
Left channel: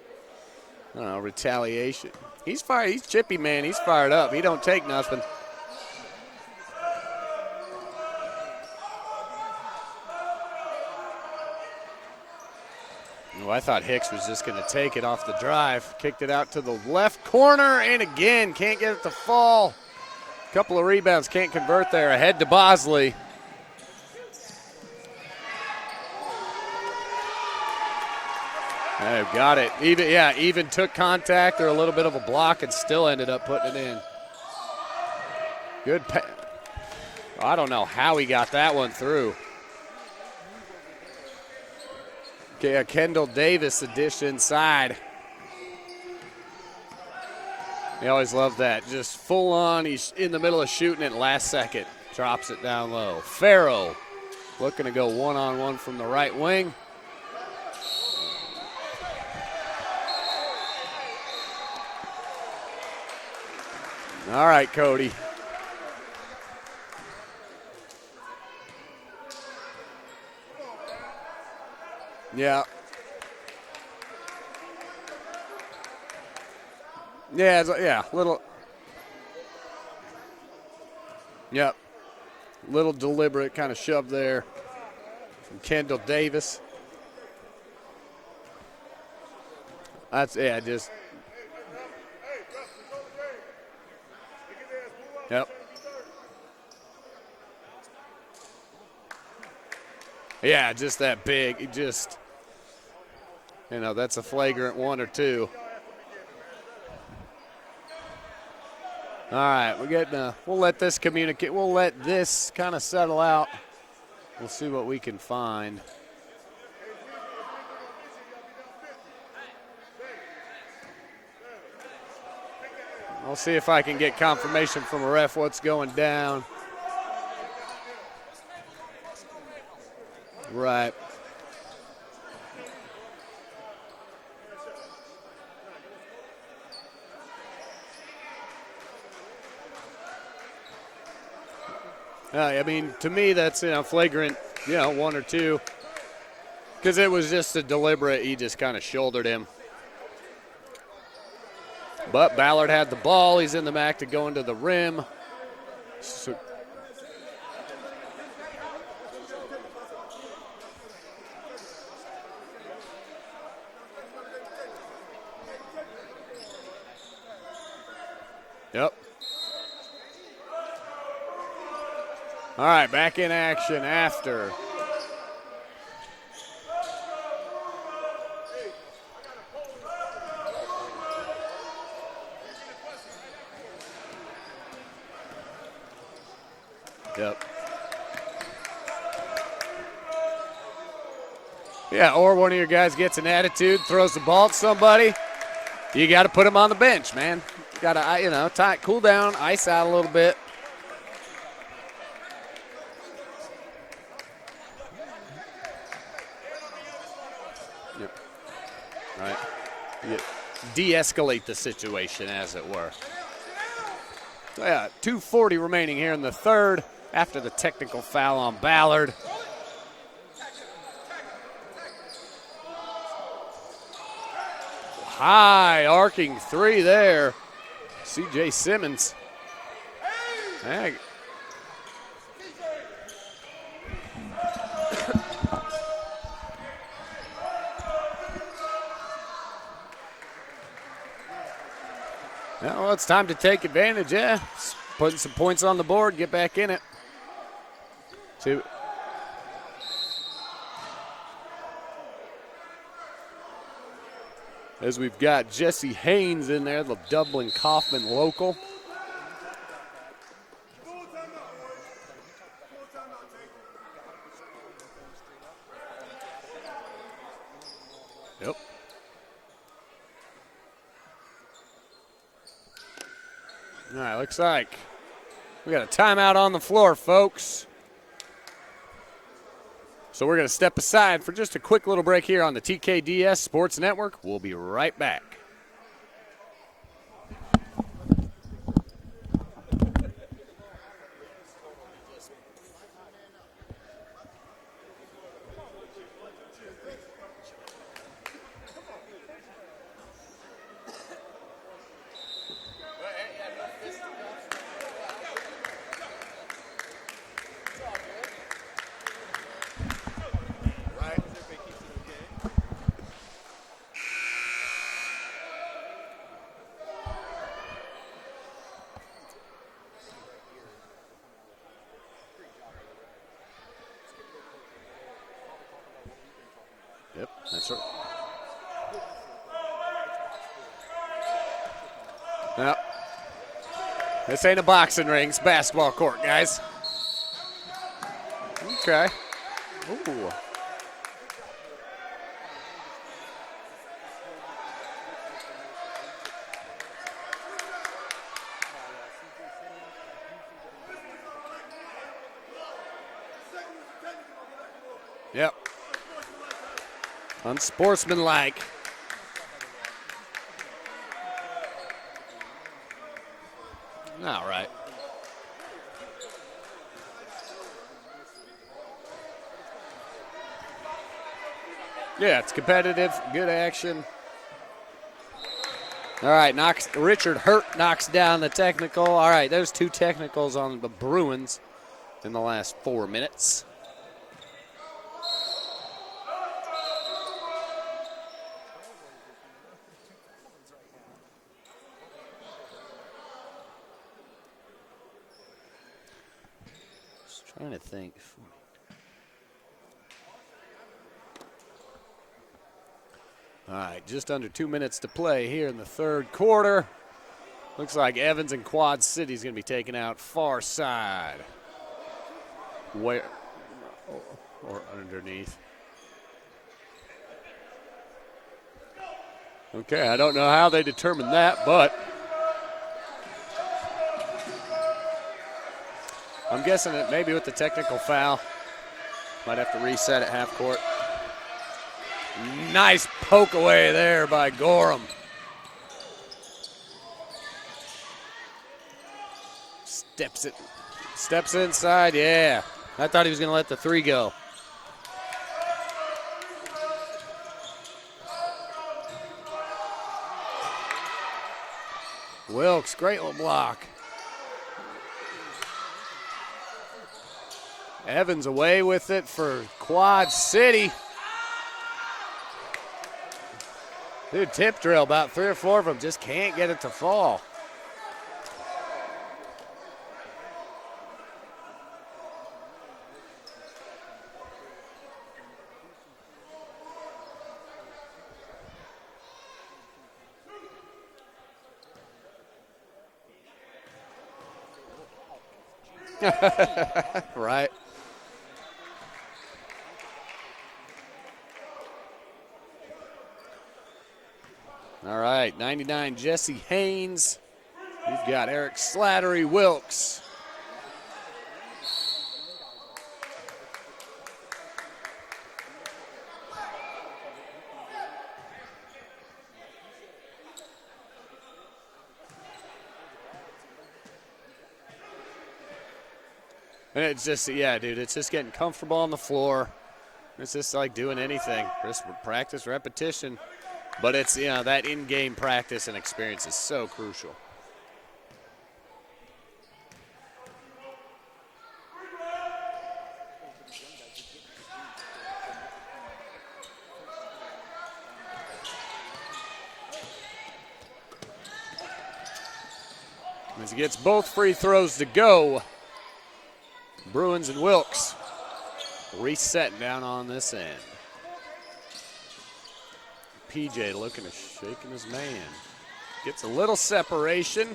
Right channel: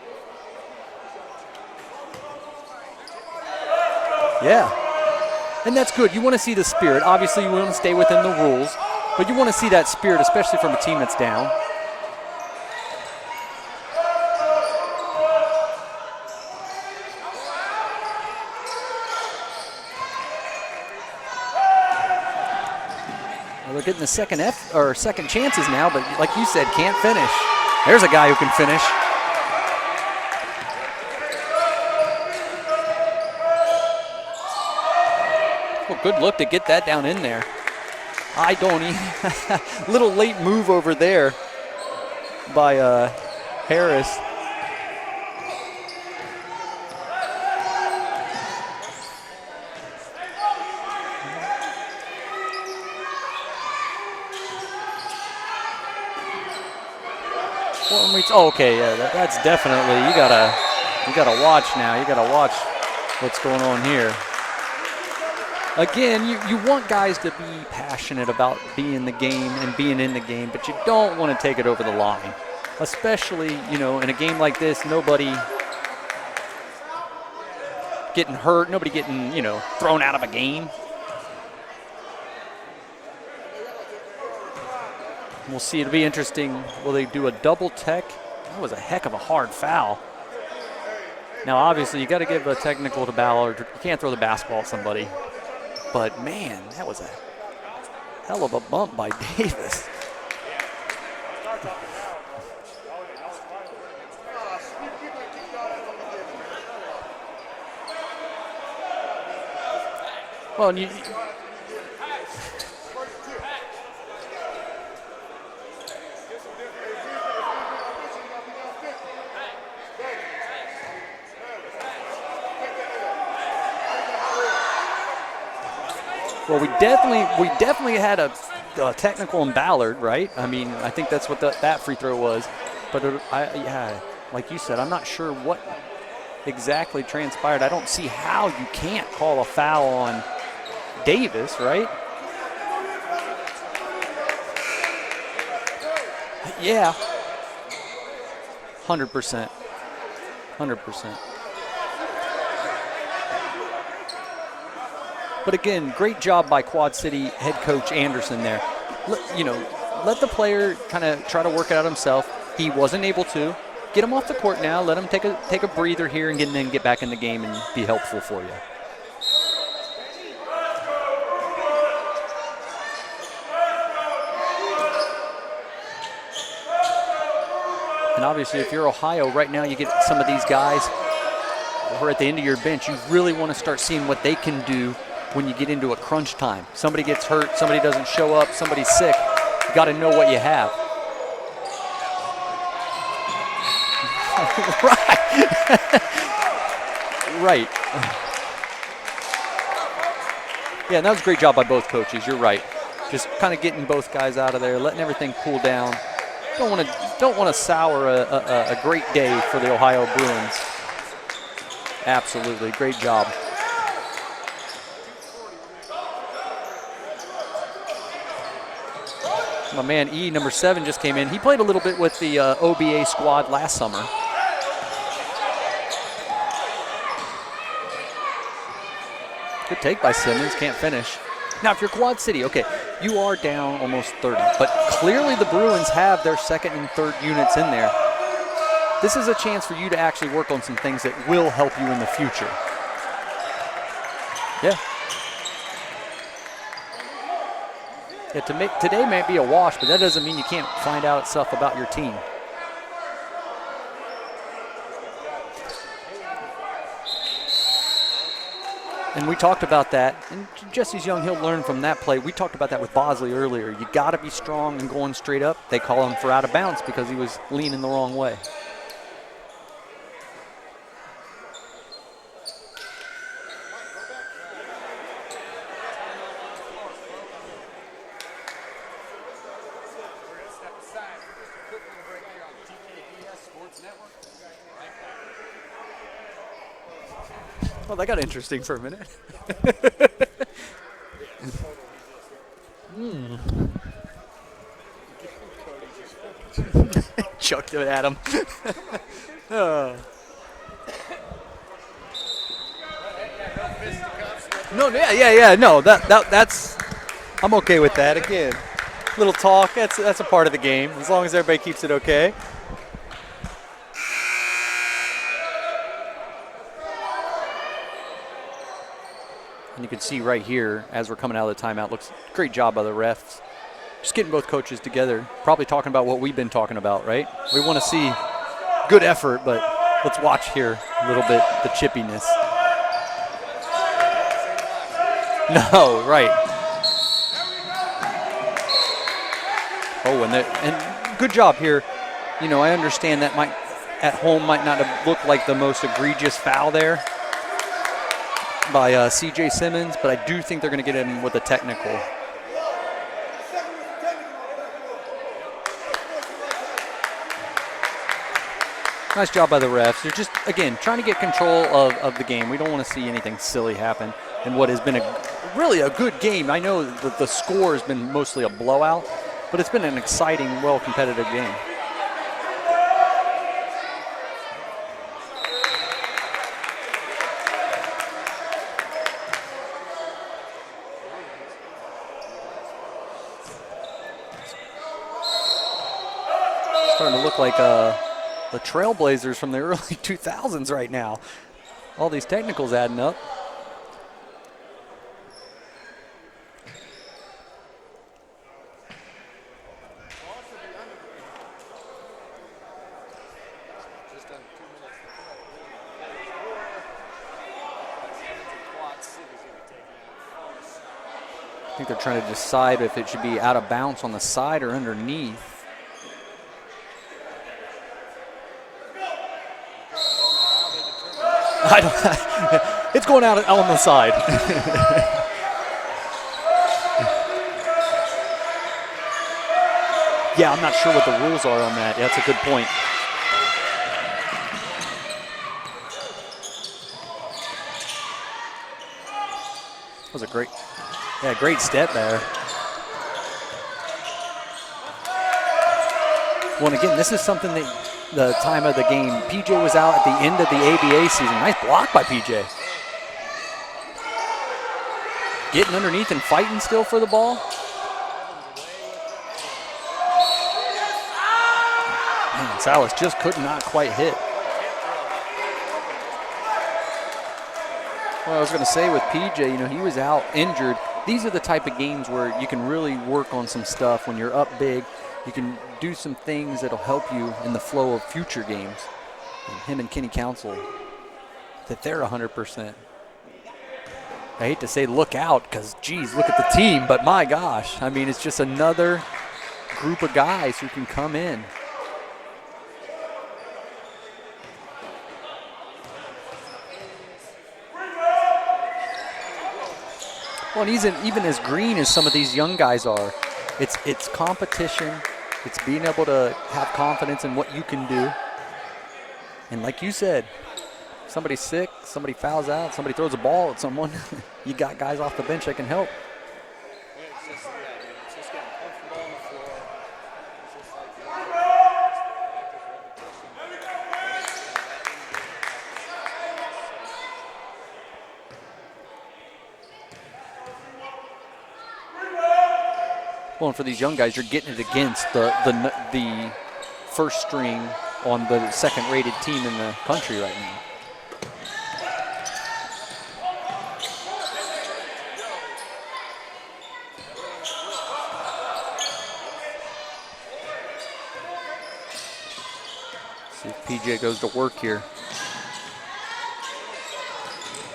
retaliation. He's fired. He's chippy, man. He's fired up. He don't take nothing. And that's good. You want to see the spirit. Obviously, you want to stay within the rules, but you want to see that spirit, especially from a team that's down. Well, I thought Hicks was just going to take it off the drive. Kicked it out to the left corner, and again, can't get it to fall. A couple of rebounds, can't convert there. Ahead to Bosley. Well, they're getting the second chances now, but like you said, can't finish. There's a guy who can finish. Oh, got it. Even took contact or a little bit of a block and still ended up putting it in. Good look to get that down in there. I don't know how he got that one through. Little late move over there by Kendall Davis dish inside. You always love that. Just full on. He's in the middle of shooting it last second. Drops it down low. Farrow looking to go one-on-one from the right wing. Well, that's definitely, you gotta watch now. You gotta watch what's going on here. All right, Cody. Again, you want guys to be passionate about being in the game and being in the game, but you don't want to take it over the line. Yeah. Especially, in a game like this, nobody getting hurt, nobody getting, thrown out of a game. Yep. Little deliberate kind of shove there. We'll see. It'll be interesting. Will they do a double tech? That was a heck of a hard foul. Now, obviously, you got to give a technical to Ballard. You can't throw the basketball at somebody. Yep. But, man, that was a hell of a bump by Davis. Yeah, just that big. That's a flagrant one or two. All right, we'll let this kind of settle out and see what we can find. I'll see if I can get confirmation from the ref what's going down. Well, we definitely had a technical in Ballard, right? I mean, right. I think that's what that free throw was. But like you said, I'm not sure what exactly transpired. I don't see how you can't call a foul on Davis, right? I mean, to me, that's flagrant, one or two. Yeah. Because it was just a deliberate, he just kind of shouldered him. 100%. But Ballard had the ball. He's in the back to go into the rim. But again, great job by Quad City head coach Anderson there. Let the player kind of try to work it out himself. He wasn't able to. Get him off the court now. Let him take a breather here and then get back in the game and be helpful for you. Yep. All right, back in action after. And obviously, if you're Ohio right now, you get some of these guys who are at the end of your bench. You really want to start seeing what they can do when you get into a crunch time. Somebody gets hurt, somebody doesn't show up, somebody's sick. You got to know what you have. Yeah, or one of your guys gets an attitude, throws the ball to somebody. You got to put him on the bench, man. Right. Got to, cool down, ice out a little bit. Yeah, and that was a great job by both coaches. You're right. Just kind of getting both guys out of there, letting everything cool down. Don't want to sour a great day for the Ohio Bruins. De-escalate the situation. Absolutely, great job. Yeah, 2:40 remaining here in the third after the technical foul on Ballard. My man E, number 7, just came in. He played a little bit with the OBA squad last summer. High arcing three there. C.J. Simmons. Good take by Simmons, can't finish. Now, if you're Quad City, okay, you are down almost 30, but clearly the Bruins have their second and third units in there. This is a chance for you to actually work on some things that will help you in the future. Well, it's time to take advantage, yeah. Putting some points on the board, get back in it. Yeah, today may be a wash, but that doesn't mean you can't find out stuff about your team. As we've got Jesse Haynes in there, the Dublin Kaufman local. And we talked about that. And Jesse's young. He'll learn from that play. We talked about that with Bosley earlier. You got to be strong and going straight up. They call him for out of bounds because he was leaning the wrong way. Yep. All right, looks like we got a timeout on the floor, folks. So we're going to step aside for just a quick little break here on the TKDS Sports Network. We'll be right back. Well, that got interesting for a minute. Chucked it at him. No, yeah. No, that's. I'm okay with that. Again, little talk. That's a part of the game. As long as everybody keeps it okay. And you can see right here, as we're coming out of the timeout, looks great job by the refs. Just getting both coaches together, probably talking about what we've been talking about, right? We want to see good effort, but let's watch here a little bit the chippiness. This ain't a boxing ring, it's basketball court, right. guys. Okay. Oh, and good job here. You know, I understand that at home might not have looked like the most egregious foul there by C.J. Simmons, but I do think they're going to get him with a technical. Yep. Unsportsmanlike. Nice job by the refs. They're just, again, trying to get control of the game. We don't want to see anything silly happen in what has been really a good game. I know that the score has been mostly a blowout, but it's been an exciting, well-competitive game. Yeah, it's competitive, good action. All right, Richard Hurt knocks down the technical. All right, there's 2 technicals on the Bruins in the last 4 minutes. Starting to look like the Trailblazers from the early 2000s right now. All these technicals adding up. Just trying to think. All right, just under 2 minutes to play here in the third quarter. Looks like Evans and Quad City's going to be taken out far side. I think they're trying to decide if it should be out of bounds on the side or underneath. Okay, I don't know how they determined that. It's going out on the side. I'm guessing that maybe with the technical foul, might have to reset it. Yeah, I'm not sure what the rules are on that. Yeah, that's a good point. Nice poke away there by Gorham. That was a great, Steps great step inside, there. Yeah, I thought he was going to let the 3 go. Well, and again, this is something that the time of the game, PJ was out at the end of the ABA season. Nice block by PJ. Wilkes, great little block. Getting underneath and fighting still for the ball. Evans away with it for Quad City. Man, Salas just could not quite hit. Good tip drill, about 3 or 4 of them just can't get it to fall. Well, I was going to say with PJ, you know, he was out injured. These are the type of games where you can really work on some stuff when you're up big. You can do some things that'll help you in the flow of future games. And him and Kenny Council, that they're 100%. I hate to say look out because, geez, look at the team, but my gosh. Right. I mean, it's just another group of guys who can come in. All right, 99, Jesse Haynes. He's got Eric Slattery Wilkes. Well, and he's even as green as some of these young guys are. It's competition. It's being able to have confidence in what you can do. And like you said, somebody's sick, somebody fouls out, somebody throws a ball at someone, you got guys off the bench that can help. And it's just, yeah, dude, it's just getting comfortable on the floor. It's just like doing anything, just practice, repetition. But it's, you know, that in-game practice and experience is so crucial. Well, and for these young guys, you're getting it against the first string on the second-rated team in the country right now. As he gets both free throws to go, Bruins and Wilkes resetting down on this end. See if PJ goes to work here. Gets a little separation.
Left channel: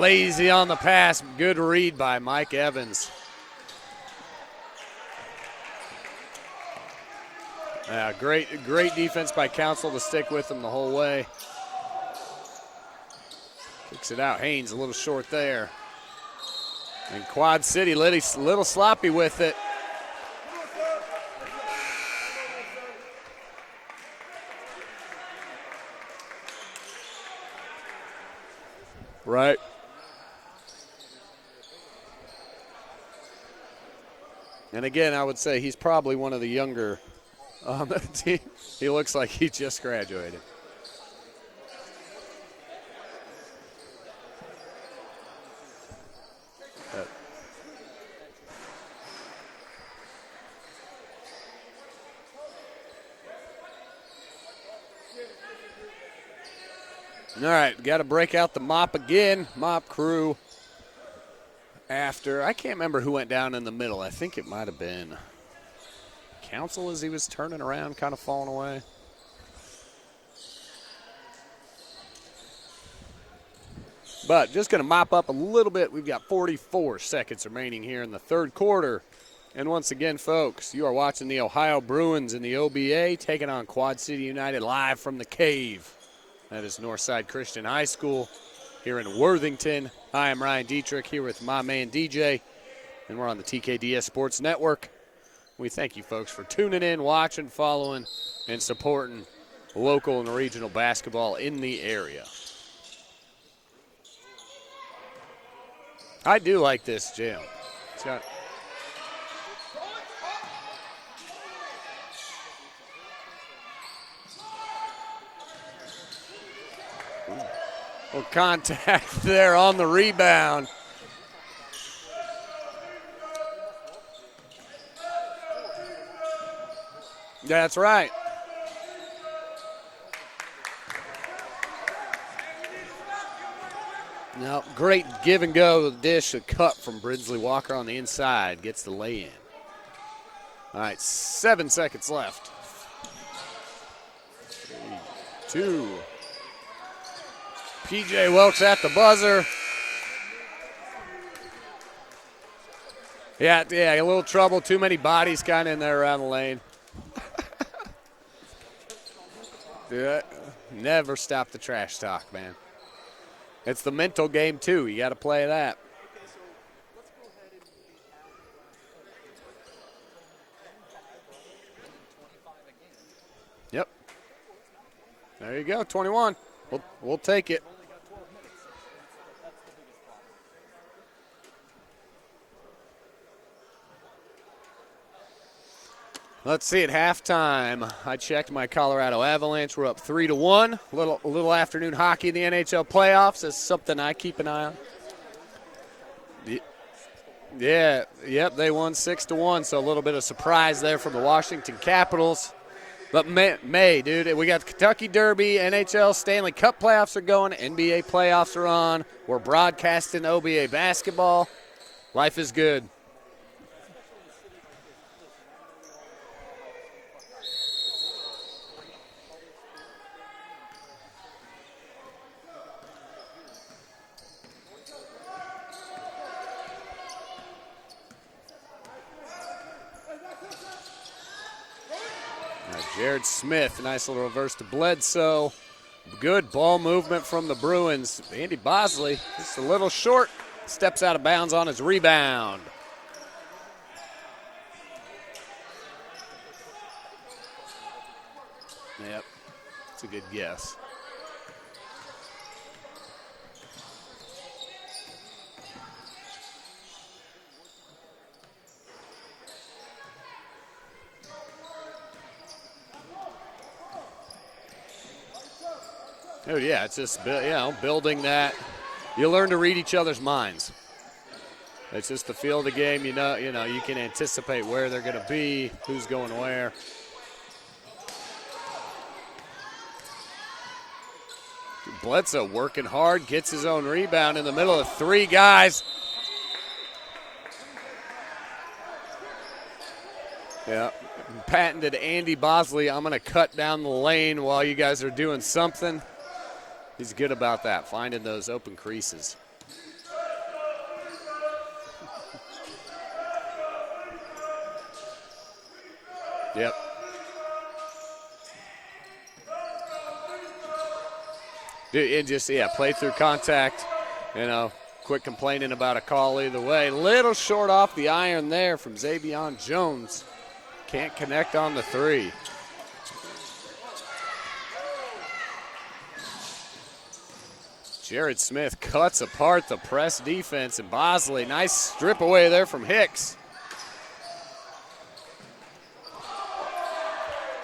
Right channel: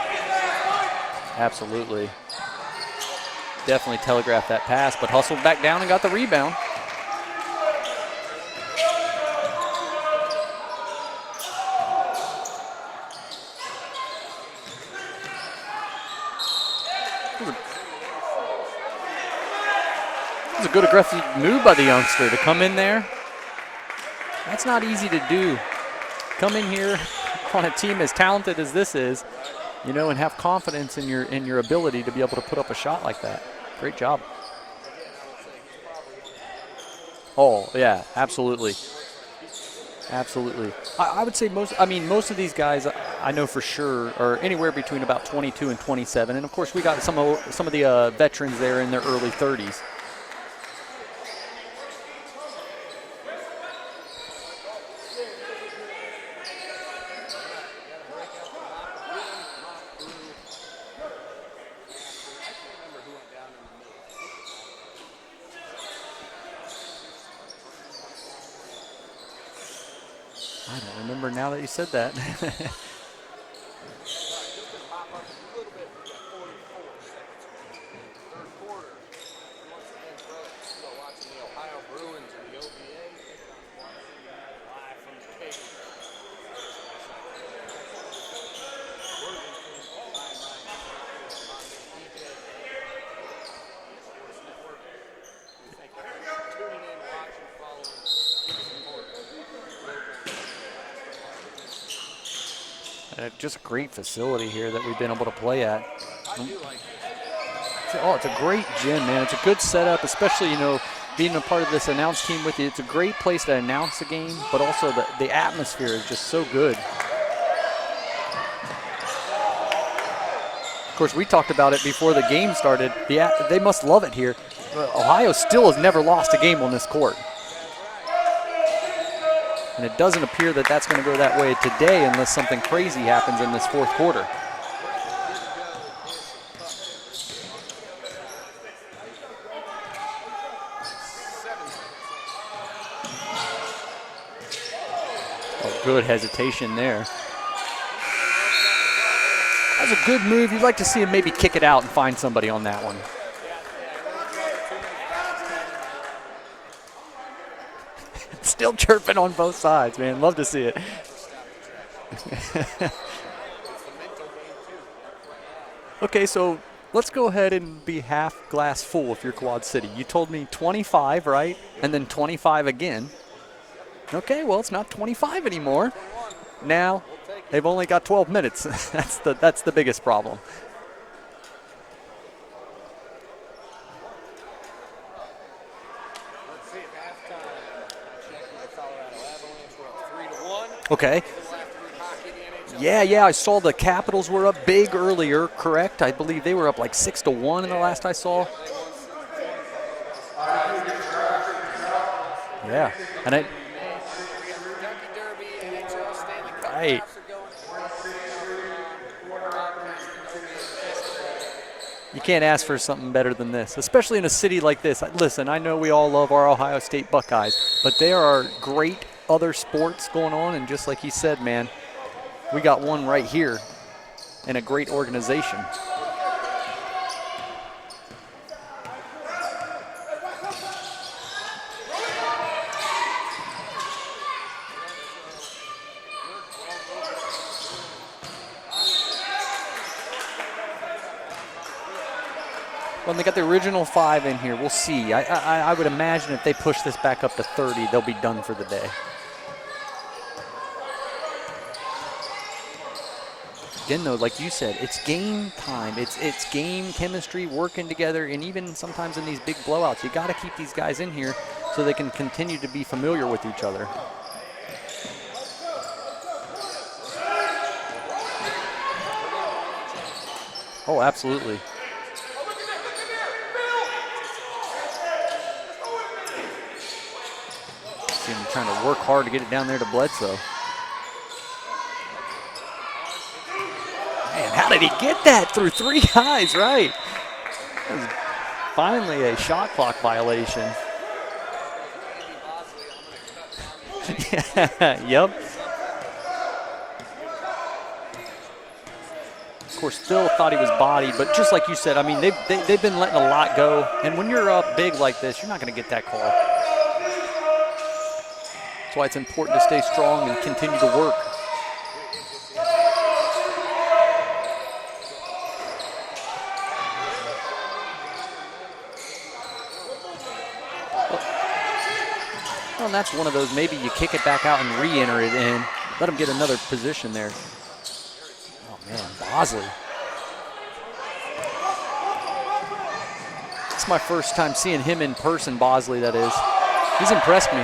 Lazy on the pass. Good Absolutely. read by Mike Evans. Definitely telegraphed that pass, but hustled back down and got the rebound. Yeah, great defense by Council to stick with him the whole way. Kicks it out. Haynes a little short there. And Quad City a little sloppy with it. It was a good aggressive move by the youngster to come in there. That's not easy to do. Come in here on a team as talented as this is, Right. you know, and have confidence in your ability to be able to put up a shot like that. Great job. And again, I would say he's probably one of the younger. Oh, yeah, absolutely. He looks like he just graduated. Absolutely. I would say most of these guys I know for sure are anywhere between about 22 and 27. And, of course, we got some of the veterans there in their early 30s. All right, got to break out the mop again. Mop crew after. I can't remember who went down in the middle. I think it might have been Council as he was turning around, kind of falling away. I don't remember now that you said that. But just going to mop up a little bit. We've got 44 seconds remaining here in the third quarter. And once again, folks, you are watching the Ohio Bruins in the OBA taking on Quad City United live from the Cave. That is Northside Christian High School here in Worthington. Hi, I'm Ryan Dietrich here with my man DJ, and we're on the TKDS Sports Network. We thank you folks for tuning in, watching, following, and supporting local and regional basketball in the area. Just a great facility here that we've been able to play at. I do like this gym. Oh, it's a great gym, man. It's a good setup, especially, you know, being a part of this announce team with you. It's a great place to announce the game, but also the atmosphere is just so good. The contact there on the rebound. Of course, we talked about it before the game started. They must love it here. Ohio still has never lost a game on this court. That's right. And it doesn't appear that that's going to go that way today unless something crazy happens in this fourth quarter. Now, great give and go. The dish, a cut from Bridgely Walker on the inside. Gets the lay-in. All right, 7 seconds left. Good hesitation there. PJ Welch at the buzzer. That's a good move. You'd like to see him maybe kick it out and find somebody on that one. Yeah, a little trouble. Too many bodies kind of in there around the lane. Still chirping on both sides, man. Love to see it. Never stop the trash talk. It's the mental game, too. You got to play that. Okay, so let's go ahead and be half glass full if you're Quad City. You told me 25, right? And then 25 again. Yep. Okay, well, it's not 25 anymore. 21. Now, we'll take it. They've only got 12 minutes. That's the biggest problem. Let's see at halftime. I checked my Colorado Avalanche. We're up 3-1. Okay. A little afternoon hockey in the NHL playoffs. Yeah, I saw the Something Capitals were up big earlier, correct? I believe they were up like 6-1 in the last I saw. Yep, they won 6-1, so a little bit of surprise there from the Washington Capitals. Yeah. But May, dude, we got the Kentucky Derby, NHL Stanley Cup playoffs are going, NBA playoffs are on. We're broadcasting OBA basketball. You can't ask for something better than this, especially in a city like this. Listen, I know we all love our Ohio State Buckeyes, but there are great other sports going on, and just like he said, man, we got one right here and a great organization. Jared Smith, nice little reverse to Bledsoe. Good ball movement from the Bruins. Andy Bosley, just a little short. Steps out of bounds on his rebound. Well, they got the original 5 in here. We'll see. I would imagine if they push this back up to 30, they'll be done for the day. Yep. That's a good guess. Again, though, like you said, it's game time. It's game chemistry, working together, and even sometimes in these big blowouts, you got to keep these guys in here so they can continue to be familiar with each other. Oh, yeah, it's just building that. You learn to read each other's minds. Oh, absolutely. It's just the feel of the game. You know, you can anticipate where they're going to be, who's going where. See him trying to work hard to get it down there to Bledsoe. Bledsoe working hard, gets his own rebound. How did he get that? Three guys, right. That was finally a shot clock violation. Yeah. Patented Andy Bosley, I'm going to cut down the lane while you guys are doing something. He's good about that, finding those open creases. Of course, Phil thought he was bodied, but just like you said, I mean, they've been letting a lot go. And when you're up big like this, you're not going to get that call. Yep. That's why it's important to stay strong and continue to work. It just, play through contact, quit complaining about a call either way. Little short off the iron there from Xavion Jones. Can't connect on the three. Well, and that's one of those, maybe you kick it back out and re-enter it in. Let him get another position there. Jared Smith cuts apart the press defense, and Bosley, nice strip away there from Hicks. It's my first time seeing him in person, Bosley, that is. He's impressed me.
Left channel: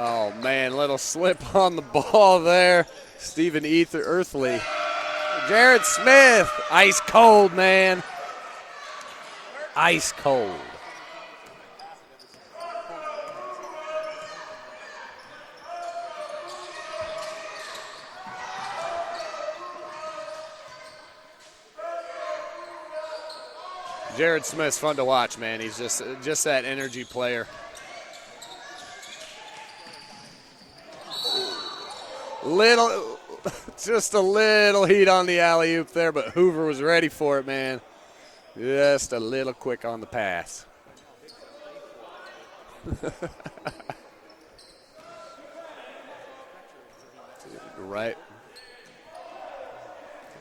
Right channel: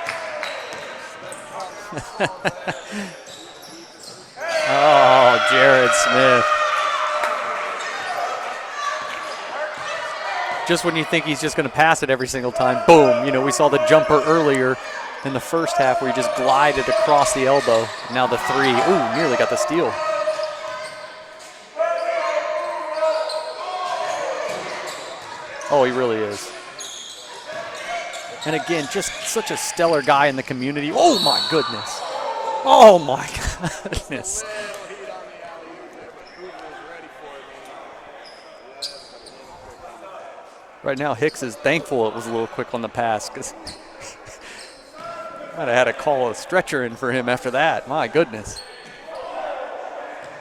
Oh, man, little slip on the ball there. Stephen Earthley. Oh, Jared Smith. Ice cold, man. Ice cold. Just when you think he's just going to pass it every single time, boom. We saw the jumper earlier in the first half where he just glided across the elbow. Now the three. Ooh, nearly got the steal. Jared Smith's fun to watch, man. He really is. Just that energy player. And again, just such a stellar guy in the community. Oh, my goodness. Oh, my God. Just a little heat on the alley-oop there, but Hoover was ready for it, man. Just a little quick on the pass. Right now, Hicks is thankful it was a little quick on the pass because might have had to call a stretcher in for him after that. My goodness.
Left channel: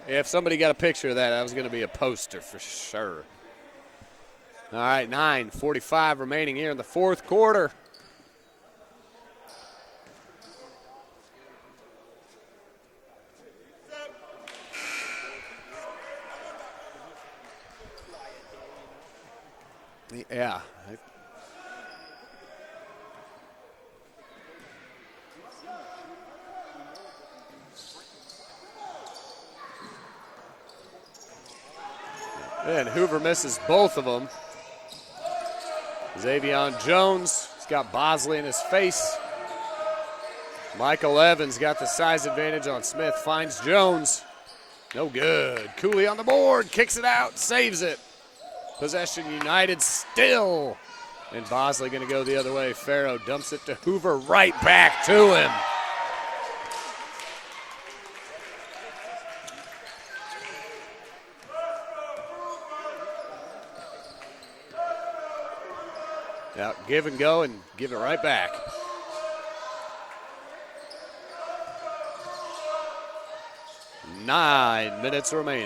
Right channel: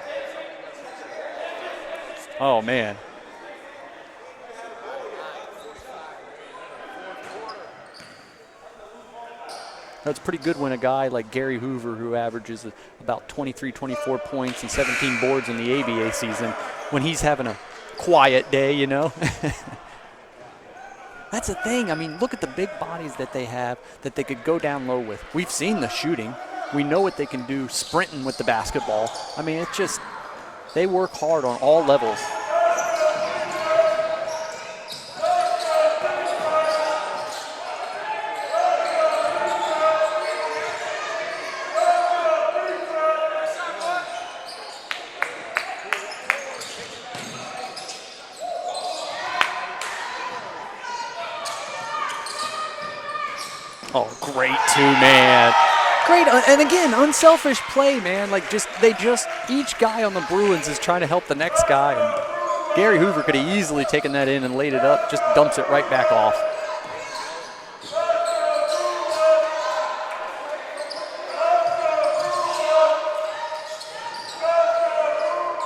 Yeah, if somebody got a picture of that, that was going to be a poster. Oh, man. Sure. All right, 9:45 remaining here in the fourth quarter. That's pretty good when a guy like Gary Hoover, who averages about 23, 24 points and 17 boards in the ABA season, when he's having a quiet day, Yeah. That's the thing. I mean, look at the big bodies that they have that they could go down low with. We've seen the shooting. We know what they can do sprinting with the basketball. I mean, it's just, they work hard on all levels. And Hoover misses both of them. Xavion Jones, he's got Bosley in his face. Michael Evans got the size advantage on Smith, finds Jones. No good. Cooley on the board, kicks it out, saves it. Possession United still. And Bosley going to go the other way. Farrow dumps it to Hoover. Great back two-man. Great, and again, unselfish play, man. Each guy on the Bruins is trying to help the next guy. And Gary Hoover could have easily taken that in and laid it up, just dumps it right back off. Yep, give and go and give it right back. Nine minutes remaining.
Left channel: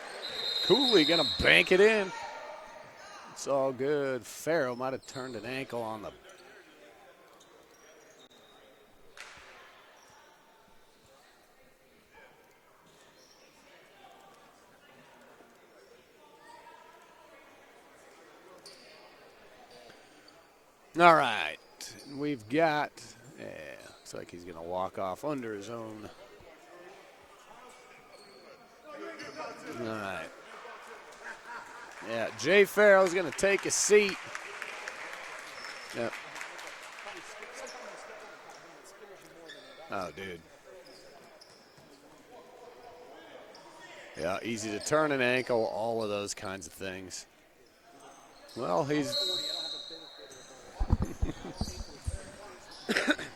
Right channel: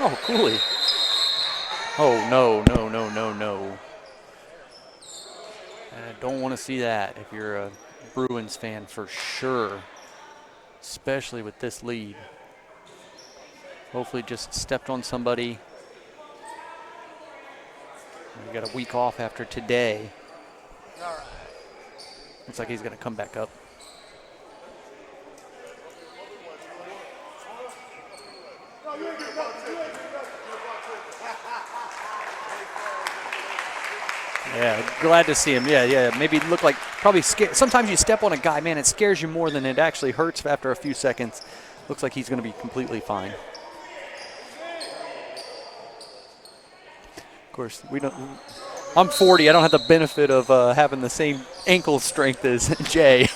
Oh, Cooley. Cooley going to bank it in. Oh, no. It's all good. Farrow might have turned an ankle on I it. don't want to see that if you're a Bruins fan for sure, especially with this lead. Hopefully just stepped on somebody. We got a week off after today. All right. Looks like he's going to come back up. Yeah, looks like he's going to walk off under his own. All right. Yeah, Jay Farrell's going to take a seat. Yeah, glad to see him. Yeah. Maybe look like probably scared. Sometimes you step on a guy, man, it scares you more than it actually hurts after a few seconds. Looks like he's going to be completely fine. Yeah, easy to turn an ankle, all of those kinds of things. Of course, we don't. Well, I'm 40. I don't have the benefit of having the same ankle strength as Jay.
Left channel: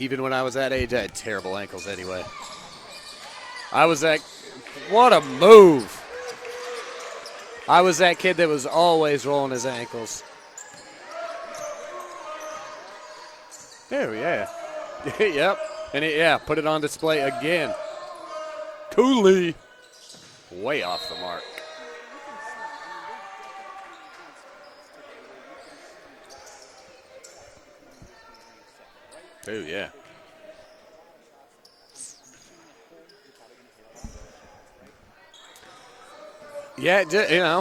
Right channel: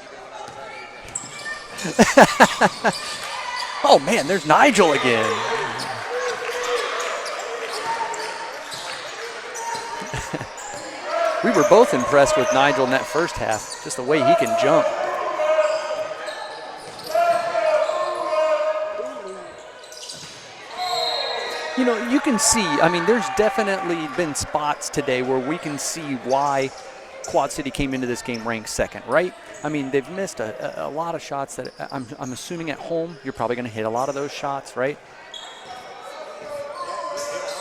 Even when I was that age, I had terrible ankles. Man, there's Nigel what again. What a move. I was that kid that was always rolling his ankles. We were both impressed with Nigel in that first half, just the way he can jump. Yep, and put it on display again. Cooley, way off the mark. You can see, I mean, there's definitely been spots today where we can see why Quad City came into this game ranked second, right? I mean, they've missed a lot of shots that I'm assuming at home you're probably going to hit a lot of those shots, right? Yeah,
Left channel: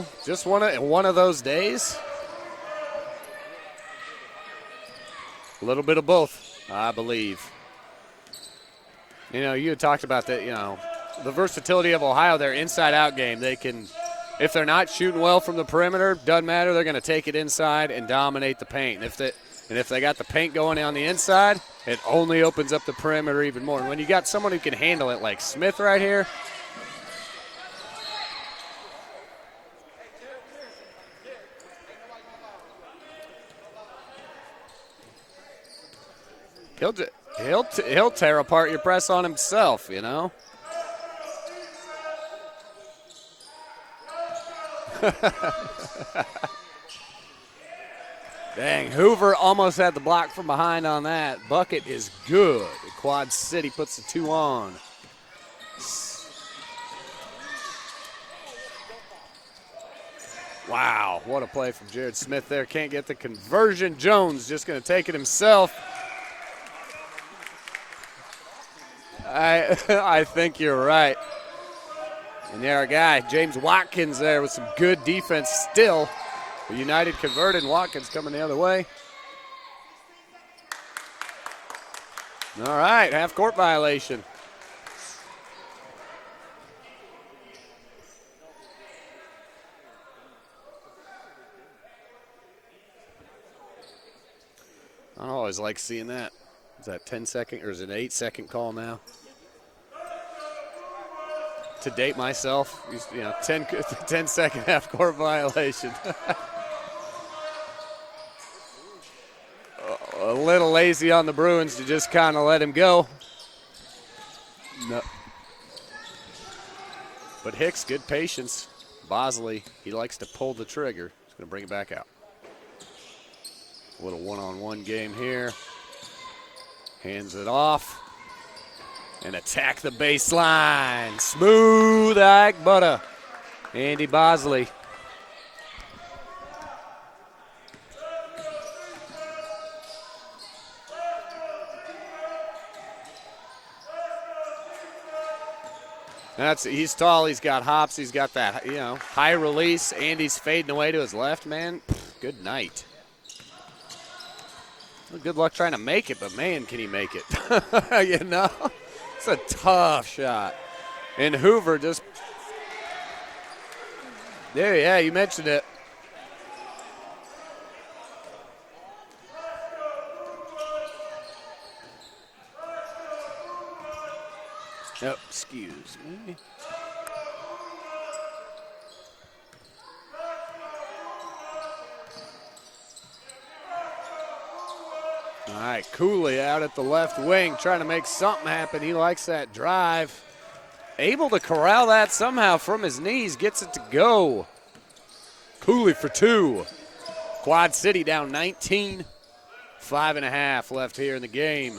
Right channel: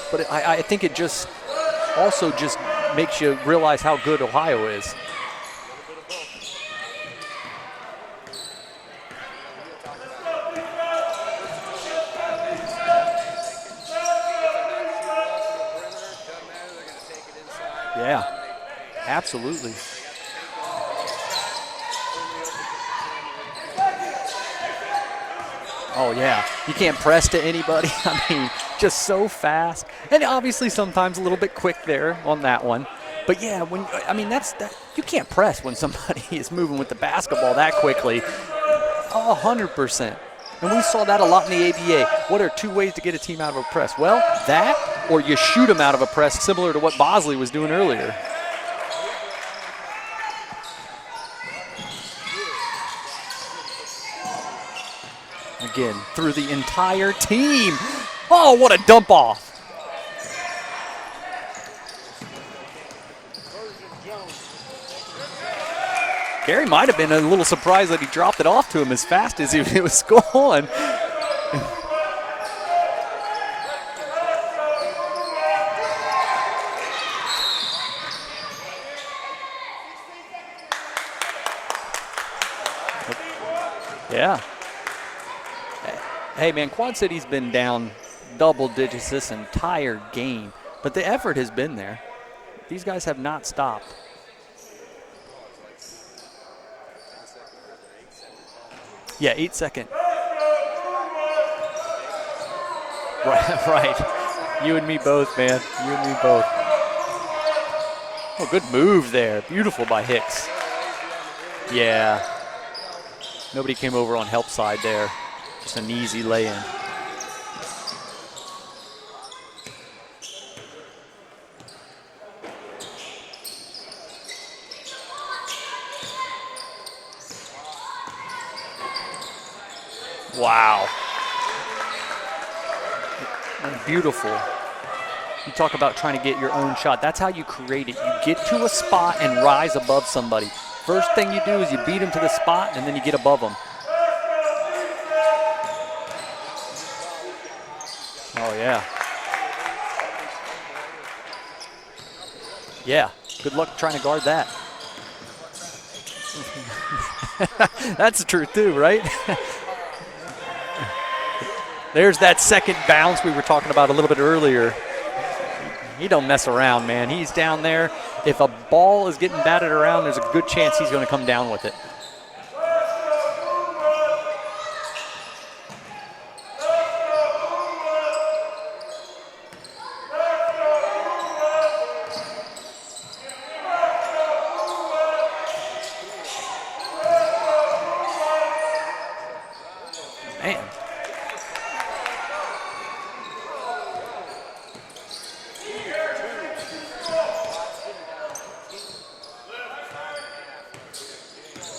but I think one of those days also just makes you realize how good Ohio is. A little bit of both, I believe. You had talked about that, the versatility of Ohio, their inside-out game. They can, if they're not shooting well from the perimeter, doesn't matter. They're going to take it inside and dominate the paint. Absolutely. And if they got the paint going on the inside, it only opens up the perimeter even more. When you got someone who can handle it like Smith here. Oh, yeah. You can't press to anybody. I mean, just so fast. And obviously sometimes a little bit quick there on that one. But yeah, you can't press when somebody is moving with the basketball he'll that quickly. He'll tear apart your press on himself. 100%. You know? And we saw that a lot in the ABA. What are 2 ways to get a team out of a press? Well, that or you shoot them out of a press, similar to what Bosley was doing earlier. Dang, Hoover almost had the block from behind on that. Bucket is good. Quad City puts the 2 on. Again, through the entire team. Oh, what a dump off. Wow, what a play from Jared Smith there. Can't get the conversion. Jones just going to take it himself. Gary might have been a little surprised that he dropped it off to him as fast as he was scoring. I think you're right. And there, our guy, James Watkins there with some good defense still. United converted. Watkins coming the other way. All right, half-court violation. Yeah. Hey, man, Quad City's been down double digits this entire game, but the effort has been there. These guys have not stopped. I always like seeing that. Is that 10-second or is it an 8-second call now? Yeah, 8-second. To date myself. Right, 10-second. You and me both, violation. man. You and me both. Oh, good move there. Beautiful by Hicks. A little lazy on the Bruins. Yeah. Just kind of let him go. Nobody came over on help side there. Just an easy lay-in. But Hicks, good patience. Bosley, he likes to pull the trigger. He's going to bring it back out. A little one-on-one game here. Hands it off. And attack the baseline. Wow. Smooth like butter. Andy Bosley. You talk about trying to get your own shot. That's how you create it. You get to a spot and rise above somebody. First thing you do is you beat them to the spot, and then you get above them. He's tall, he's got hops, he's got that yeah. High release. Andy's fading away to his left, man. Good night. Yeah, good luck trying to guard that. Good luck trying to make it, but man, can he make it. That's true too, right? It's a tough shot. And Hoover just... There's that second bounce we were talking about a little bit earlier. Yeah, you mentioned it. He don't mess around, man. He's down there. If a ball is getting batted around, there's a good chance he's going to come down with it. Yep, excuse me. All right, Cooley out at the left wing trying to make something happen. He likes that drive. Man, able to corral that somehow from his knees, gets it to go. Cooley for 2. Quad City down 19. 5.5 left here in the game.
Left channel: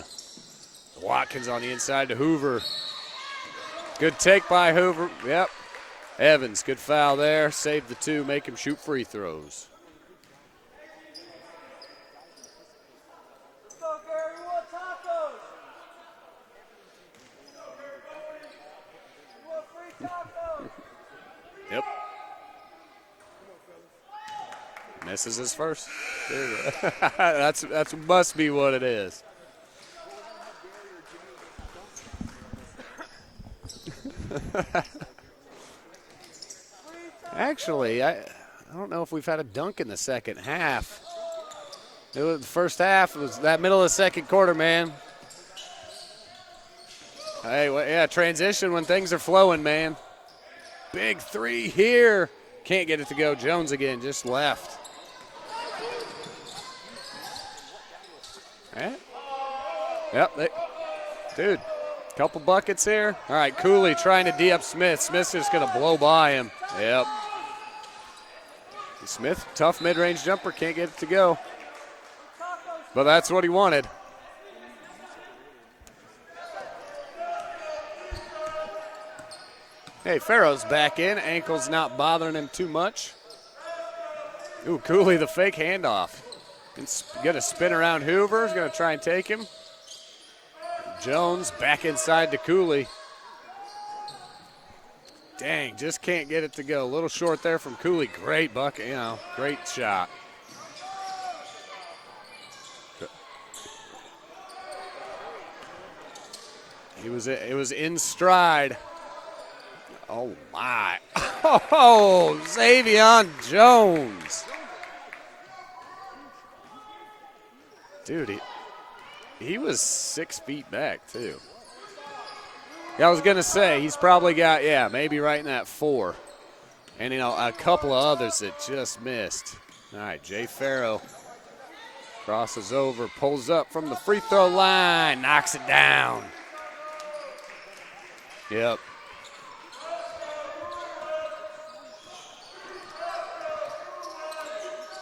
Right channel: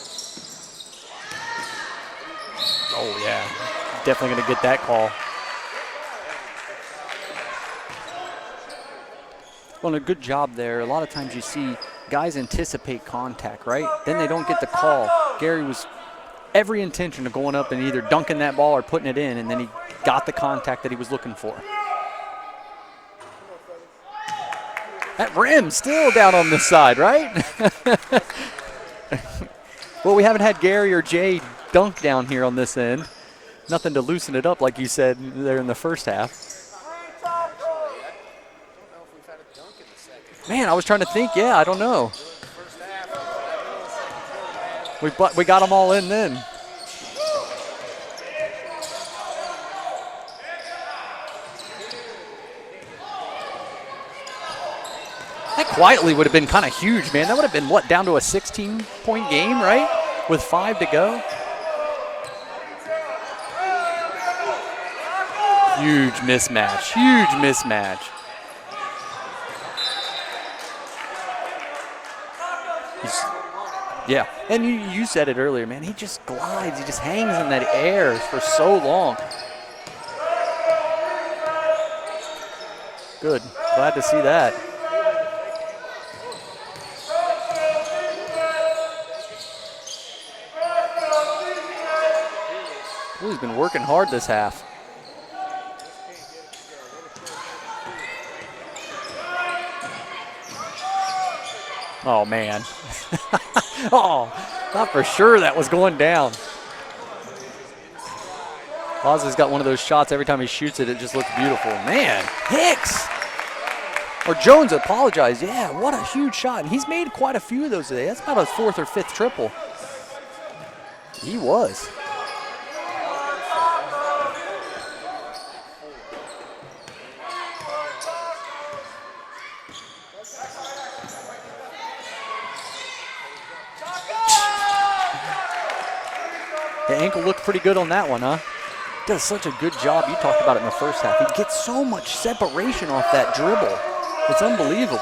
Watkins on the inside to Hoover. Oh, yeah. Good Definitely take get by that Hoover. call. Yep. Evans, good foul there. Saved the 2, make him shoot free throws. Well, a good job there. A lot of times you see guys anticipate contact, right? Then they don't get the call. Gary was every intention of going up and either dunking that ball or putting it in, and then he got the contact that he was looking for. Yep. That rim's still down on this side, right? That must be what it is. Well, we haven't had Gary or Jay dunk down here on this end. Nothing to loosen it up, like you said there in the first half. Actually, I don't know if we've had a dunk in the second half. Man, I was trying to think. Yeah, I don't know. The first half was that middle of the second quarter, man. We got them all in then. Hey, well, yeah, transition when things are flowing, man. Big 3 here. Can't get it to go. Jones again, just left. That quietly would have been kind of huge, man. That would have been, what, down to a 16-point game, right? Yep. With 5 to go. Dude, couple buckets there. All right, Cooley trying to D up Smith. Smith's just going to blow by him. Mismatch. Yep. Huge mismatch. Smith, tough mid-range jumper, can't get it to go. But that's what he wanted. Yeah, and you said it earlier, man. He just glides. He just hangs in that air for so long. Hey, Farrow's back in. Ankle's not bothering him too much. Good. Glad to see that. Ooh, Cooley, the fake handoff. He's going to spin around Hoover. He's going to try and take him. Jones back inside to Cooley. Cooley's been working hard this half. Dang, just can't get it to go. A little short there from Cooley. Great bucket, great shot. Oh, man. Oh, thought for sure that was going down. It was in stride. Bosley's got one of those shots. Every time he shoots it, it just looks beautiful. Oh, man. Davion Jones. Or Jones apologized. Yeah, what a huge shot. And he's made quite a few of those today. That's about a 4th or 5th triple. He was 6 feet back, too. He was. I was going to say, he's probably got, maybe right in that 4. And, a couple of others that just missed. All right, Jay Farrow Crosses over, pulls up from the free throw line, knocks it down. The ankle looked pretty good on that one, huh? Yep. Does such a good job. You talked about it in the first half. He gets so much separation off that dribble. It's unbelievable.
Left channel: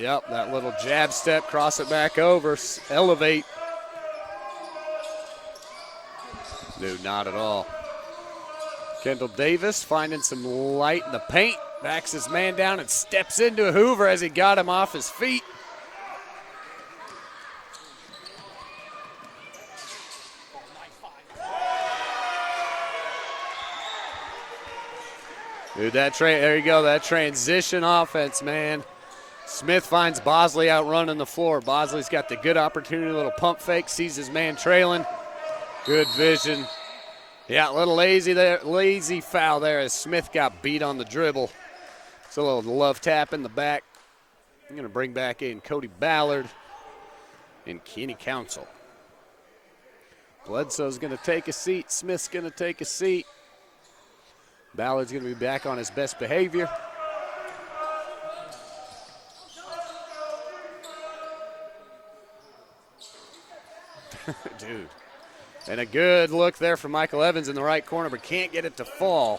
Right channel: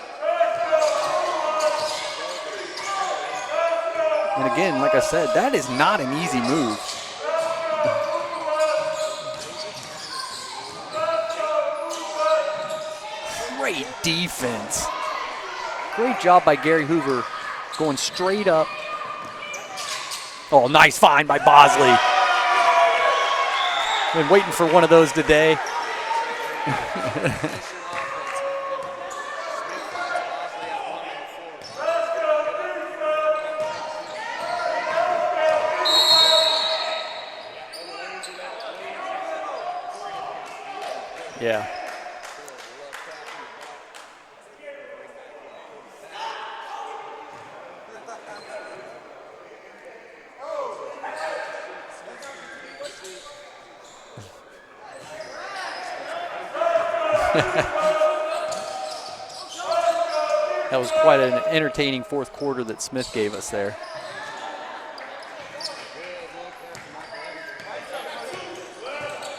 Yep, that little jab step, cross it back over, elevate. And again, like I said, that is not an easy move. Dude, not at all. Kendall Davis finding some light in the paint, backs his man down and steps into Great Hoover as he got him defense. off his feet. Great job by Gary Hoover going straight up. Oh, nice find by Bosley. Been waiting for one of those today. Dude, there you go, that transition offense, man. Smith finds Bosley out running the floor. Bosley's got the good opportunity, a little pump fake, sees his man trailing. Good vision. Yeah, a little lazy foul there as Smith got beat on the dribble. Yeah. It's a little love tap in the back. I'm gonna bring back in Cody Ballard and Kenny Council. Bledsoe's gonna take a seat. Smith's gonna take a seat. Ballard's gonna be back on his best behavior. That was quite an entertaining fourth quarter that Smith gave us there. Dude. And a good look there from Michael Evans in the right corner, but can't get it to fall.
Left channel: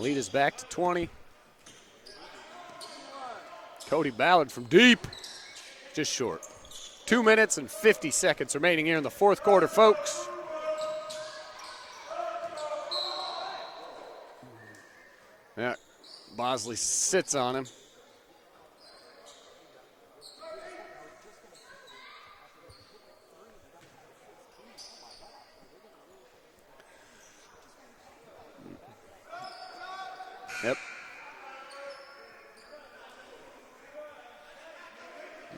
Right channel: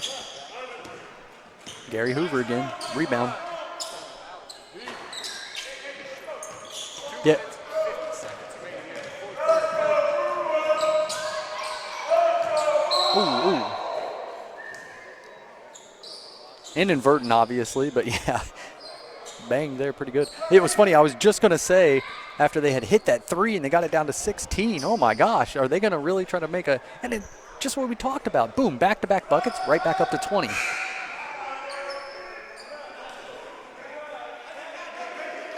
Lead is back to 20. Gary Hoover again, rebound. Cody Ballard from deep, just short. 2 minutes and 50 seconds remaining here in the fourth quarter, folks. Ooh. Yeah, Bosley Inadvertent, sits on him. obviously, but yeah. Bang there, pretty good. It was funny, I was just going to say, after they had hit that three and they got it down to 16, oh my gosh, are they going to really try to make a, and it, just what we talked about, boom, back-to-back buckets, right back up to 20. Yep.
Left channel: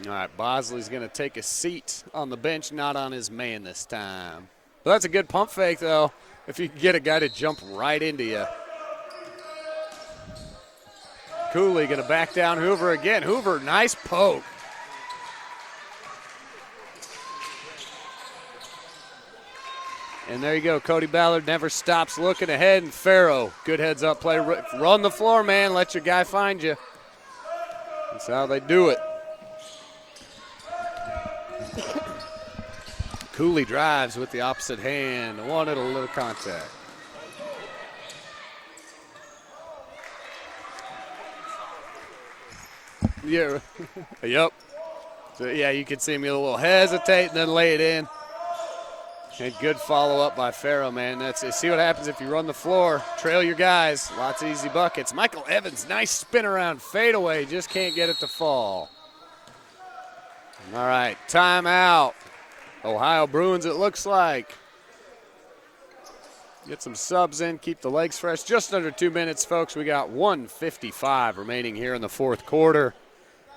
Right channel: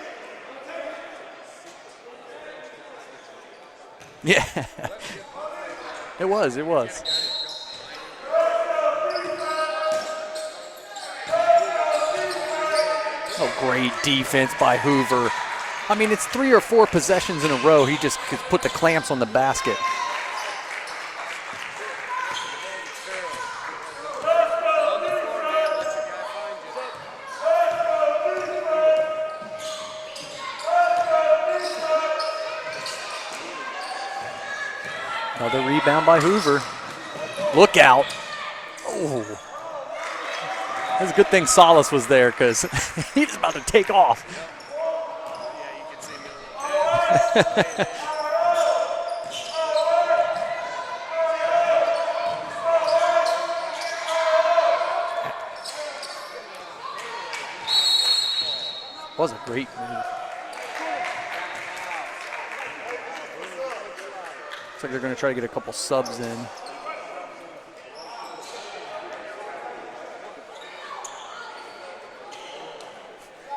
All right, Bosley's going to take a seat on the bench, not on his man this time. Yeah. Well, that's a good pump fake, though. It was, If you get a guy to jump right into you. Cooley going to back down Hoover again. Hoover, Great nice defense by Hoover. I mean, it's 3 or 4 possessions in a row. He just could put the clamps on the basket. And there you go. Cody Ballard never stops looking ahead. And Farrow, good heads-up play. Run the floor, man. Let your guy find you. That's how they do it. Cooley drives with the opposite hand. Another rebound by Hoover. Look out. Oh. It's a good thing Salas was there because he's about to take off. Yep. Yeah, you could see him a little hesitate and then lay it in. And good follow-up by Farrow, man. See what happens if you run the floor, trail your guys. Lots of easy buckets. Michael Evans, nice spin around, fadeaway, just can't get it to fall. Was a great move. All right, timeout. Ohio Bruins, it looks like. Looks like they're going to try to get a couple subs in. Get some subs in, keep the legs fresh. Just under 2 minutes, folks. We got 1:55 remaining here in the fourth quarter.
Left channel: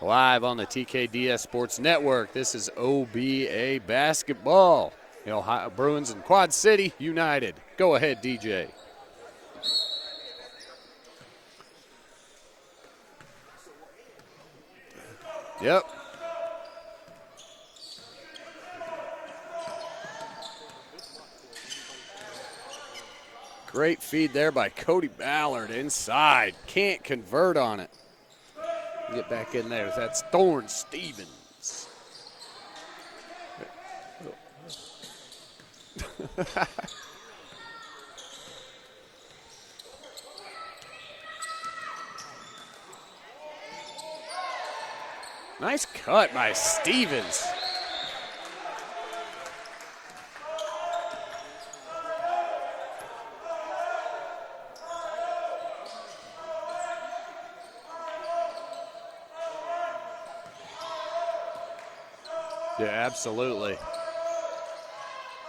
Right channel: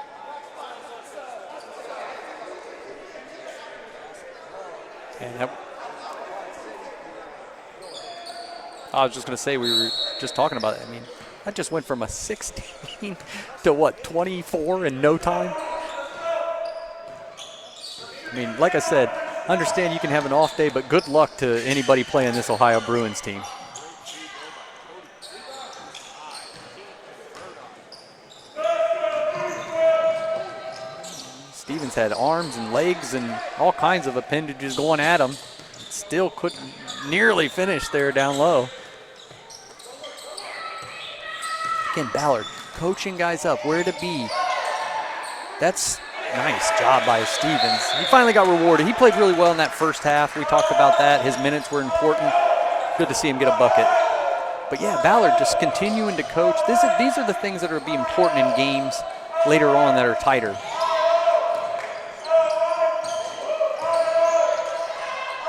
Live on the TKDS Sports Network. This is OBA basketball. The Ohio Bruins and Quad City United. Go ahead, DJ. I was just going to say, we were just talking about it. I mean, that just went from a 16 to what, 24 in no time? Yep. I mean, like I said, I understand you can have an off day, but good luck to anybody playing this Ohio Bruins team. Great feed there by Cody Ballard inside. Can't convert on it. Get back in there. That's Thorne Stevens. Stevens had arms and legs and all kinds of appendages going at him. Still couldn't nearly finish there down low. Again, Ballard coaching guys up where to be. That's nice job by Stevens. He finally got rewarded. He played really well in that first half. We talked about that. His minutes were important. Good to see him get a bucket. But yeah, Ballard just continuing to coach. These are the things that are be important in games later on that are tighter. Yeah, absolutely.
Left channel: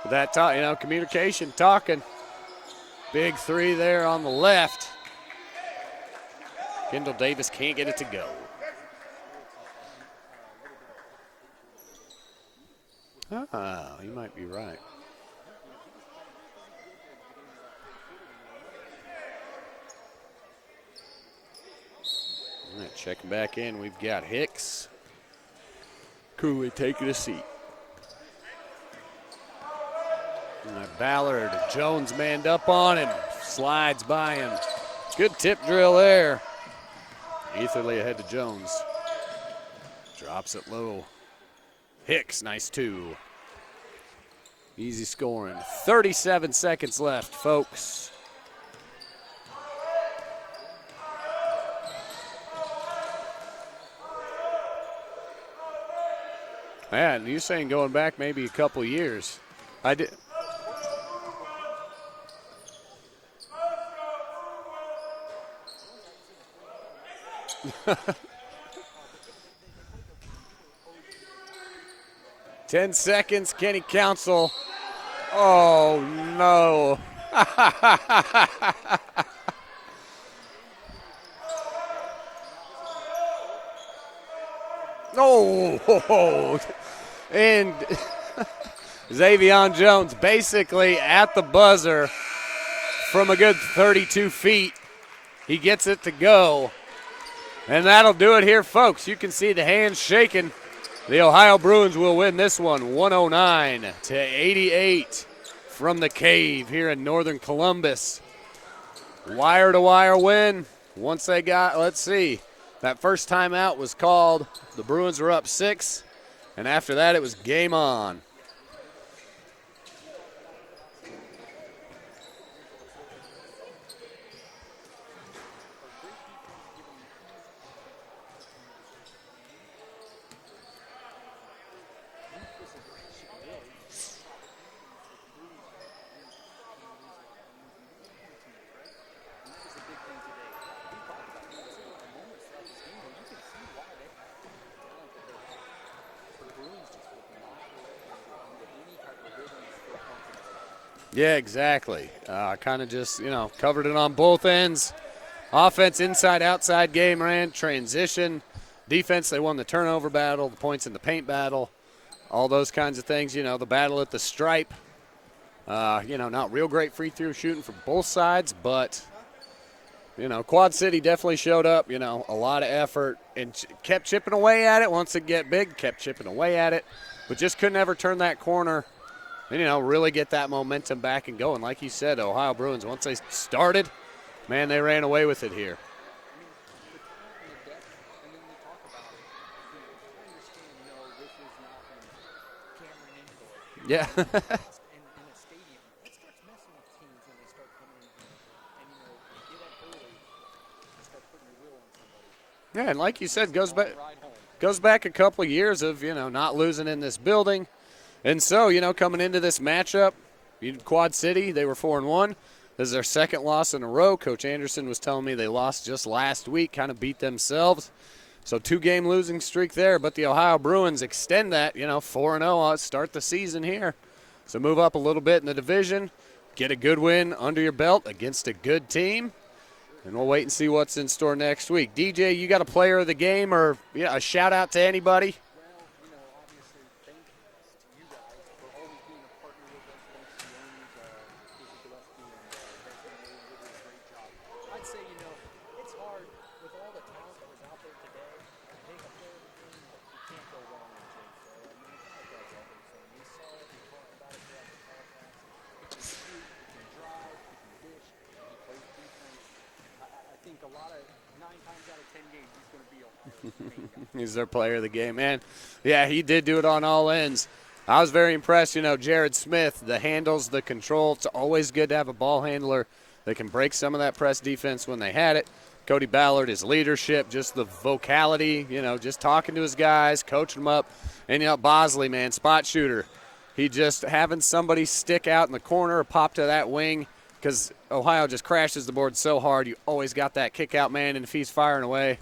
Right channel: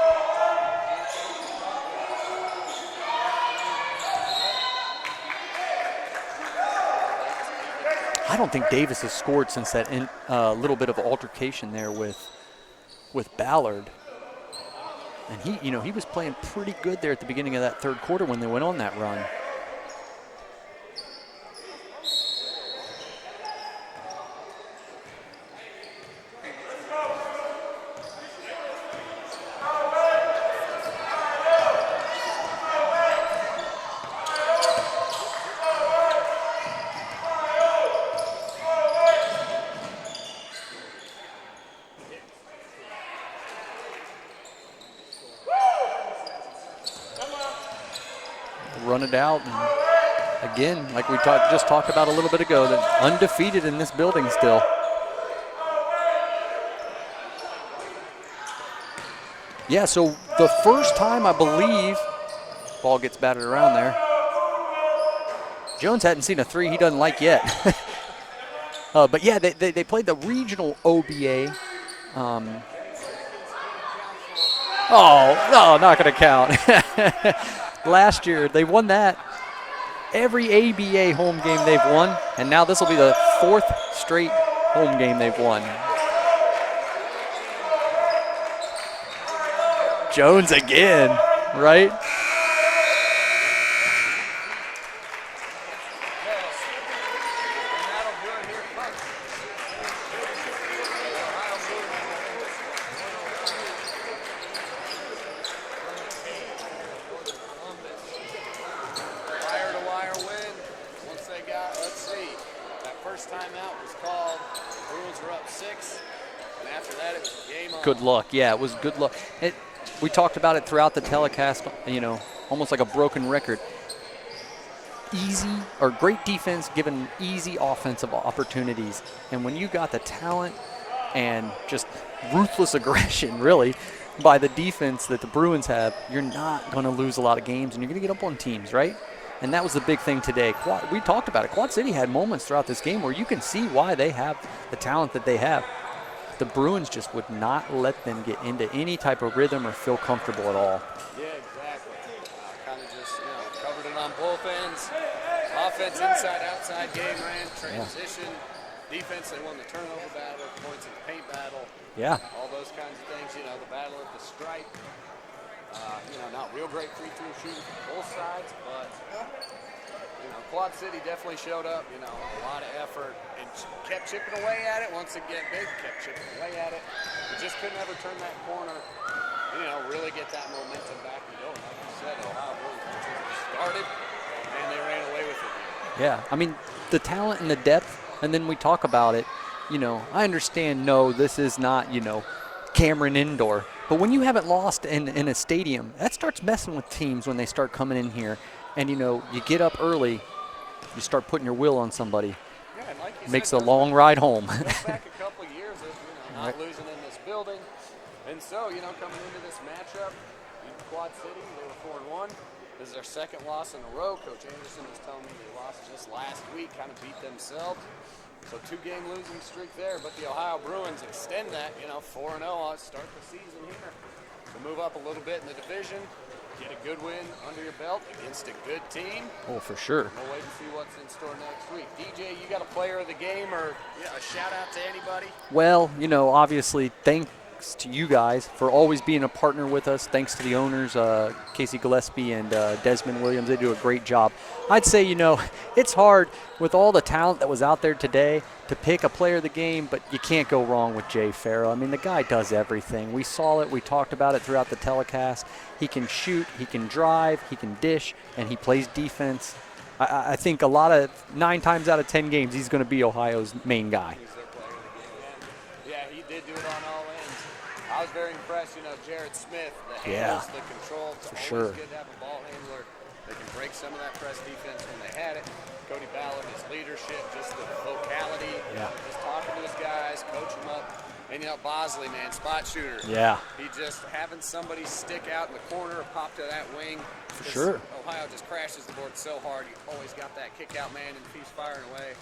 That communication, talking. Big three there on the left. Kendall Davis can't get it to go. I don't think Davis has scored since that little bit of altercation there with Ballard. You might be right. And he was playing pretty good there at the beginning of that third quarter when they went on that run. Checking back in, we've got Hicks. Cooley taking a seat. Ballard, Jones manned up on him, slides by him. Good tip drill there. Easily ahead to Jones. Drops it low. Hicks, nice 2. Easy scoring. 37 seconds left, folks. Run it out. And again, like we just talked about a little bit ago, that undefeated in this building still. Man, you're saying going back maybe a couple years. Yeah, so the first time I believe, ball gets batted around there. Jones hadn't seen a 3 he doesn't like yet. But yeah, they played the regional OBA. 10 seconds, Kenny Council. No, not going to count. No. Last year, they won that. Every ABA home game they've won, and now this will be the 4th straight home game they've won. And Xavier Jones basically again, at the buzzer right? From a good 32 feet. He gets it to go. And that'll do it here, folks. You can see the hands shaking. The Ohio Bruins will win this one 109-88 from the Cave here in northern Columbus. Wire-to-wire win. Once they got, let's see, that first timeout was called. The Bruins were up 6, and after that it was game on. Good luck. Yeah, it was good luck. We talked about it throughout the telecast, almost like a broken record. Easy or great defense given easy offensive opportunities. And when you got the talent and just ruthless aggression, really, by the defense that the Bruins have, you're not going to lose a lot of games, and you're going to get up on teams, right? And that was the big thing today. We talked about it. Quad City had moments throughout this game where you can see why they have the talent that they have. The Bruins just would not let them get into any type of rhythm or feel comfortable at all. Yeah, exactly. Kind of just, covered it on both ends. Offense, inside, outside game ran, transition. Defense, they won the turnover battle, points in the paint battle. Yeah. All those kinds of things, the battle at the stripe. Not real great free throw shooting from both sides, but, Quad City definitely showed up, a lot of effort and kept chipping away at it. Once it get big, kept chipping away at it, but just couldn't ever turn that corner and, really get that momentum back and going. Like you said, Ohio Bruins, once they started, man, they ran away with it here. Yeah, I mean, the talent and the depth, and then we talk about it, I understand, no, this is not, Cameron Indoor. But when you haven't lost in a stadium, that starts messing with teams when they start coming in here. And, you get up early, you start putting your will on somebody. Yeah, and like you said, makes a long ride home. Goes back a couple of years of, not losing in this building. And so, coming into this matchup, Quad City, they were 4-1. This is their second loss in a row. Coach Anderson was telling me they lost just last week, kind of beat themselves. So 2-game losing streak there, but the Ohio Bruins extend that, 4-0, start the season here. So move up a little bit in the division, get a good win under your belt against a good team. Oh, for sure. And we'll wait and see what's in store next week. DJ, you got a player of the game or a shout out to anybody? Well, obviously, thanks to you guys for always being a partner with us. Thanks to the owners, Casey Gillespie and Desmond Williams. They do a great job. I'd say, it's hard with all the talent that was out there today to pick a player of the game, but you can't go wrong with Jay Farrell. I mean, the guy does everything. We saw it. We talked about it throughout the telecast. He can shoot, he can drive, he can dish, and he plays defense. I think 9 times out of 10 games, he's going to be Ohio's main guy. He's their player of the game, man. Yeah, he did do it on all ends. I was very impressed, Jared Smith, the handles, the control. It's always good to have a ball handler that can break some of that press defense when they had it. Cody Ballard, his leadership, just the vocality, just talking to his guys, coaching them up. And, Bosley, man, spot shooter. Yeah. He just having somebody stick out in the corner or pop to that wing because Ohio just crashes the board so hard. You always got that kick out man, and if he's firing away,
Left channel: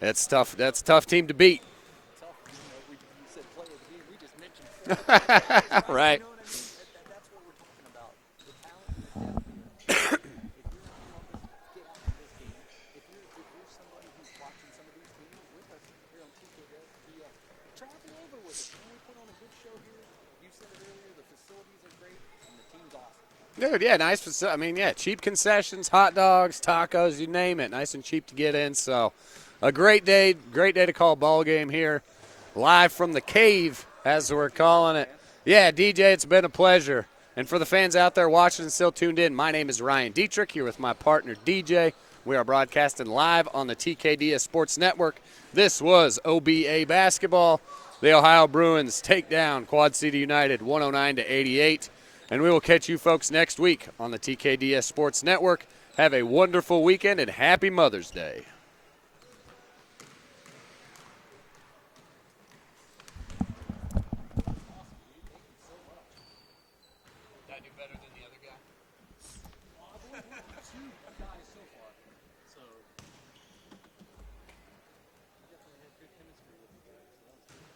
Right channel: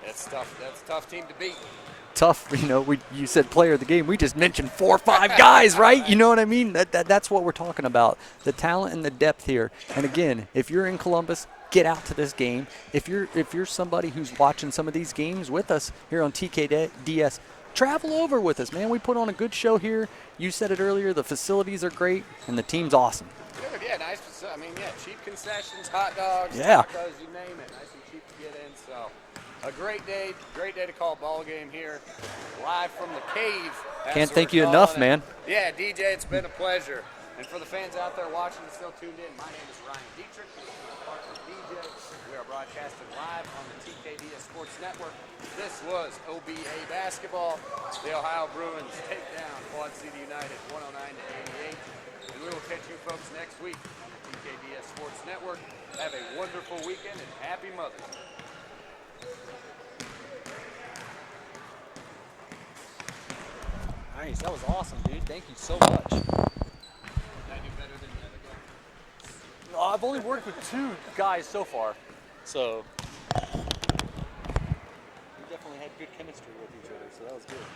that's tough. That's a tough team to beat. Tough, you said player of the game. We just mentioned 4 or 5 guys, right? Right. You know what I mean? That's what we're talking about, the talent and the depth here. And again, if you're in Columbus, get out to this game. If you're somebody who's watching some of these games with us here on TKDS, travel over with us, man. We put on a good show here. You said it earlier, the facilities are great, and the team's awesome. Dude, yeah, nice facility. I mean, yeah, cheap concessions, hot dogs, tacos, you name it. Nice and cheap to get in, so a great day to call a ball game here, live from the Cave. Can't thank you enough, man. Yeah, DJ, it's been a pleasure. And for the fans out there watching and still tuned in, my name is Ryan Dietrich, here with my partner DJ. We are broadcasting live on the TKDS Sports Network. This was OBA basketball. The Ohio Bruins take down Quad City United 109-88. And we will catch you folks next week on the TKDS Sports Network. Have a wonderful weekend and happy Mother's Day. Nice. That was awesome, dude. Thank you so much. No, I've only worked with 2 guys so far, so we definitely had good chemistry with each other, so that was good.